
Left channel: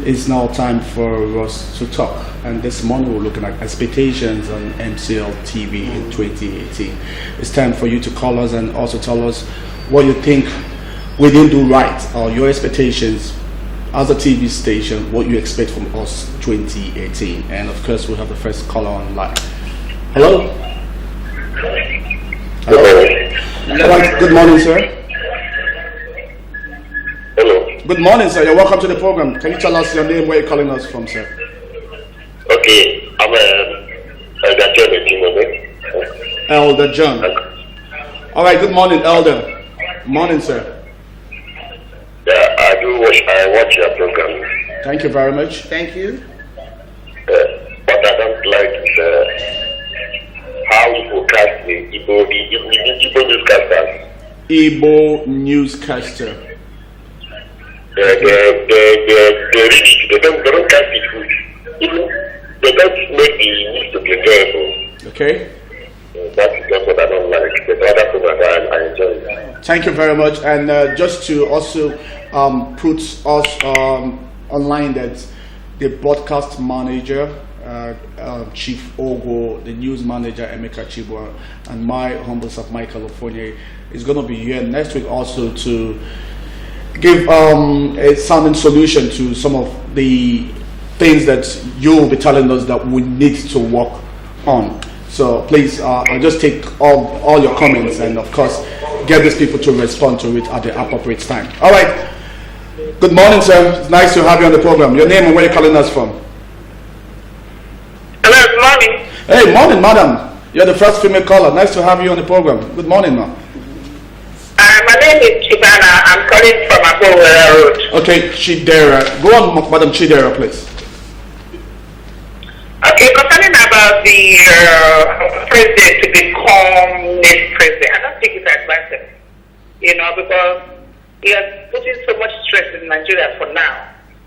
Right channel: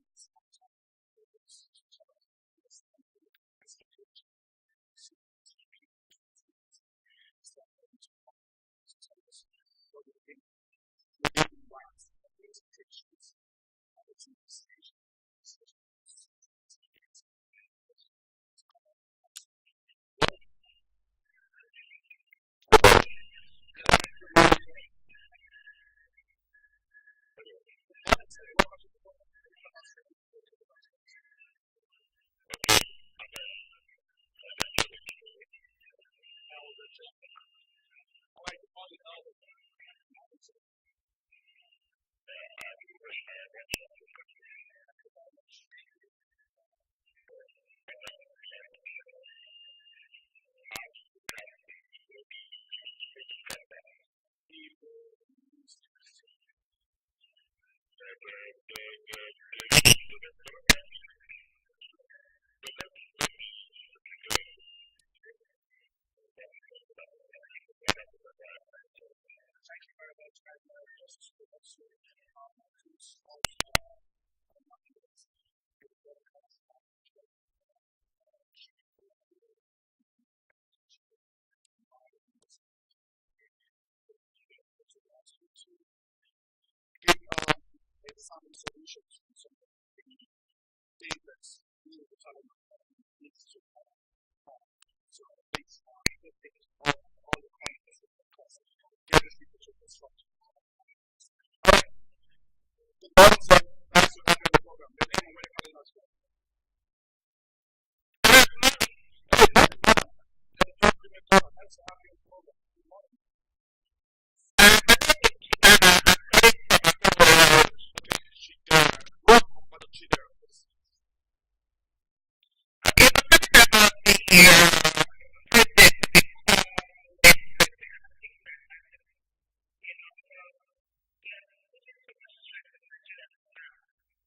it's now time for us to talk. And this morning we're looking at expectations on MCL TV in 2018. It's time for you to call us and also tell us what you think we didn't do right or your expectations as a TV station, what you expect from us 2018. And of course, we have the first caller on line. Hello? Hello? All right, good morning, sir. Hello. Good morning, sir. You're welcome to the program. Can you tell us your name, where you're calling us from, sir? Okay, I'm Elder John Etimone. Elder John. All right, good morning, Elder. Morning, sir. Yeah, I watch your program. Thank you very much. Thank you. What I don't like is how you forecast the Igbo newscasters. Igbo newscaster. They read it. They don't cast it good. they don't make the news to be enjoyable. Okay. That's just what I don't like. But other programs I enjoy it. Thank you very much. And just to also put us online, that the broadcast manager, Chief Ogo, the news manager, Emeka Chibwa, and my humble self, Michael Ofonye, is going to be here next week also to give a sounding solution to some of the things that you will be telling us that we need to work on. So please, I'll just take all your comments and of course get these people to respond to it at the appropriate time. All right. Good morning, sir. It's nice to have you on the program. Your name and where you're calling us from? Hello, good morning. Hey, morning, madam. You're the first female caller. Nice to have you on the program. Good morning, ma'am. My name is Chibana. I'm calling from Abia Road. Okay, Chidera. Go on, Madam Chidera, please. Okay, concerning about the president to become next president, I don't think it's advisable, because he is putting so much stress in Nigeria for now.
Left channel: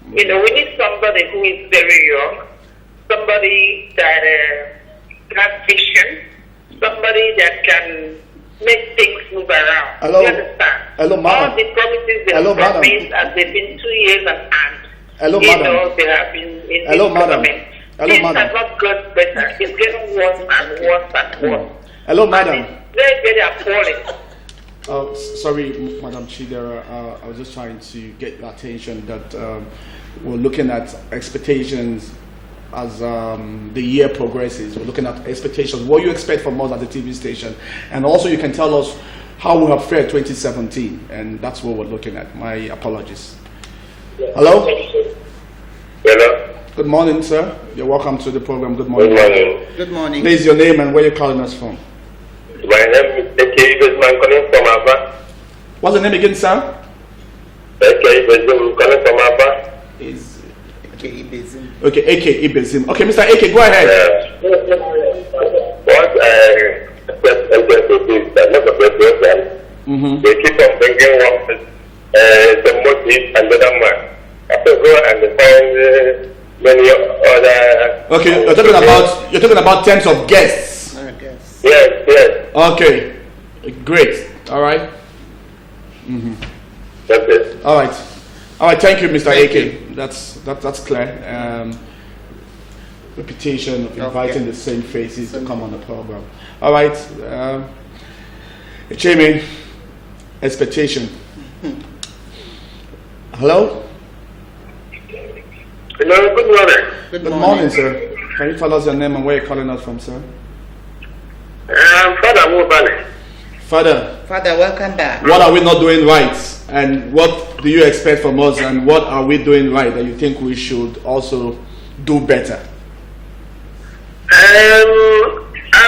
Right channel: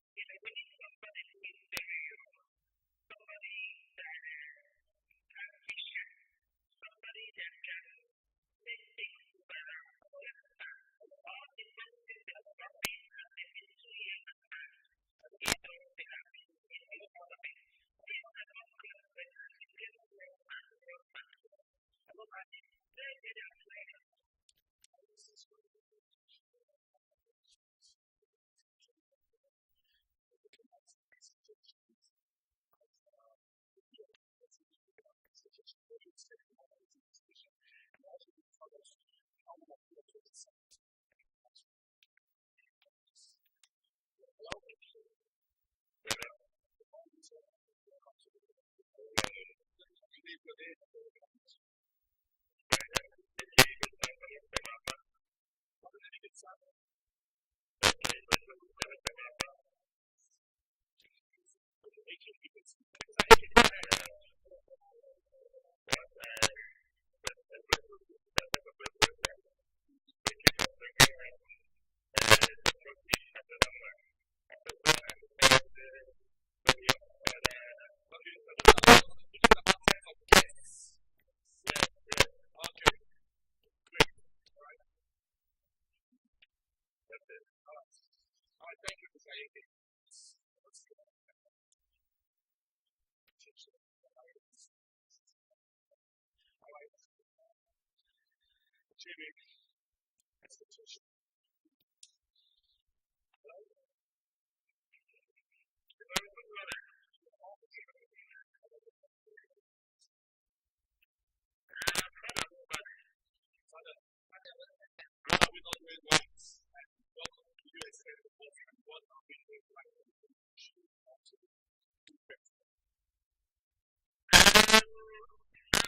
We need somebody who is very young, somebody that has vision, somebody that can make things move around. Hello. You understand? Hello, madam. All the promises they have promised, as they've been 2 years and Hello, madam. they have been in Hello, this madam. government. Hello, Things madam. have not got better. It's getting worse and worse and worse. Hello, madam. And it's very, very appalling. Sorry, Madam Chidera. I was just trying to get your attention that we're looking at expectations as the year progresses. We're looking at expectations. What you expect from us at the TV station, and also you can tell us how we have fared 2017, and that's what we're looking at. My apologies. Hello. Hello. Good morning, sir. You're welcome to the program. Good morning. Good morning. Good morning. Please, your name and where you're calling us from. My name is A.K. I'm calling from Abba. What's the name again, sir? A.K. I'm calling from Abba. Is A.K. Ibezim. Okay, A.K. Ibezim. Okay, Mr. A.K., go ahead. What I expect to do is that not the president, they keep on bringing one, the motive and the other man. After go and find many other. Okay, you're talking about terms of guests. Yes, yes. Okay, great. All right. That's it. All right. Thank you, Mr. AK. That's clear. Repetition, inviting the same faces to come on the program. All right. Jamie, expectation. Hello. Hello. Good morning. Good morning, sir. Can you tell us your name and where you're calling us from, sir? Father Mubale. Father, welcome back. what are we not doing right? And what do you expect from us? And what are we doing right that you think we should also do better? I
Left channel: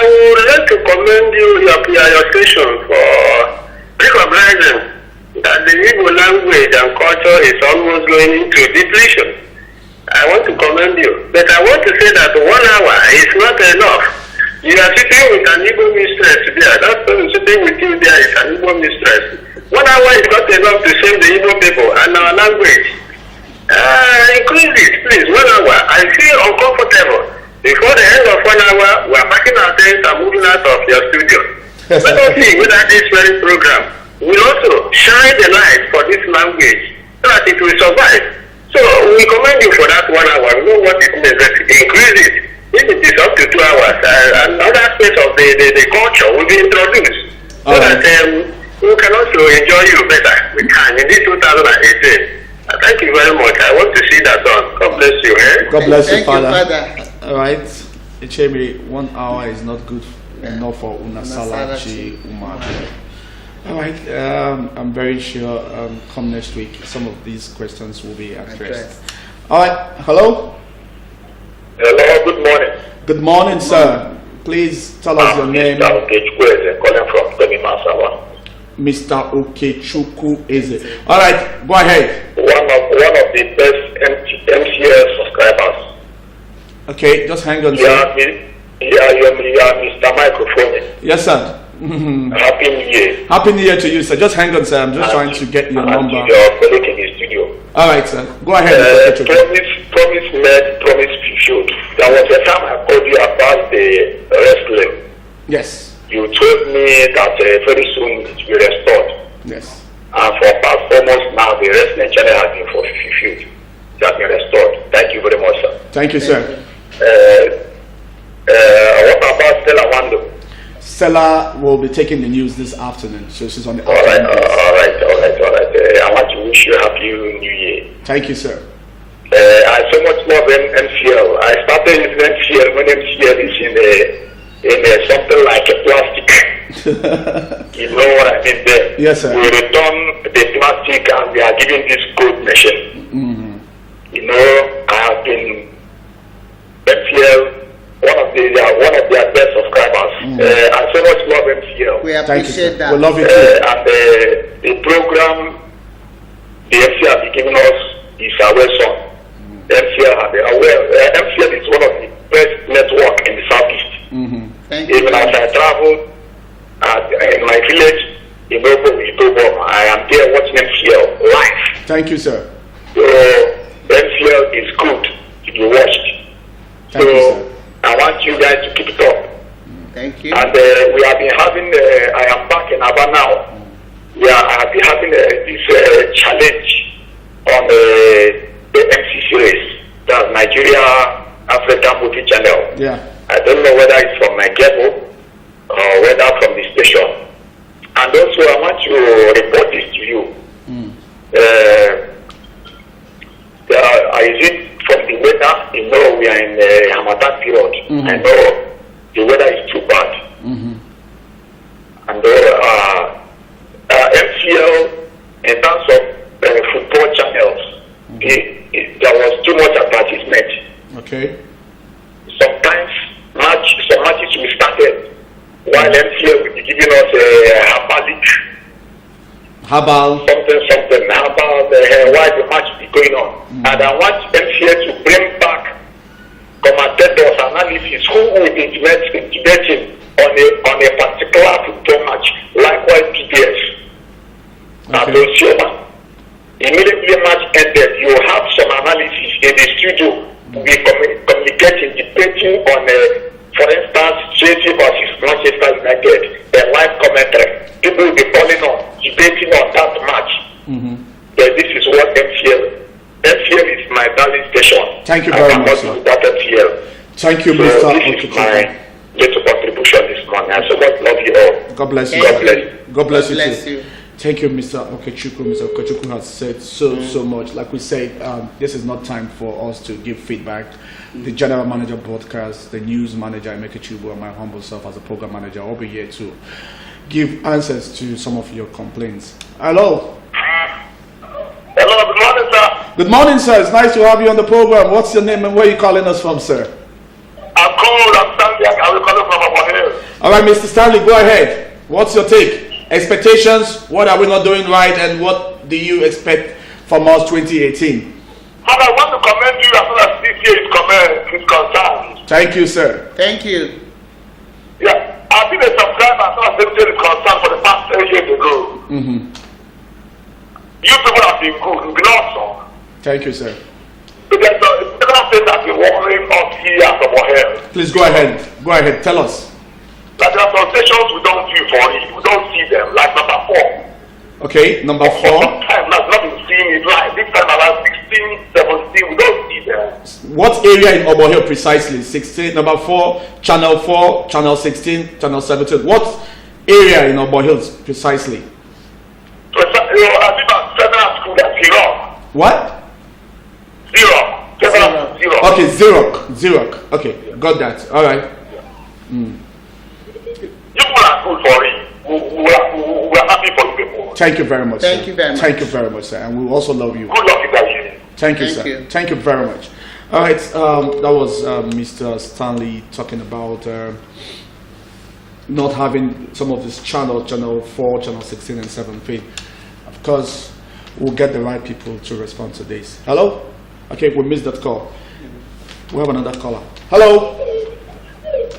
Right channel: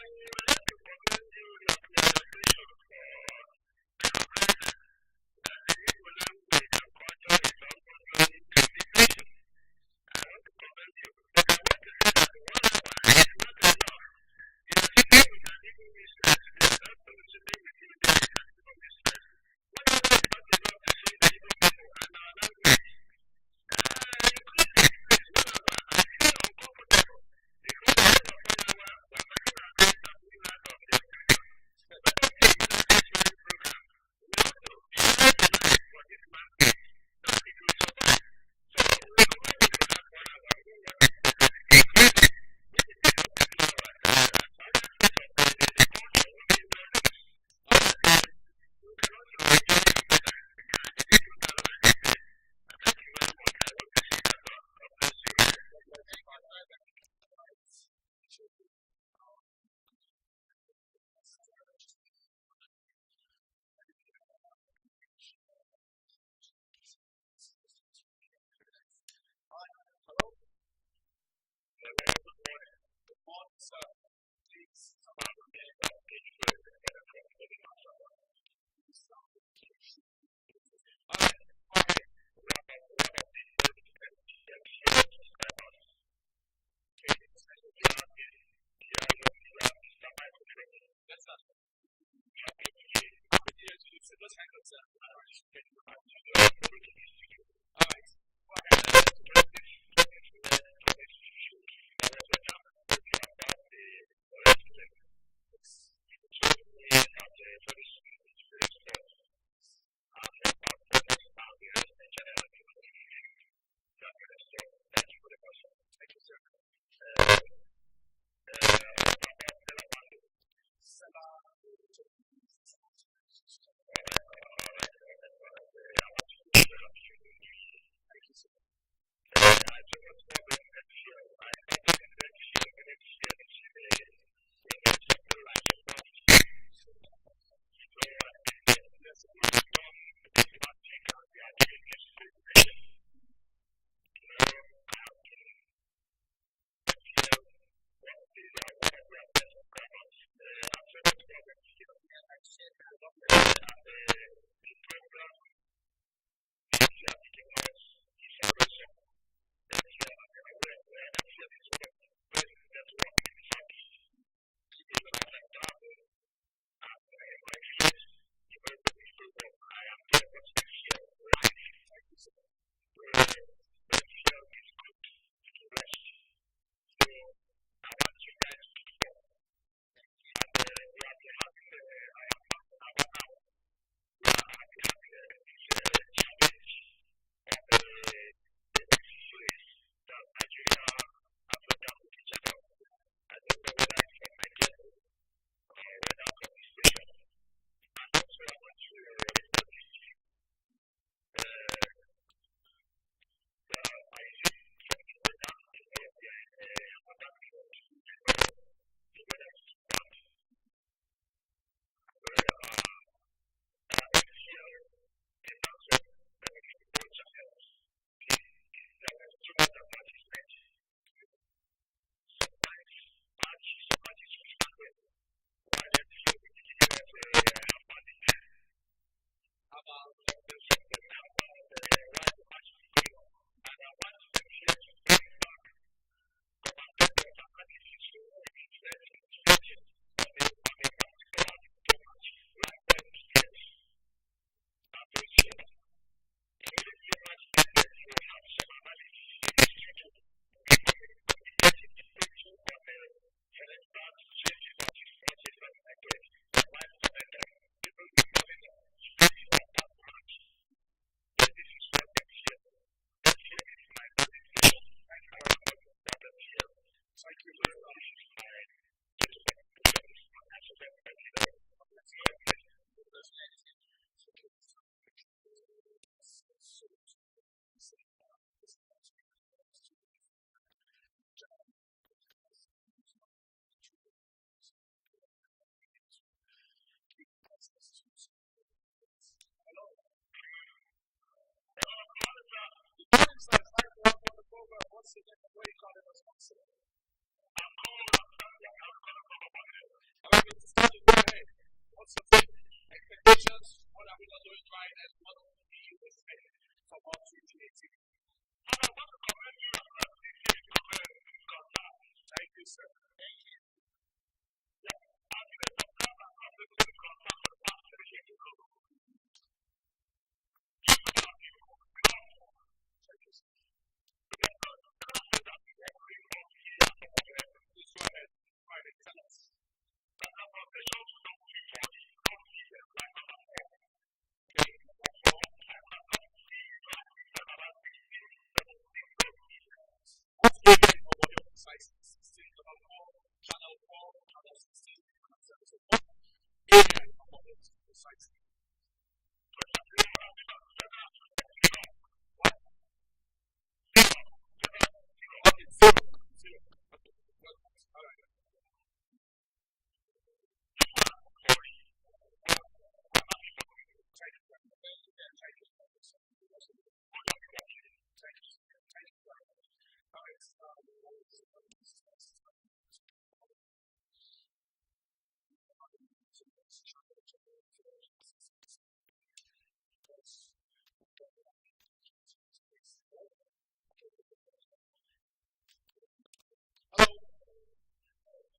would like to commend your station for recognizing that the Igbo language and culture is almost going into depletion. I want to commend you. But I want to say that 1 hour is not enough. You are sitting with an Igbo mistress there. That person sitting with you there is an Igbo mistress. 1 hour is not enough to save the Igbo people and our language. Increase it, please. 1 hour. I feel uncomfortable. Before the end of 1 hour, we are packing our things and moving out of your studio. Let us see whether this very program will also shine the light for this language so that it will survive. So we commend you for that 1 hour. We know what it means. Increase it. If it is up to 2 hours, another aspect of the culture will be introduced so that we can also enjoy you better. We can in this 2018. Thank you very much. I want to see that done. God bless you. God bless you, Thank Father. Father. All right. Echebe, 1 hour is not good enough for Unasalachi Umabi. All right. I'm very sure come next week, some of these questions will be addressed. All right. Hello. Hello. Good morning. Good morning, sir. Please tell us your name. Mr. Okechukwu calling from Temi Masawa. Mr. Okechukwu Eze. All right. Go ahead. One of the best MCS subscribers. Okay. Just hang on, you sir. are Mr. Microphone. Yes, sir. Happy New Year. Happy New Year to you, sir. Just hang on, sir. I'm just trying to get your number. Your colleague in the studio. All right, sir. Go ahead. Promise made, promise fulfilled. That there was a time I called you about the wrestling. Yes. You told me that very soon it will be restored. Yes. And for past almost now, the wrestling channel has been fulfilled. It has been restored. Thank you very much, sir. Thank you, sir. What about Stella Wando? Stella will be taking the news this afternoon, so she's on the All right. afternoon. I want to wish you a happy New Year. Thank you, sir. I so much love MCL. I started using MCL when MCL is in something like a plastic. You know what I mean there? Yes, sir. We return the plastic and we are giving this code machine. Mm-hmm. You know, I have been MCL, one of their best subscribers. I so much love MCL. We appreciate that. We love it too. And the program the MCL has given us is our son. MCL is one of the best network in the southeast. Thank Even you. as I travel in my village in Obo, I am there watching MCL live. Thank you, sir. So MCL is good to be watched. Thank you, So sir. I want you guys to keep it up. Thank you. And we have been having, I am back in Abia now. I have been having this challenge on the MC series, that's Nigeria African Movie Channel. Yeah. I don't know whether it's from my cable or whether from the station. And also, I want to report this to you. Is it from the weather? You know, we are in the Ramadan period. I know the weather is too bad. And MCL, in terms of football channels, there was too much advertisement. Okay. Sometimes some matches we started while MCL will be giving us a Habal. something about why the match is going on. And I want MCL to bring back commentators, analysis, who will be debating on a particular football match. Likewise, PBS. Okay. Immediately match ended, you have some analysis in the studio to be communicating, debating on, for instance, Chelsea versus Manchester United, a live commentary. People will be calling on, debating on that match. This is what MCL is my darling station. Thank you very much, sir. That MCL. Thank you, So Mr. this is my little contribution this morning. I so much love you all. God bless you. God bless you. God bless you Bless too. you. Thank you, Mr. Okechukwu. Mr. Okechukwu has said so much. Like we said, this is not time for us to give feedback. The general manager broadcast, the news manager, Emeka Chubu, and my humble self as a program manager, will be here to give answers to some of your complaints. Hello. Hello, good morning, sir. Good morning, sir. It's nice to have you on the program. What's your name and where are you calling us from, sir? I'm Stanley. I'm calling from Abia. All right, Mr. Stanley, go ahead. What's your take? Expectations? What are we not doing right, and what do you expect from us 2018? But I want to commend you as far as this year is concerned. Thank you, sir. Thank you. Yeah, I've been a subscriber as far as this year is concerned for the past 10 years ago. You people have been good. You've been awesome. Thank you, sir. There's several things that have been worrying us here at Obohel. Please go ahead. Go ahead. Tell us. Like there are some stations we don't view for it. We don't see them. Like number 4. Okay, number 4. Time I've not been seeing it live. This time around 16, 17, we don't see them. What area in Obohel precisely? 16, number 4, channel 4, channel 16, channel 17. What area in Obohel precisely? So, I live at Federal School at Zero. What? Zero. Okay, Xerox. Okay, got that. All right. You people are good for it. We are happy for you people. Thank you very much, sir. Thank you very much. Thank you very much, sir. And we also love you. Good luck in that year. Thank you, Thank sir. you. Thank you very much. All right, that was Mr. Stanley talking about not having some of this channel 4, channel 16, and 17. Of course, we'll get the right people to respond to this. Hello? Okay, we missed that call. We have another caller. Hello?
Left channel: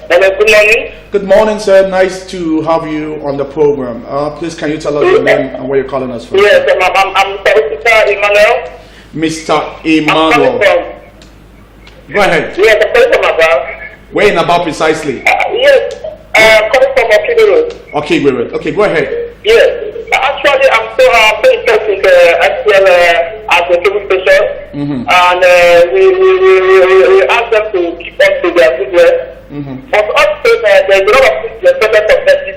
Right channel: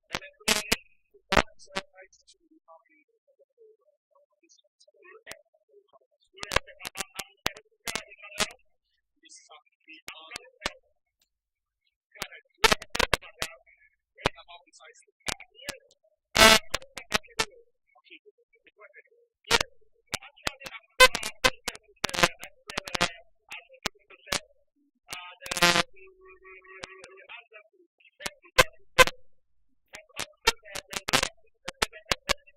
Hello, good morning. Good morning, sir. Nice to have you on the program. Please, can you tell us your name and where you're calling us from? Yes, I'm Mr. Emmanuel. Mr. Emmanuel. Go ahead. Yes, I'm calling from Abia. Where in Abia precisely? Yes, coming from Okigwe. Okay, okay, go ahead. Yes. Actually, I'm so interested in SPL as a cable station, and we ask them to keep up to their good work. But also, there's a lot of things expected from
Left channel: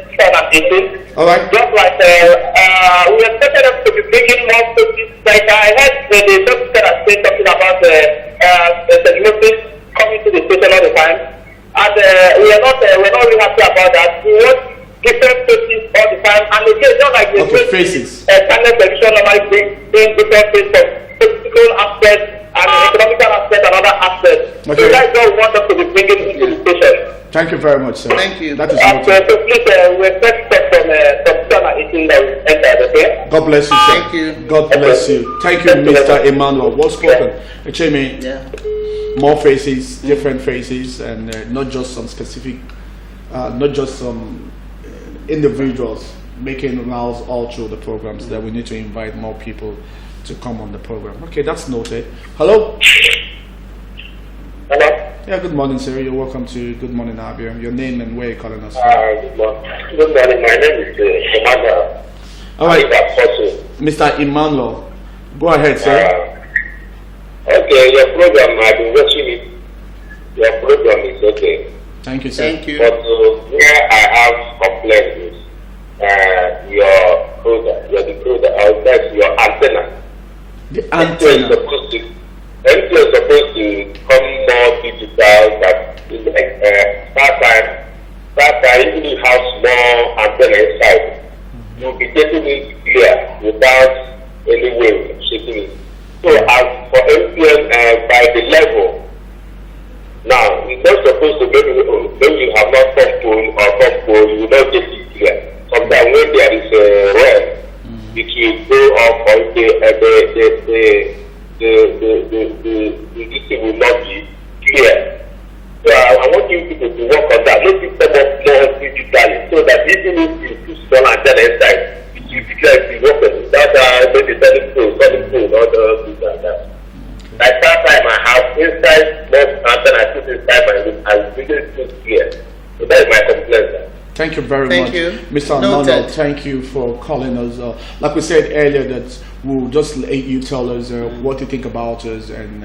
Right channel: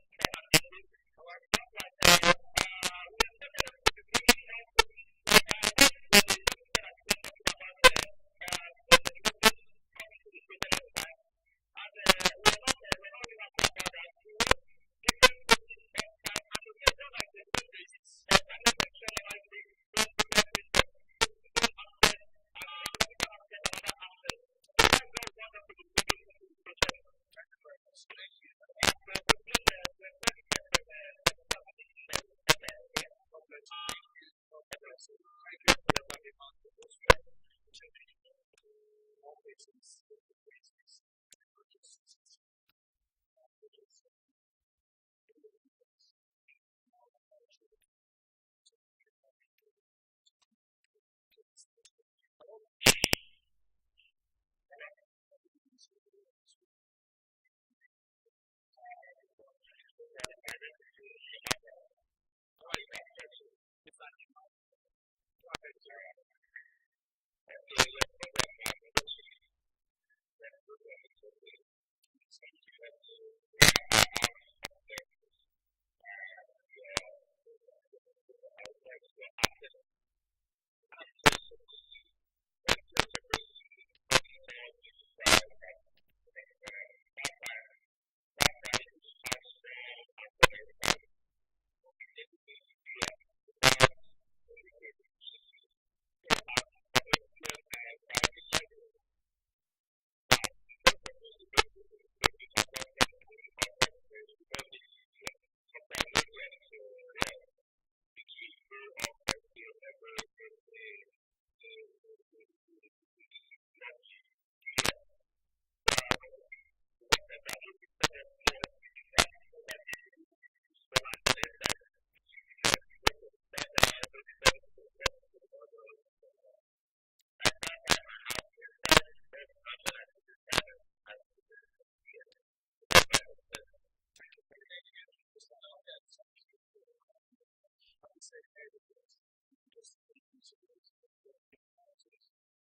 2018. All right. Just like we expected them to be bringing more spaces. Like I heard the doctor that said something about the coming to the station all the time, and we're not really happy about that. We want different faces all the time, and again, just like the faces. Channel television normally bring different faces from political aspects and economical aspects and other aspects. Okay. So that's what we want us to be bringing into the station. Thank you very much, sir. Thank you. That is So please, we expect stuff from 2018 that we entered, okay? God bless you, sir. Thank you. God bless you. Thank you, Mr. Emmanuel. Well spoken. Echeme, more faces, different faces, and not just some specific, not just some individuals making rounds all through the programs. That we need to invite more people to come on the program. Okay, that's noted. Hello? Hello? Yeah, good morning, sir. You're welcome to Good Morning, Abia. Your name and where you're calling us from. Good morning. Good morning. My name is Emmanuel. All right. Mr. Emmanuel, go ahead, sir. Okay, your program, I've been watching it. Your program is okay. Thank you, sir. Thank you. But where I have complaints is your product, that's your antenna. The antenna. MTN is supposed to come more digital, but that time, even if you have small antenna inside, you'll be getting it clear without any way of shaking it. So as for MTN, by the level, now it's not supposed to maybe you have not top pole, you will not get it clear. Sometimes when there is a red, it will go off on the thing will not be clear. So I want you people to work on that. Make it come up more digitally so that even if you put small antenna inside, it will be clear if you work on it. That's maybe solid pole, all the things like that. Like that time I have inside small antenna, I put inside my room, I will really put clear. So that is my complaint. Thank you very Thank much, you. Mr. Arnold. Thank you for calling us. Like we said earlier, that we'll just let you tell us what you think about us. And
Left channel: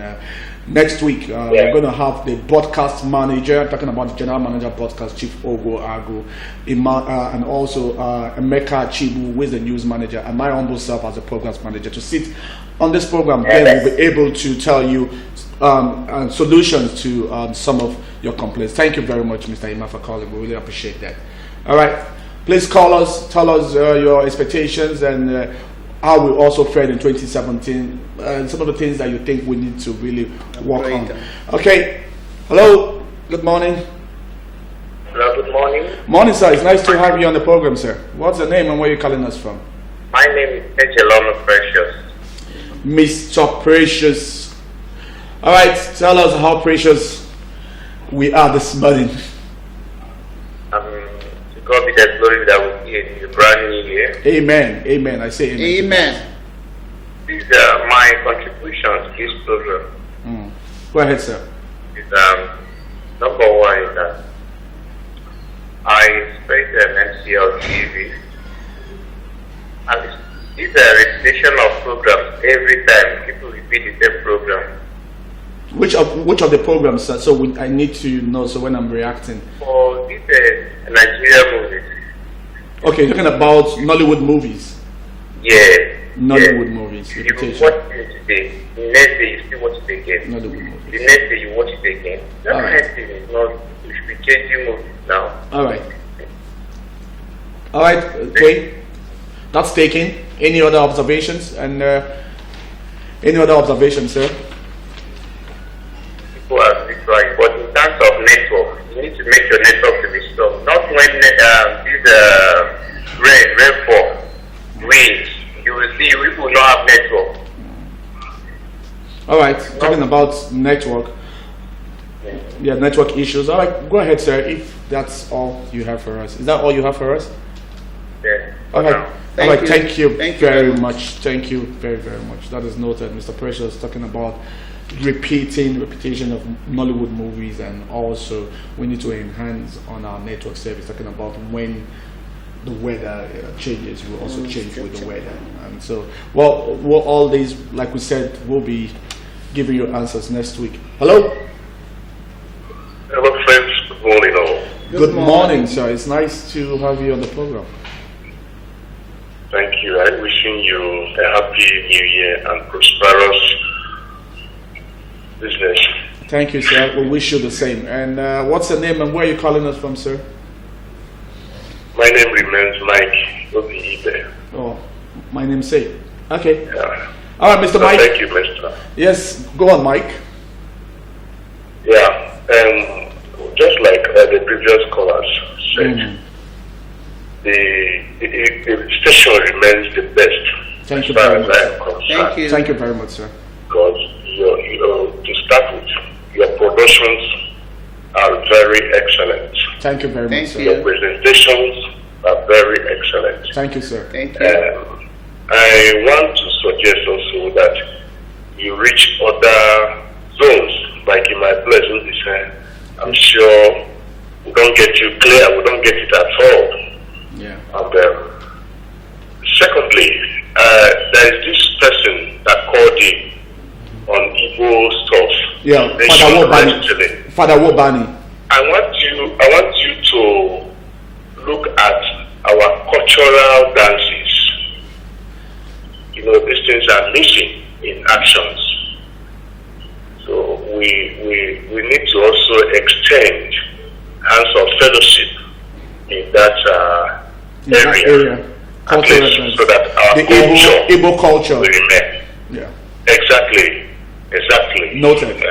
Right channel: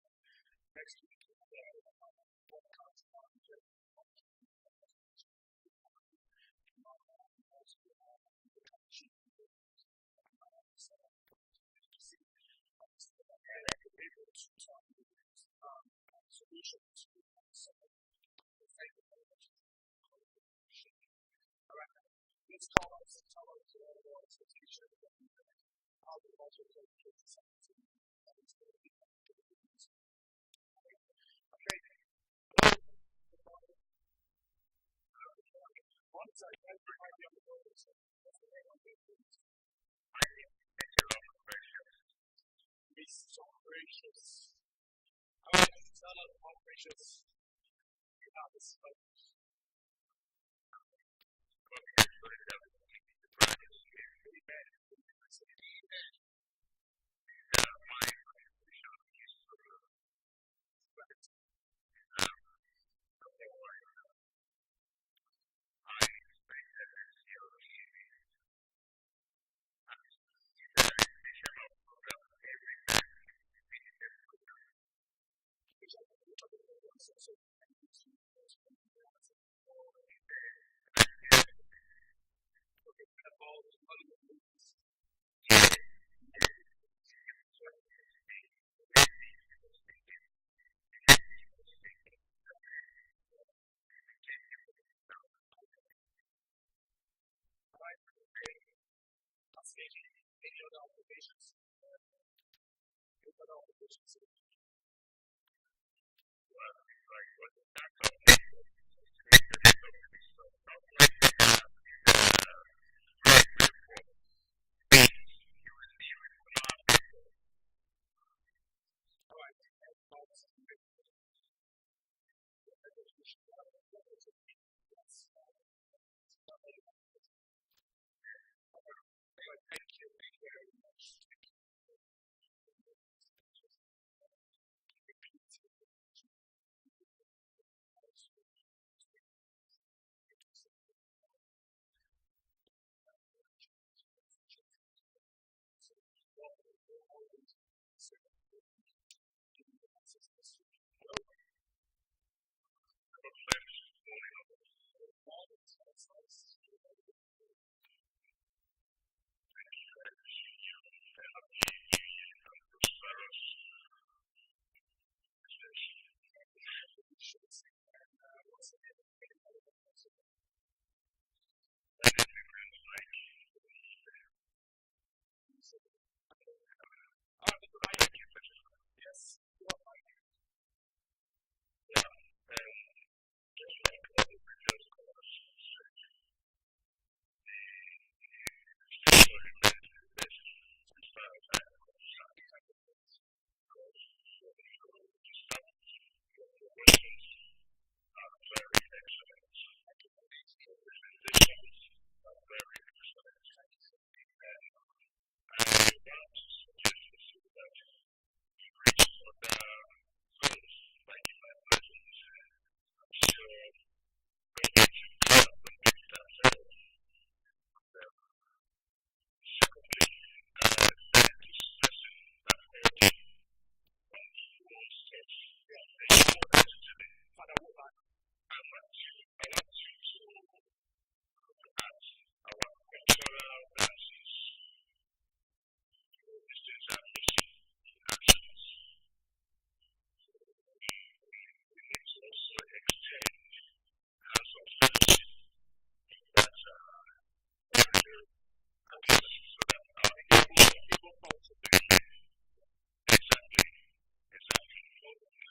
next week, we're going to have the broadcast manager, talking about the general manager broadcast, Chief Ogo Agu, and also Emeka Chibu, who is the news manager, and my humble self as a programs manager to sit on this program. Then we'll be able to tell you solutions to some of your complaints. Thank you very much, Mr. Ima, for calling. We really appreciate that. All right, please call us, tell us your expectations and how we also fared in 2017 and some of the things that you think we need to really work on. Okay, hello, good morning. Hello, good morning. Morning, sir. It's nice to have you on the program, sir. What's the name and where are you calling us from? My name is Ejeloma Precious. Mr. Precious. All right, tell us how precious we are this morning. To God be the glory that we see in the brand new year. Amen. Amen. I say amen. Amen. These are my contributions to this program. Go ahead, sir. Number one is that I expect an MCL TV, and it's a repetition of programs every time. People repeat the same program. Which of the programs, sir? So I need to know. So when I'm reacting. For these Nigerian movies. Okay, you're talking about Nollywood movies. Yeah. Nollywood movies. You watch it today. The next day you still watch it again. Nollywood movies. The next day you watch it again. That kind of thing is not. You should be changing movies now. All right. All right. Okay. That's taken. Any other observations? And any other observations, sir? People are right, but in terms of network, you need to make your network to be strong. Not when this rainfall rains, you will see people will not have network. All right, talking about network. Yeah, network issues. All right, go ahead, sir. If that's all you have for us, is that all you have for us? Yeah. All right. All right. Thank you Thank you very much. Thank you very, very much. That is noted, Mr. Precious, talking about repetition of Nollywood movies, and also we need to enhance on our network service, talking about when the weather changes, will also change with the weather. And so, well, all these, like we said, we'll be giving you answers next week. Hello? Hello, friends. Good morning, all. Good morning, sir. It's nice to have you on the program. Thank you. I'm wishing you a happy new year and prosperous business. Thank you, sir. We wish you the same. And what's your name and where are you calling us from, sir? My name remains Mike Obiibe. Oh, my name's Say. Okay. Yeah. All right, Mr. Mike. Thank you, Mr. Yes, go on, Mike. Yeah, just like the previous callers said, the station remains the best. Thank you as far very as much. I am concerned. Thank you very much, sir. Because to start with, your productions are very excellent. Thank you very much, sir. Your presentations are very excellent. Thank you, sir. Thank you. I want to suggest also that you reach other zones, like in my place in this. I'm sure we don't get you clear, we don't get it at all. Yeah. And secondly, there is this person that called in on Igbo stuff. Yeah, Father Wobani. I want you to look at our cultural dances. You know, these things are missing in actions. So we need to also extend hands of fellowship in that area. At least, so that our Igbo culture will remain. Yeah. Exactly. Noted.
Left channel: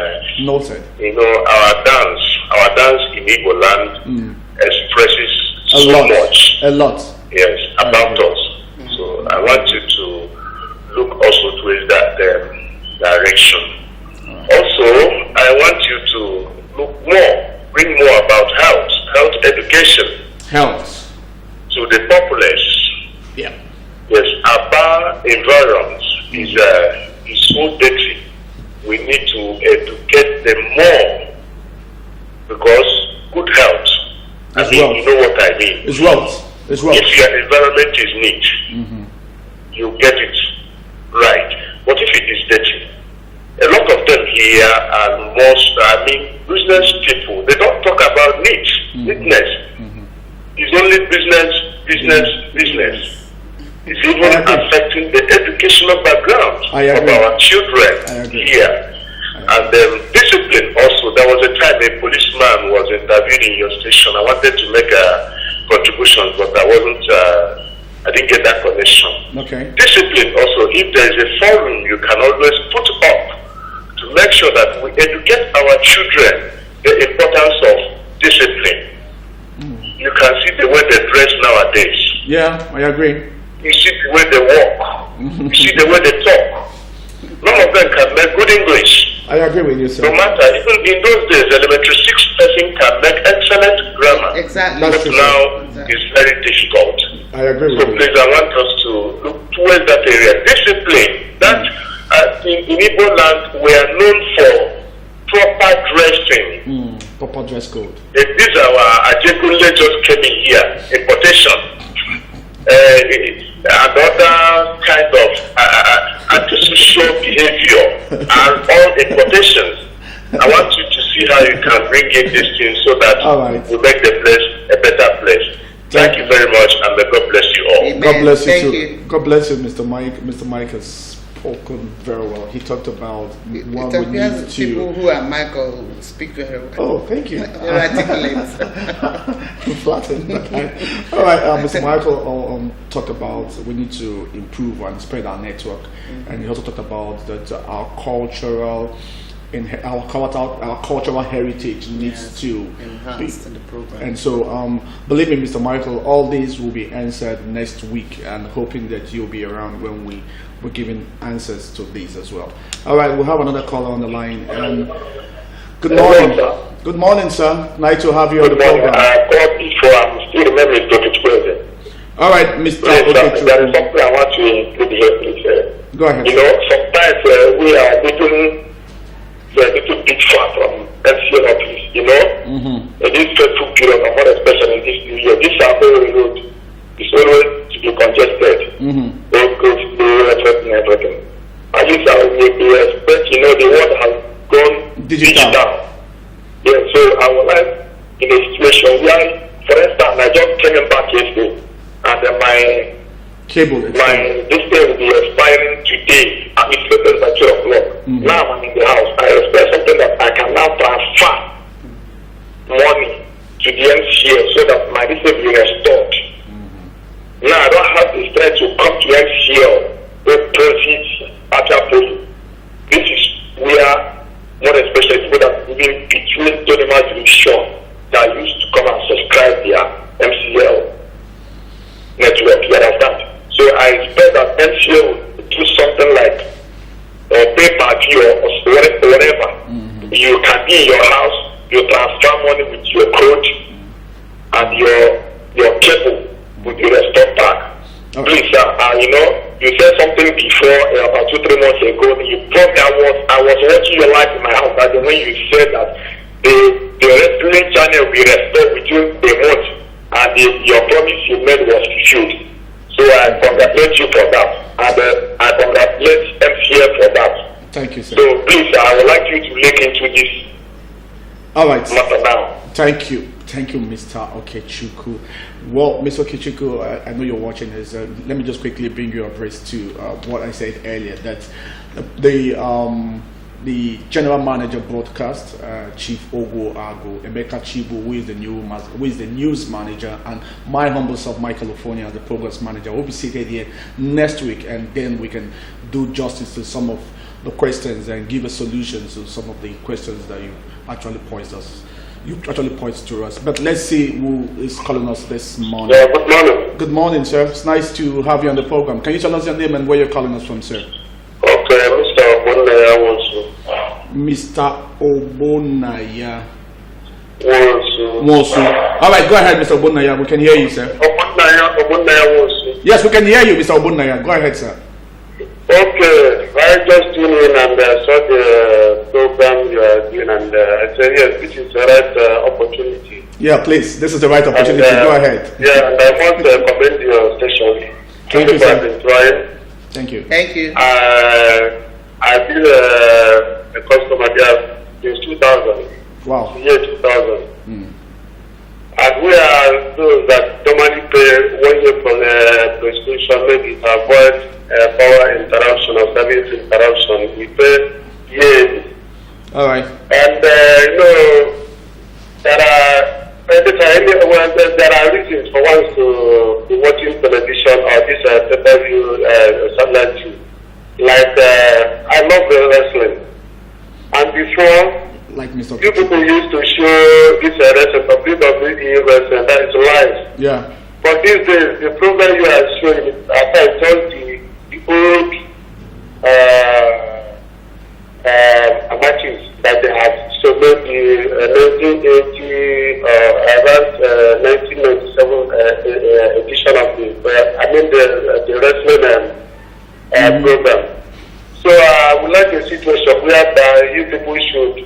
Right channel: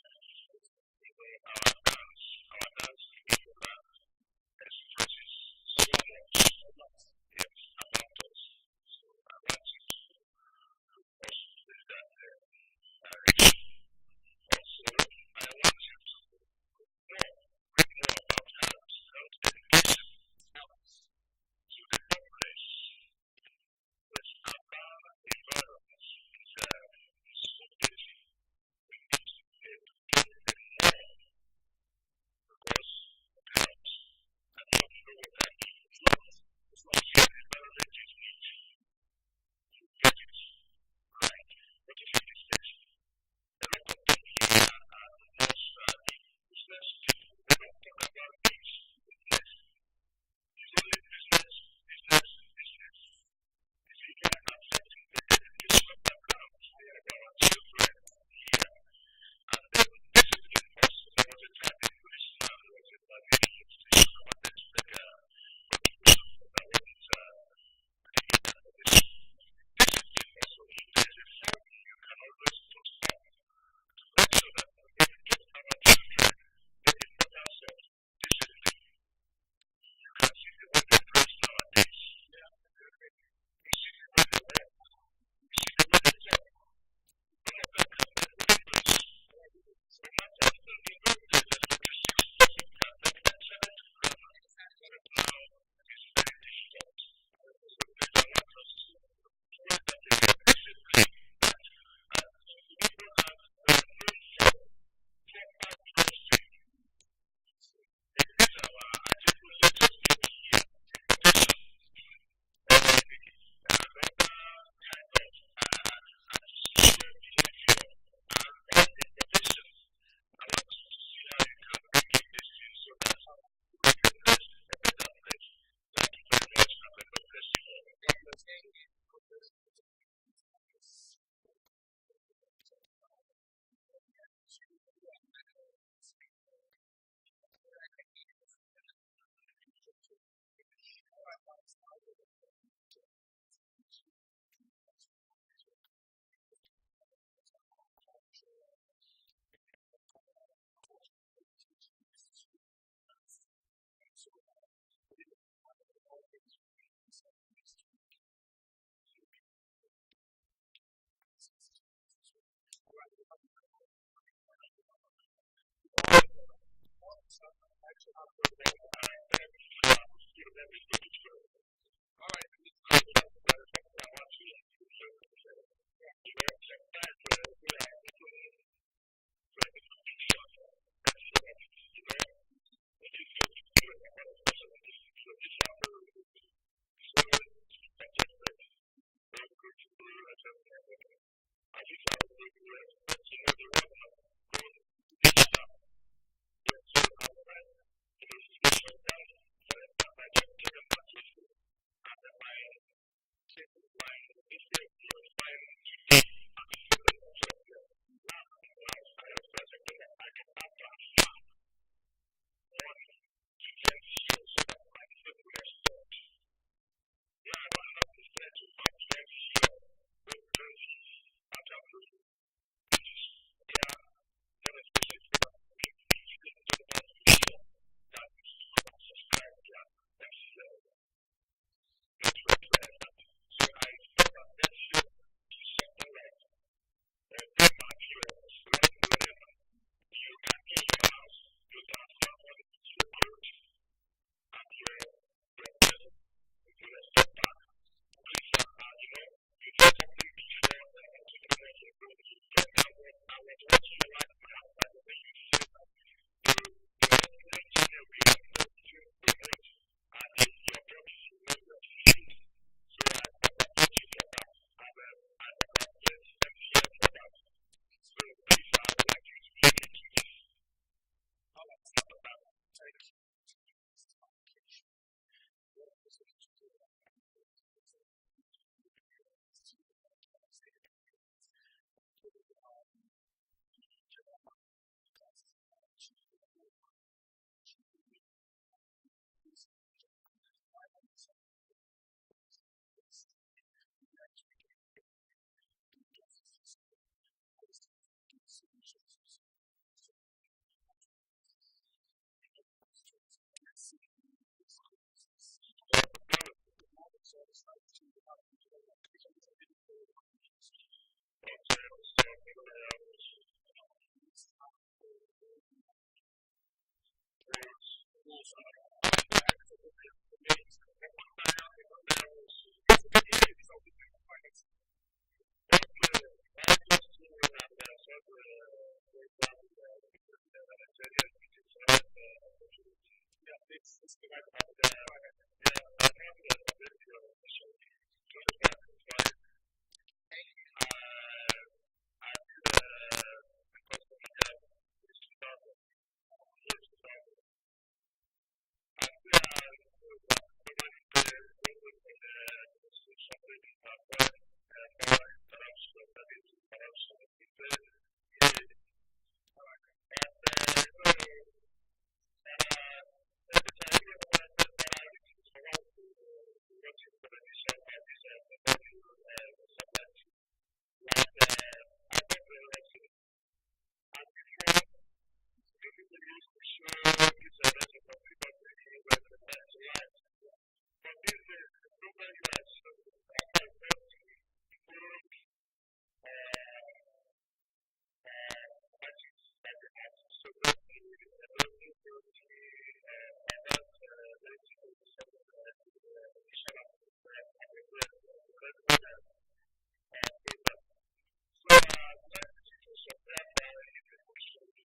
Noted. You know, our dance in Igbo land expresses a lot. Yes, about us. So I want you to look also towards that direction. Also, I want you to bring more about health education. Health. To the populace. Yeah. Yes, our environment is so dirty. We need to educate them more, because good health. You know what I mean. It's wealth. It's wealth. If your environment is neat, you get it right. But if it is dirty, a lot of them here are business people. They don't talk about neatness. It's only business. It's even affecting the educational background of our children here. And discipline also. There was a time a policeman was interviewed in your station. I wanted to make a contribution, but I didn't get that connection. Okay. Discipline also. If there is a forum you can always put up to make sure that we educate our children the importance of discipline. You can see the way they dress nowadays. Yeah, I agree. You see the way they walk. You see the way they talk. None of them can make good English. I agree with you, sir. No matter, even in those days, elementary 6 person can make excellent grammar. Exactly. But now it's very difficult. I agree with you. So please, I want us to look towards that area. Discipline. That in Igbo land, we are known for proper dressing. Proper dress code. These are our Ajekunle just came in here, importation. Another kind of antisocial behavior are all importations. I want you to see how you can bring in these things so that we make the place a better place. Thank you very much, and may God bless you all. Amen. God bless you Thank too. you. God bless you, Mr. Mike. Mr. Mike has spoken very well. He talked about what we need to. People who are Michael speak very well. Oh, thank you. Articulate. Flattered. All right, Mr. Michael talked about we need to improve and spread our network, and he also talked about that our cultural heritage needs to be enhanced in the program. And so, believe me, Mr. Michael, all these will be answered next week, and hoping that you'll be around when we're giving answers to these as well. All right, we'll have another caller on the line. Good morning. Good morning, sir. Nice to have you on the program. I called before. I'm still remembering Dr. President. All right, Mr. There is something I want to include here, please. Go ahead. You know, sometimes we are little Digital. Yeah, so I would like, in a situation where, for instance, I just came back yesterday, and then my this thing will be expiring today, and it's later by 2 o'clock. Now I'm in the house. I expect something that I can now transfer money to the MCL so that my this will be restored. Now I don't have the strength to come to MCL to proceed after paying. This is where, more especially people that living between Donima Division that used to come and subscribe their MCL network, you understand? So I expect that MCL will do something like pay per view or whatever. You can be in your house, you transfer money with your code, and your cable will be restored back. Please, you said something before about 2-3 months ago. You probably I was watching your life in my house, and when you said that the wrestling channel will be restored within a month, and your promise you made was fulfilled. So I congratulate you for that, and I congratulate MCF for that. Thank you, sir. So please, I would like you to look into this. All right. Matter now. Thank you, Mr. Okechukwu. Well, Mr. Okechukwu, I know you're watching this. Let me just quickly bring you abreast to what I said earlier. That the general manager broadcast, Chief Ogo Ago, Emeka Chibu, who is the news manager, and my humble self, Michael California, the progress manager, will be seated here next week, and then we can do justice to some of the questions and give a solution to some of the questions that you actually point to us. But let's see who is calling us this morning. Yeah, good morning. Good morning, sir. It's nice to have you on the program. Can you tell us your name and where you're calling us from, sir? Okay, Mr. Obonaya Wonsu. Mr. Obonaya Wonsu. All right, go ahead, Mr. Obonaya. We can hear you, sir. Obonaya Wonsu. Yes, we can hear you, Mr. Obonaya. Go ahead, sir. Okay, I just tuned in and saw the program you are doing, and I said, yes, this is the right opportunity. Yeah, please, this is the right opportunity. Go ahead. Yeah, and I want to commend your station. Thank you, sir. Thank you. I've been a customer there since 2000. Wow. Year 2000. And we are those that normally pay 1 year for the prescription, maybe to avoid power interruption or service interruption. We pay yearly. All right. And there are reasons for one to be watching television or this pay-per-view satellite too. Like I love the wrestling, and before, like Mr. You people used to show this wrestling of WWE wrestling, that is live. Yeah. But these days, the program you are showing, as I told the old matches that they have. So maybe 1980 around 1997 edition of the wrestling program. So I would like a situation where you people should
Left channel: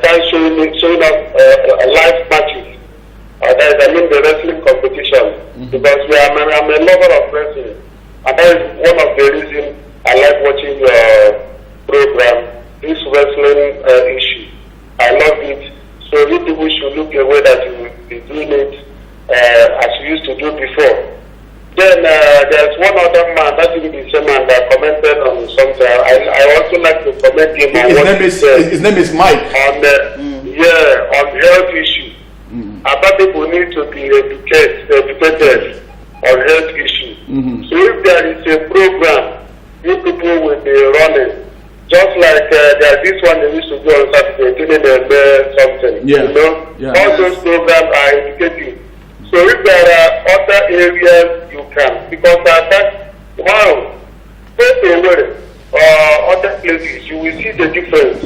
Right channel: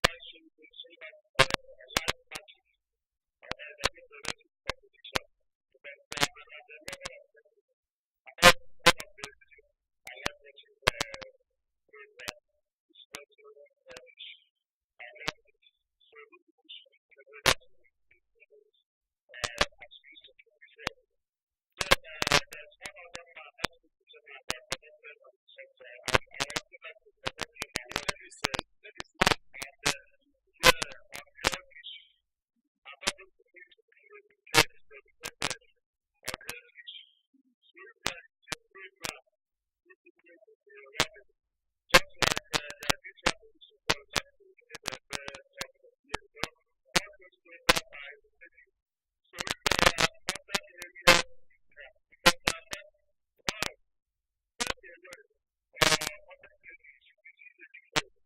start showing us live matches. That is, the wrestling competition, because I'm a lover of wrestling, and that is one of the reasons I like watching your program. This wrestling issue, I love it. So you people should look away that you will be doing it as you used to do before. Then there's one other man, that is the same man that commented on something. I also like to comment him on what he said. His name is Mike. On on health issue. About people need to be educated on health issue. So if there is a program, you people will be running. Just like there's this one they used to do on Saturday, something. Yeah. You know? Yeah. All those programs are educative. So if there are other areas you can, because go away other places, you will see the difference.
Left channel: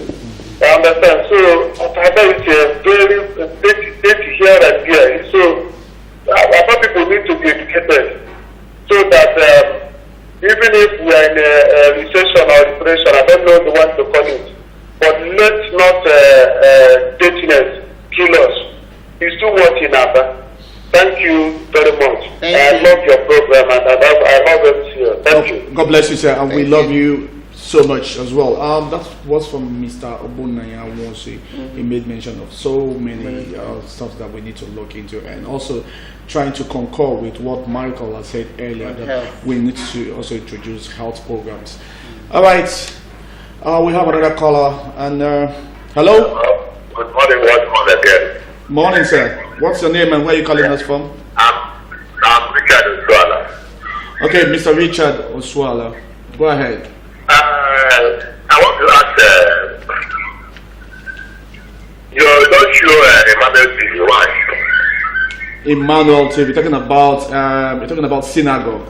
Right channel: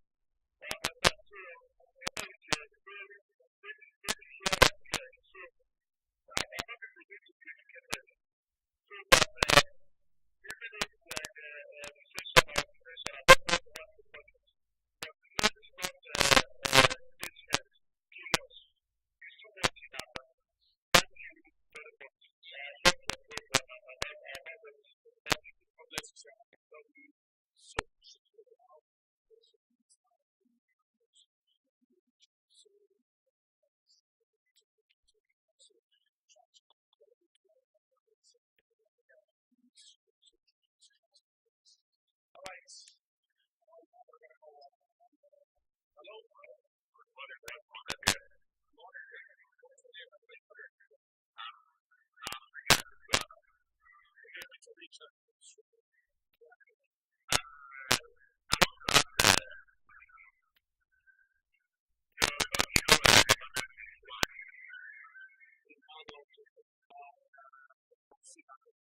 I understand. So it's a very dirty here and there. So other people need to be educated so that even if we are in a recession or depression, I don't know the one to call it, but let's not dirtiness kill us. It's too much in Abia. Thank you very much. I love your program, and I love it here. Thank you. God bless you, sir, and we love you so much as well. That was from Mr. Obunaya Wonsi. He made mention of so many stuff that we need to look into, and also trying to concur with what Michael has said earlier, that we need to also introduce health programs. All right, we have another caller, and hello. Good morning, once more again. Morning, sir. What's your name and where are you calling us from? I'm Richard Oswala. Okay, Mr. Richard Oswala, go ahead. I want to ask, you're not sure Emmanuel TV one. Emmanuel TV, you're talking about synagogue.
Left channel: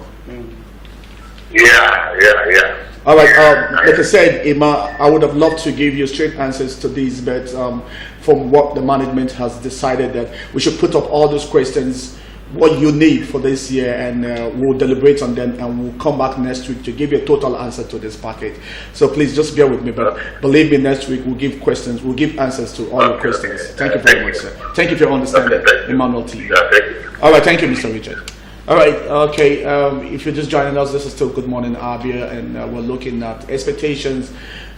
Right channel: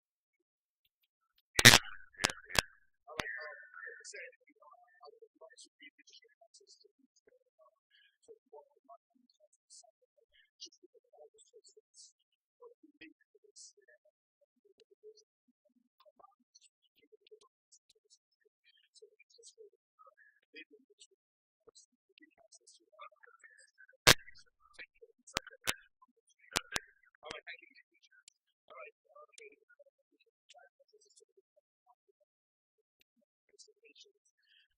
Yeah. All right, like I said, Emma, I would have loved to give you straight answers to these, but from what the management has decided, that we should put up all those questions, what you need for this year, and we'll deliberate on them, and we'll come back next week to give you a total answer to this package. So please just bear with me, but believe me, next week we'll give answers to all your questions. Thank you very much, sir. Thank you for your understanding, Emmanuel T. All right, thank you, Mr. Richard. All right, okay, if you're just joining us, this is still Good Morning Abia, and we're looking at expectations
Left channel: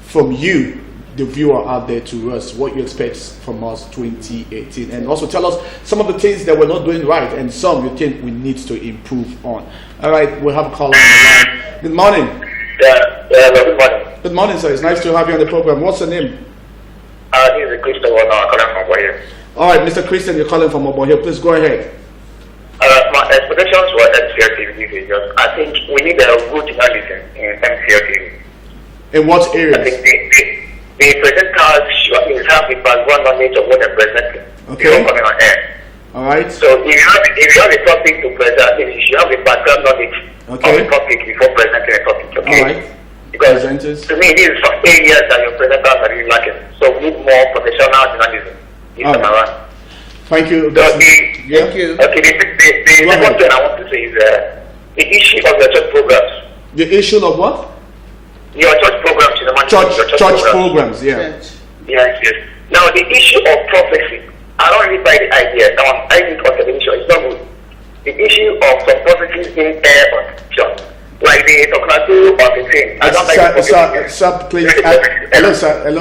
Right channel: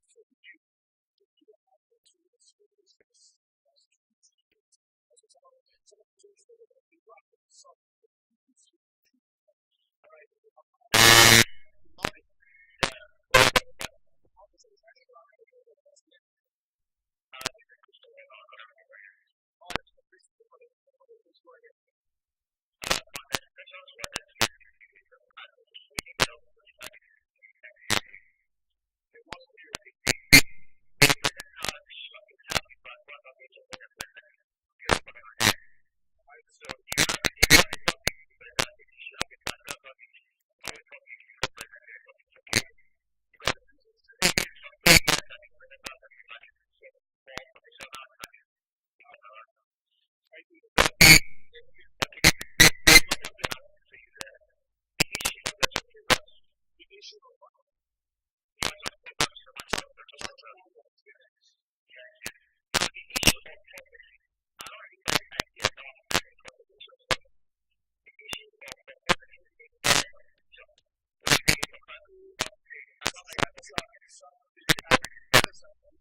from you, the viewer out there, to us, what you expect from us 2018, and also tell us some of the things that we're not doing right and some you think we need to improve on. All right, we'll have a call on the line. Good morning. Good morning. Good morning, sir. It's nice to have you on the program. What's your name? This is Christian calling from Oboye. All right, Mr. Christian, you're calling from Oboye. Please go ahead. My expectations for MCL TV is I think we need a good journalism in MCL TV. In what areas? I think the presenters should have the background knowledge of what they're presenting before coming on air. All right. So if you have a topic to present, you should have the background knowledge of the topic before presenting a topic. Okay. All right. Because to me, these are some areas that your presenters are really lacking. So we need more professional journalism this time around. Thank you. Thank you. Okay, the second thing I want to say is the issue of your church programs. The issue of what? Your church programs in the church programs, yeah. Yes. Now, the issue of prophecy, I don't really buy the idea. Now, I think on television, it's not good. The issue of some prophecies being aired on television, like the Toknatu or the thing. I don't like sir, please. Hello,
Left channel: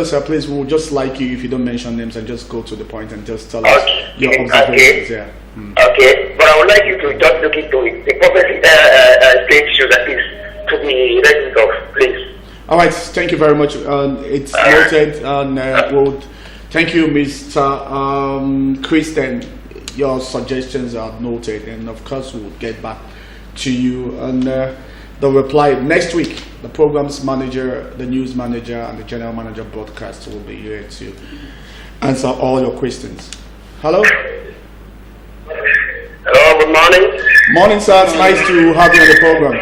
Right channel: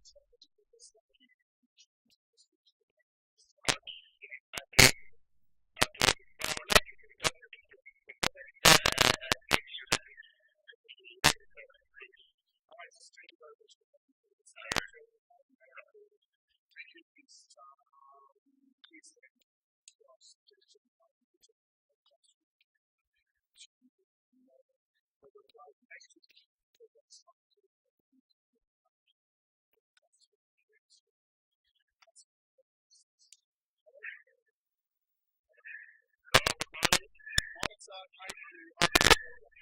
sir. Please, we'll just like you if you don't mention names and just go to the point and just tell us your observations. Yeah. Okay, but I would like you to just look into it. The prophecy stage shows at least to be ready of, please. All right, thank you very much. It's noted. And thank you, Mr. Christian. Your suggestions are noted, and of course, we'll get back to you and the reply next week. The programs manager, the news manager, and the general manager broadcast will be here to answer all your questions. Hello. Hello. Good morning. Morning, sir. It's nice to have you on the program.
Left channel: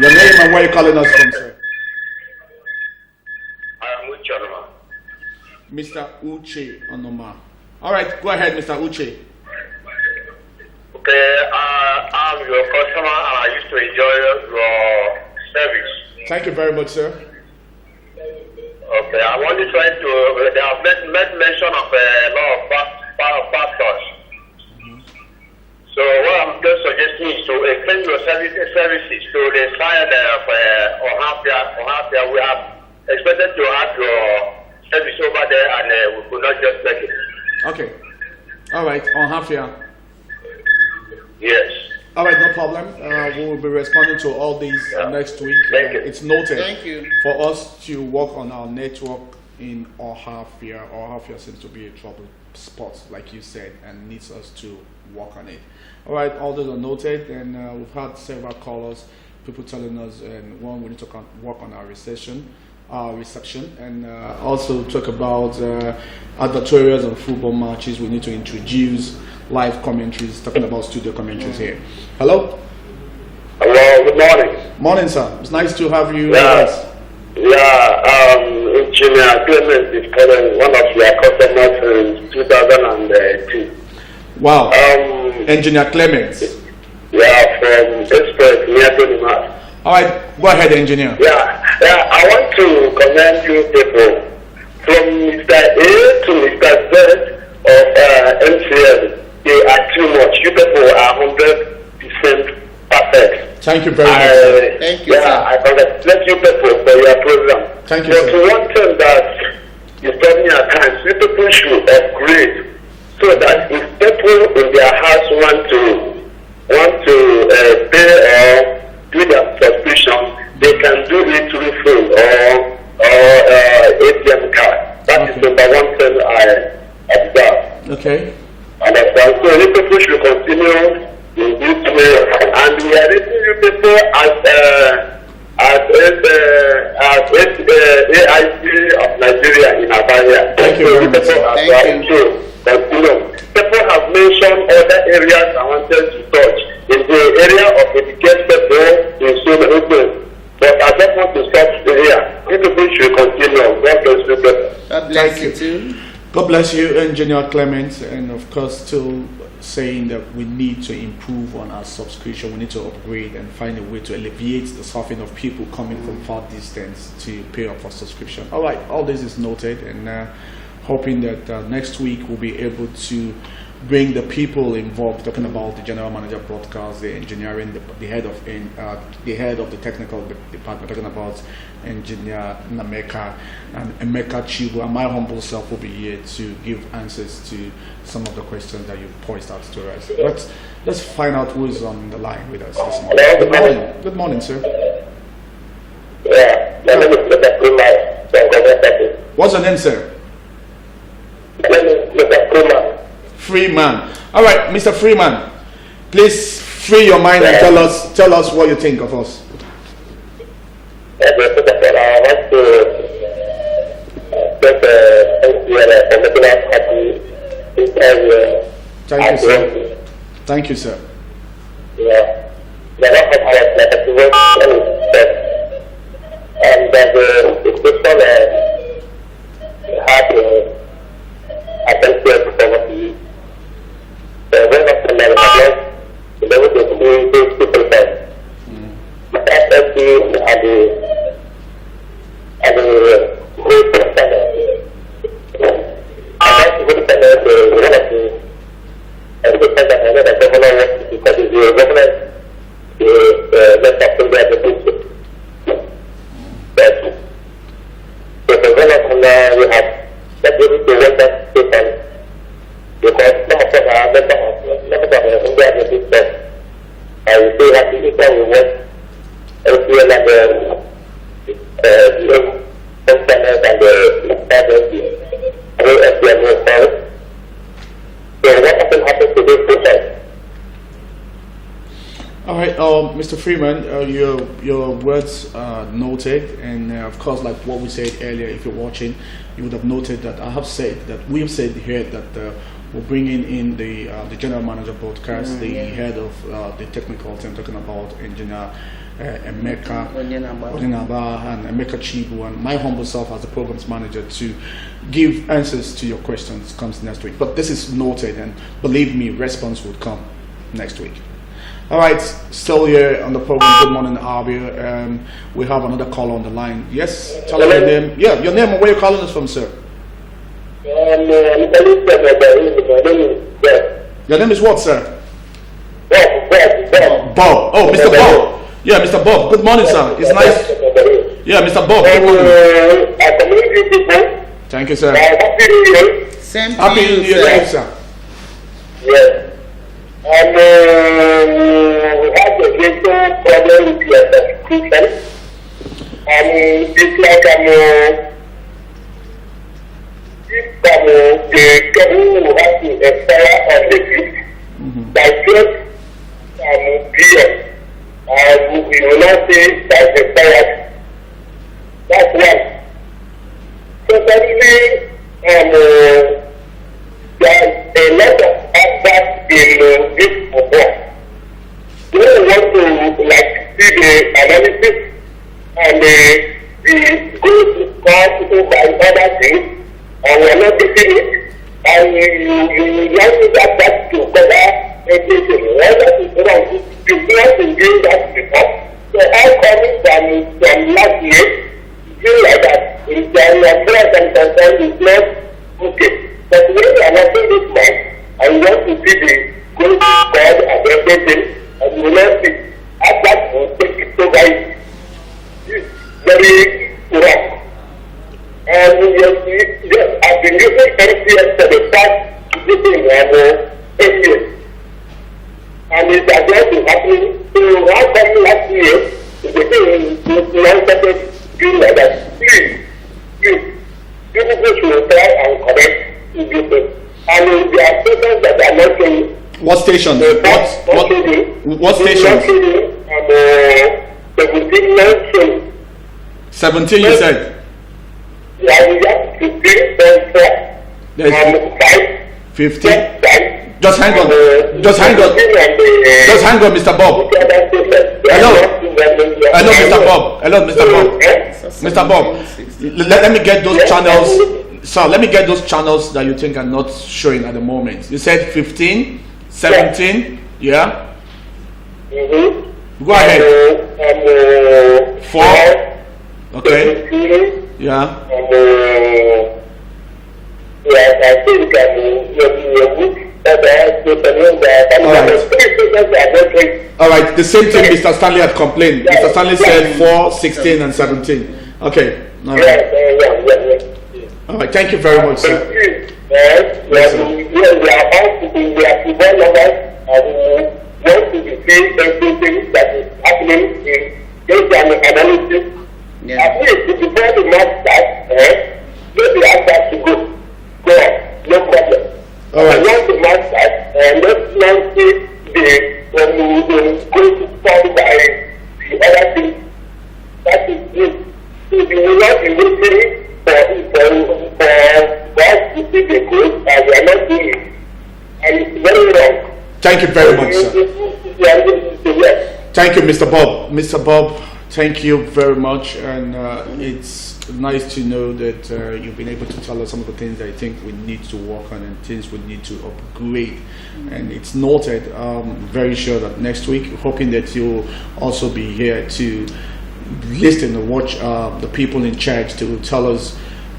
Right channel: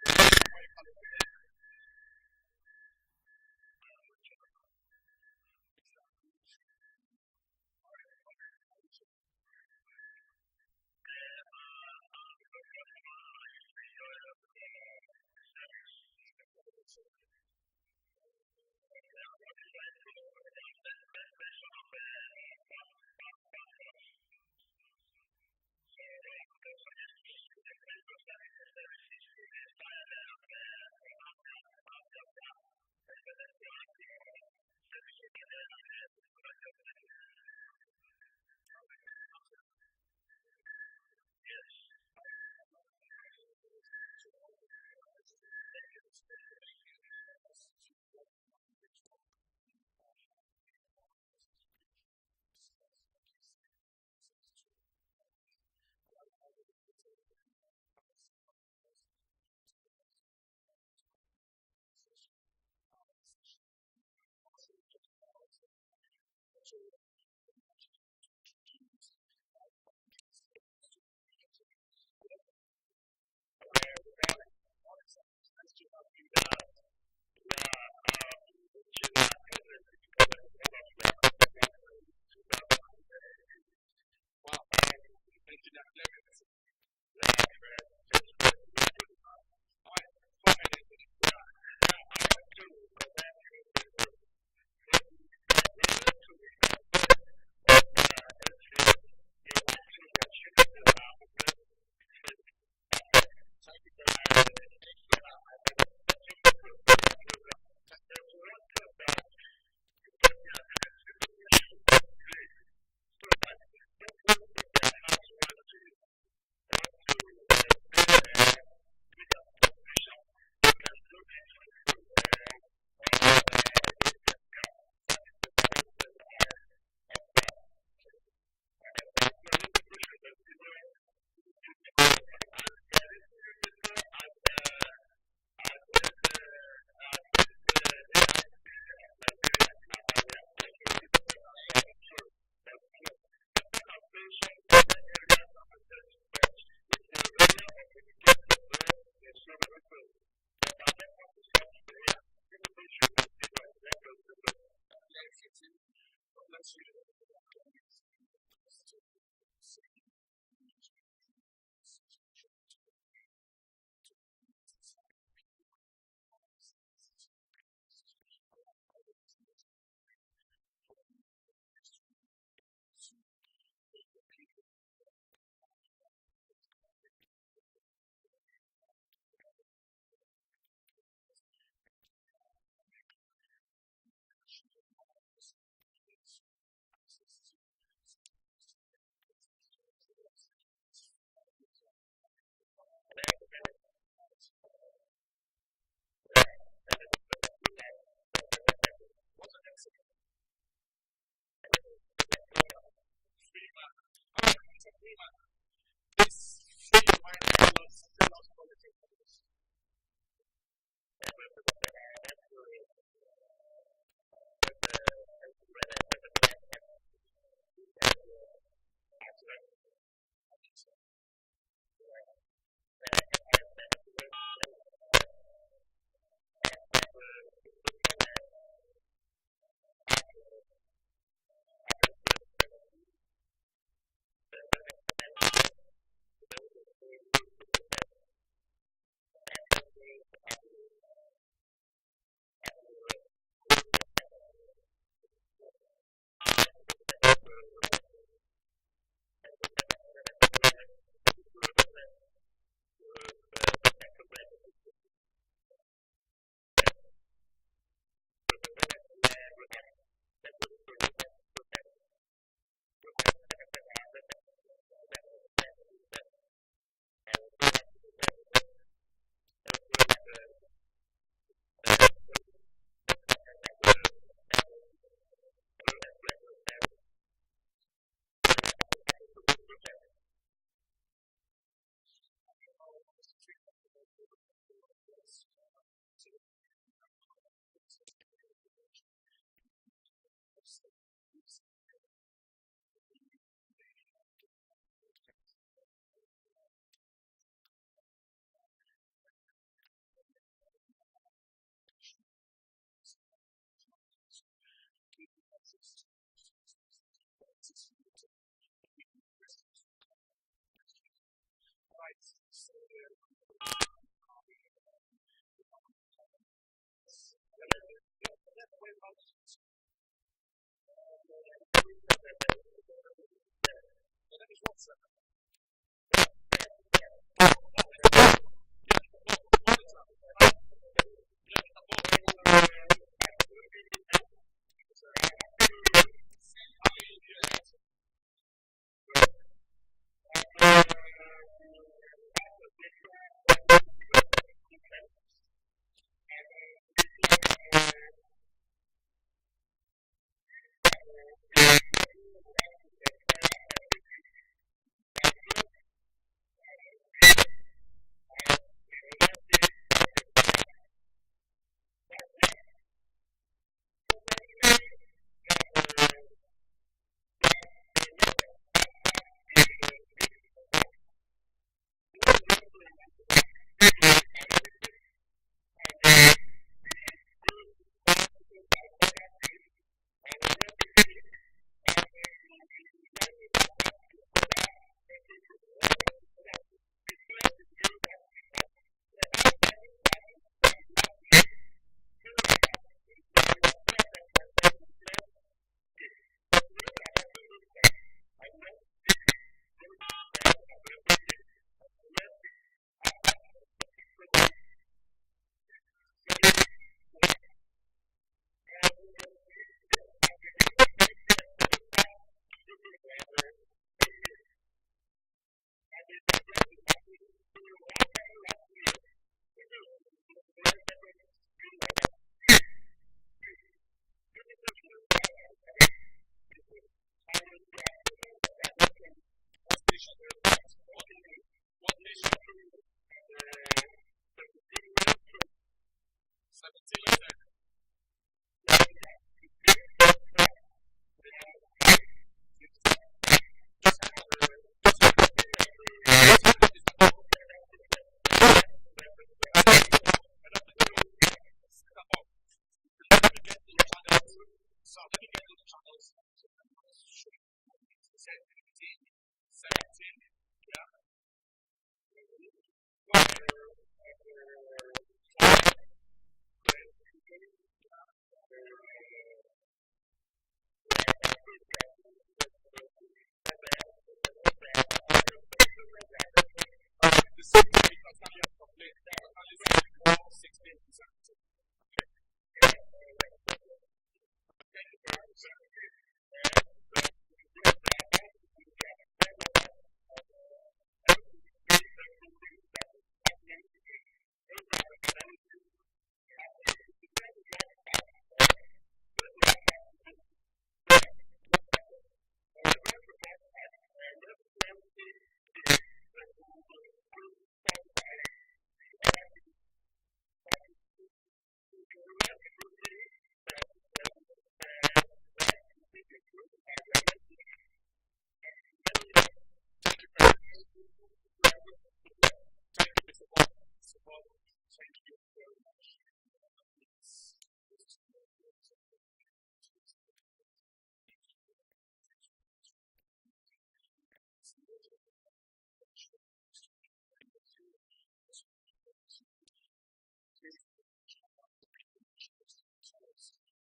Your name and where you're calling us from, sir. Mr. Uche Onoma. All right, go ahead, Mr. Uche. Okay, I'm your customer and I used to enjoy your service. Thank you very much, sir. Okay, I'm only trying to, they have made mention of a lot of pastors. So what I'm just suggesting is to extend your services to the side of Ohafia. We have expected to have your service over there, and we could not just take it. Okay. All right. On Hafia. Yes. All right. No problem. We will be responding to all these next week. Thank you. It's noted. Thank you. For us to work on our network in Ohafia. Ohafia seems to be a trouble spot, like you said, and needs us to work on it. All right. All those are noted, and we've had several callers, people telling us, and one, we need to work on our reception, and also talk about advertorials and football matches. We need to introduce live commentaries, talking about studio commentaries here. Hello. Hello. Good morning. Morning, sir. It's nice to have you with us. Engineer Clement is calling, one of your customers in 2002. Wow. Engineer Clement. From Express near Goodmorning. All right, go ahead, engineer. I want to commend you people from Mr. A to Mr. Z of MCL. They are too much. You people are 100% perfect. Thank you very much. Thank you, sir. I congratulate you people for your program. Thank you, but sir. one thing that is troubling at times, people should upgrade so that if people in their house want to pay or do their subscription, they can do it through phone or ATM card. That is number one thing I observe. Okay. Understand? So you people should continue in this way, and we are raising you people as AIC of Nigeria in Abia. Thank you very much. Thank you. People have mentioned other areas I wanted to touch. In the area of education people in so many things. But I just want to stop here. People should continue. God bless you. God bless you too. God bless you, Engineer Clement, and of course still saying that we need to improve on our subscription, we need to upgrade and find a way to alleviate the suffering of people coming from far distance to pay up for subscription. All right, all this is noted, and hoping that next week we'll be able to bring the people involved, talking about the general manager broadcast, the engineering, the head of the technical department, talking about engineer Nameka and Emeka Chibu, and my humble self will be here to give answers to some of the questions that you posed out to us. But let's find out who is on the line with us this morning. Good morning. Good morning, sir. Yeah, my name is Mr. Freeman. What's your name, sir? My name is Mr. Freeman. Freeman. All right, Mr. Freeman, please free your mind and tell us what you think of us. I want to Thank you, sir. Thank you, sir. Yeah. And the people have attention poverty. The way of the level, the level of those people that FFP and the great standard. And that's the good standard of one of the and the fact that I know that governor wants to because the governor left up to the people. So the governor we have that able to work that station because some of them are members of India in this and we have to do we work LCL and the customers and the SDM. So what will happen to this process? All right, Mr. Freeman, your words are noted, and of course, like what we said earlier, if you're watching, you would have noted that I have said that we have said here that we're bringing in the general manager broadcast, the head of the technical team, talking about engineer Emeka Onyenaba and Emeka Chibu, and my humble self as the programs manager to give answers to your questions comes next week. But this is noted, and believe me, response would come next week. All right, still here on the program. Good morning, Abia. We have another caller on the line. Yes, tell us your name. Yeah, your name and where you're calling us from, sir. Your name is what, sir? Bob. Oh, Mr. Bob. Yeah, Mr. Bob. Good morning, sir. It's nice. Yeah, Mr. Bob. Good morning. Thank you, sir. Happy New Year, sir. Yes. And we have a little problem with your subscription. It's like the government will have to expire on the 5th by 12 PM. We will not say that's expired. That's one. So suddenly, there is a lot of adverts in this report. We want to see the analysis and the good score by other things, and we are not taking it. And you want that to cover everything. All that is wrong. You want to do that report. So all coming from last year, feel like that. If there are prayers and concerns, it's not okay. But when we are watching this man, and we want to see the good God and everything, and we will not see, that will take it over. It's very wrong. doing like that. Please, people should try and correct this. And there are stations that are not saying. What station? What station? 17, you said? Yeah, we have 15.4. 15. Just hang on, Mr. Bob. Mr. Bob. Let me get those channels. So let me get those channels that you think are not showing at the moment. You said 15, 17, yeah? Go ahead. 4. Okay. Yeah. I think all right, the same thing Mr. Stanley had complained. Mr. Stanley said 4, 16, and 17. Okay. All right. All right, thank you very much, sir. Yes, we are about to be want to be saying everything that is happening in based on analysis. At least if you want to match that, maybe ask us to go on, no problem. All right. I want to match that, and let's not see when we go to solve by the other thing. That is it. If you will not be listening for us to see the good, and we are not doing it. And it's very wrong. Thank you very much, sir. Thank you, Mr. Bob. Mr. Bob, thank you very much. And it's nice to know that you've been able to tell us some of the things I think we need to work on and things we need to upgrade. And it's noted. Very sure that next week, hoping that you'll also be here to listen and watch the people in charge to tell us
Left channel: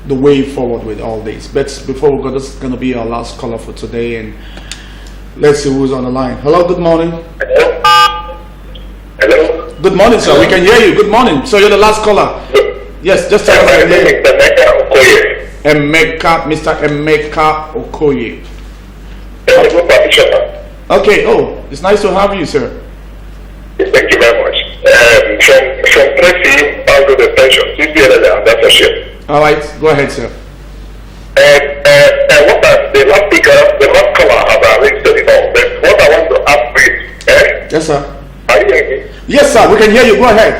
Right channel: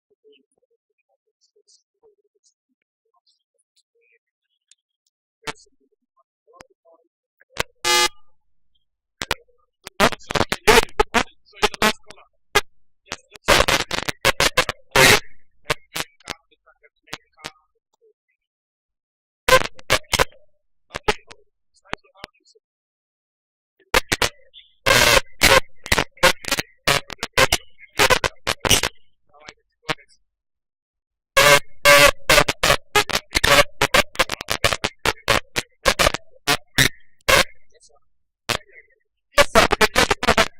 the way forward with all this. But before we go, this is going to be our last caller for today, and let's see who's on the line. Hello, good morning. Hello. Good morning, sir. We can hear you. Good morning. So you're the last caller. Yes, just tell us your name. Mr. Emeka Okoye. Okay. Oh, it's nice to have you, sir. Thank you very much. From Tracy, I'll go to pension. That's a ship. All right, go ahead, sir. What the last speaker, the last caller has already said it all. But what I want to ask is, yes, sir. Are you hearing me? Yes, sir. We can hear you. Go ahead.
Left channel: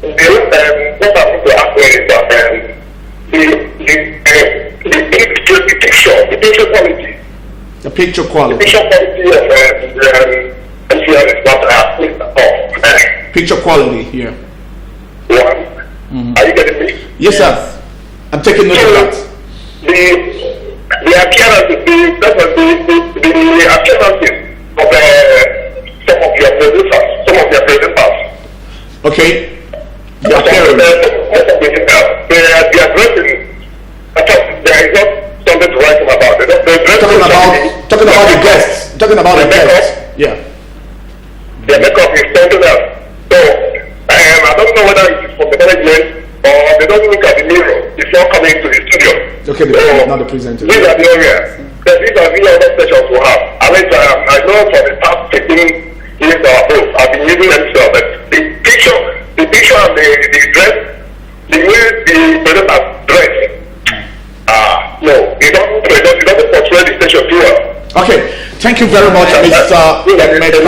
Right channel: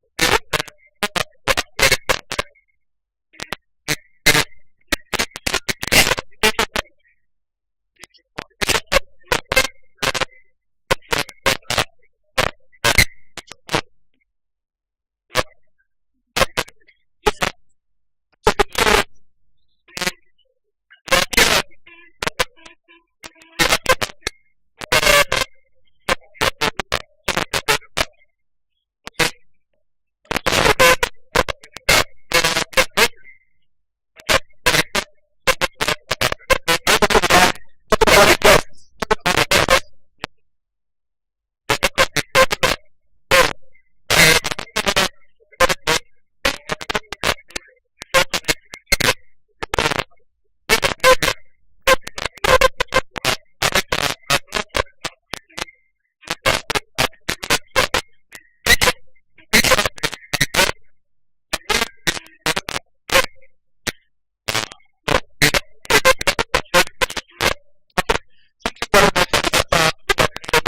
What I want to ask is that the picture quality. The picture quality. The picture quality of MCL is not picture quality here. One. Are you getting me? Yes, sir. I'm taking note of that. The appearances, the appearances of some of your producers, some of your presenters. Okay. The appearance. They are addressing. There is not something to write about. Talking about the guests. Talking about the guests. Yeah. The makeup is something else. So I don't know whether it is from the management or they don't look at the mirror before coming to the studio. Okay, not the presenter. These are the areas. These are the other sessions we have. I know for the past 15 years or above, I've been using them, but the picture and the dress, the way the presenters dress, no, it doesn't portray the station too well. Okay, thank you very much, Mr. Emeka.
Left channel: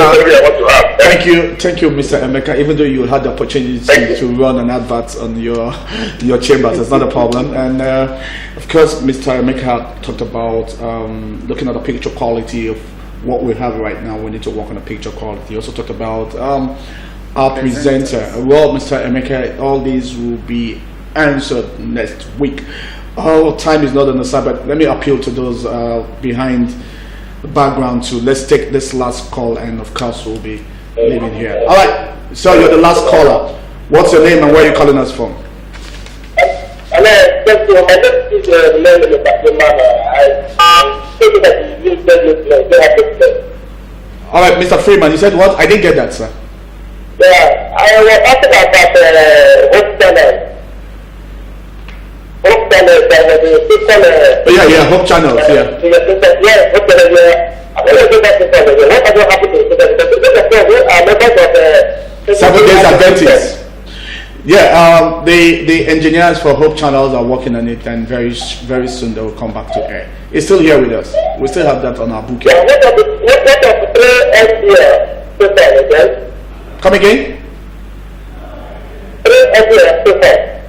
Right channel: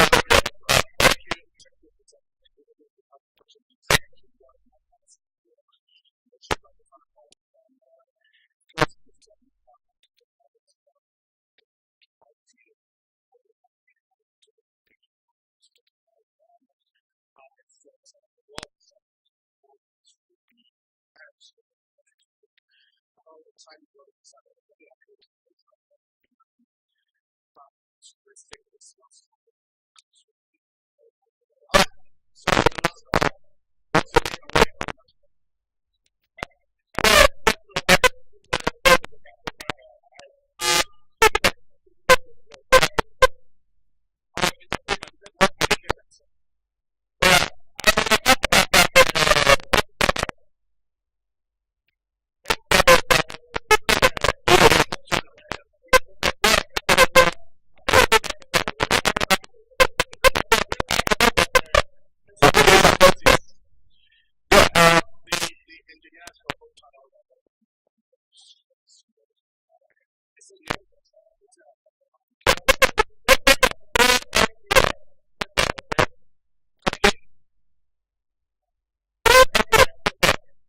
Thank you, Mr. Emeka. Even though you had the opportunity to run an advert on your chambers, it's not a problem. And of course, Mr. Emeka talked about looking at the picture quality of what we have right now. We need to work on the picture quality. He also talked about our presenter. Well, Mr. Emeka, all these will be answered next week. Our time is not on the side, but let me appeal to those behind the background too. Let's take this last call, and of course we'll be leaving here. All right, so you're the last caller. What's your name and where are you calling us from? All right, Mr. Freeman, you said what? I didn't get that, sir. Yeah, I was asking about Hope Channel. Hope Channel, yeah, Hope Channels, yeah. Hope Channel, What 7 days Adventist. Yeah, the engineers for Hope Channels are working on it, and very soon they will come back to air. It's still here with us. We still have that on our bouquet. Yeah, what are the 3 SDR total again? Come again? 3 SDR total.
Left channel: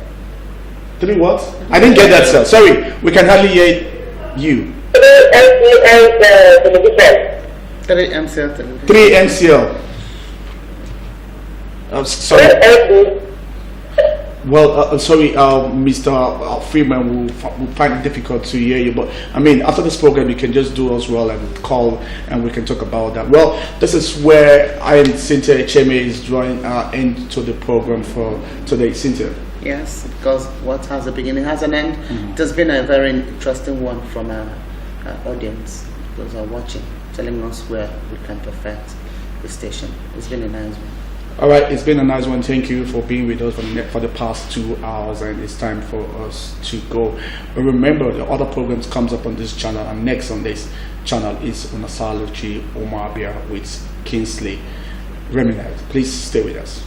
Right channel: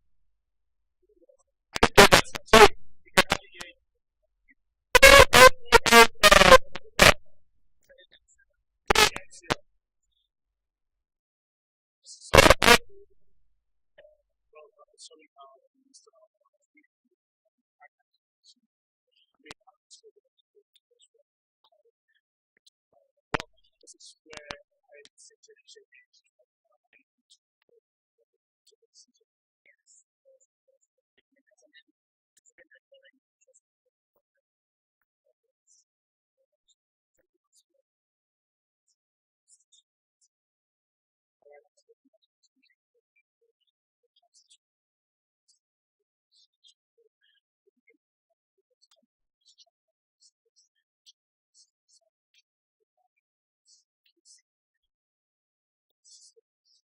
3 what? I didn't get that, sir. Sorry, we can hardly hear you. 3 SDR television. 3 MCL television. 3 MCL. Sorry. Well, sorry, Mr. Freeman, will find it difficult to hear you. But I mean, after this program, you can just do us well and call, and we can talk about that. Well, this is where I and Cynthia Echeme is drawing into the program for today. Cynthia. Yes, because what has a beginning has an end. It has been a very interesting one from our audience. Those are watching, telling us where we can perfect the station. It's been a nice one. All right, it's been a nice one. Thank you for being with us for the past 2 hours, and it's time for us to go. But remember, the other programs comes up on this channel, and next on this channel is Unasaluchi Abia with Kingsley Reminat. Please stay with us.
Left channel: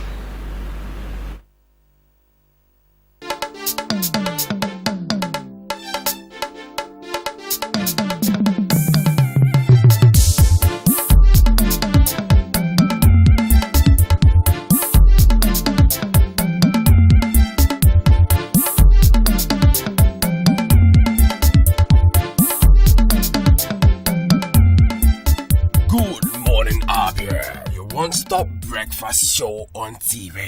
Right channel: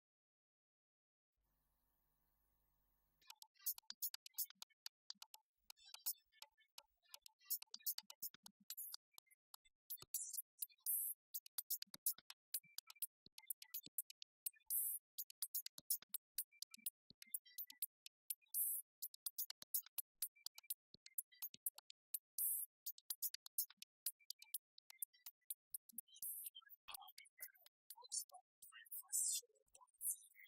Good morning, Abia. Your one-stop breakfast show on TV.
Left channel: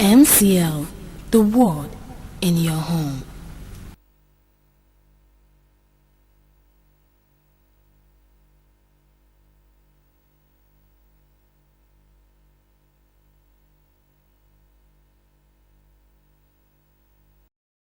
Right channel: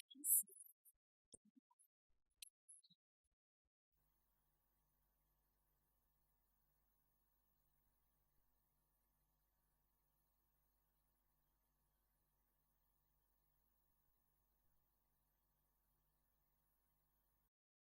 MCL, the word in your home.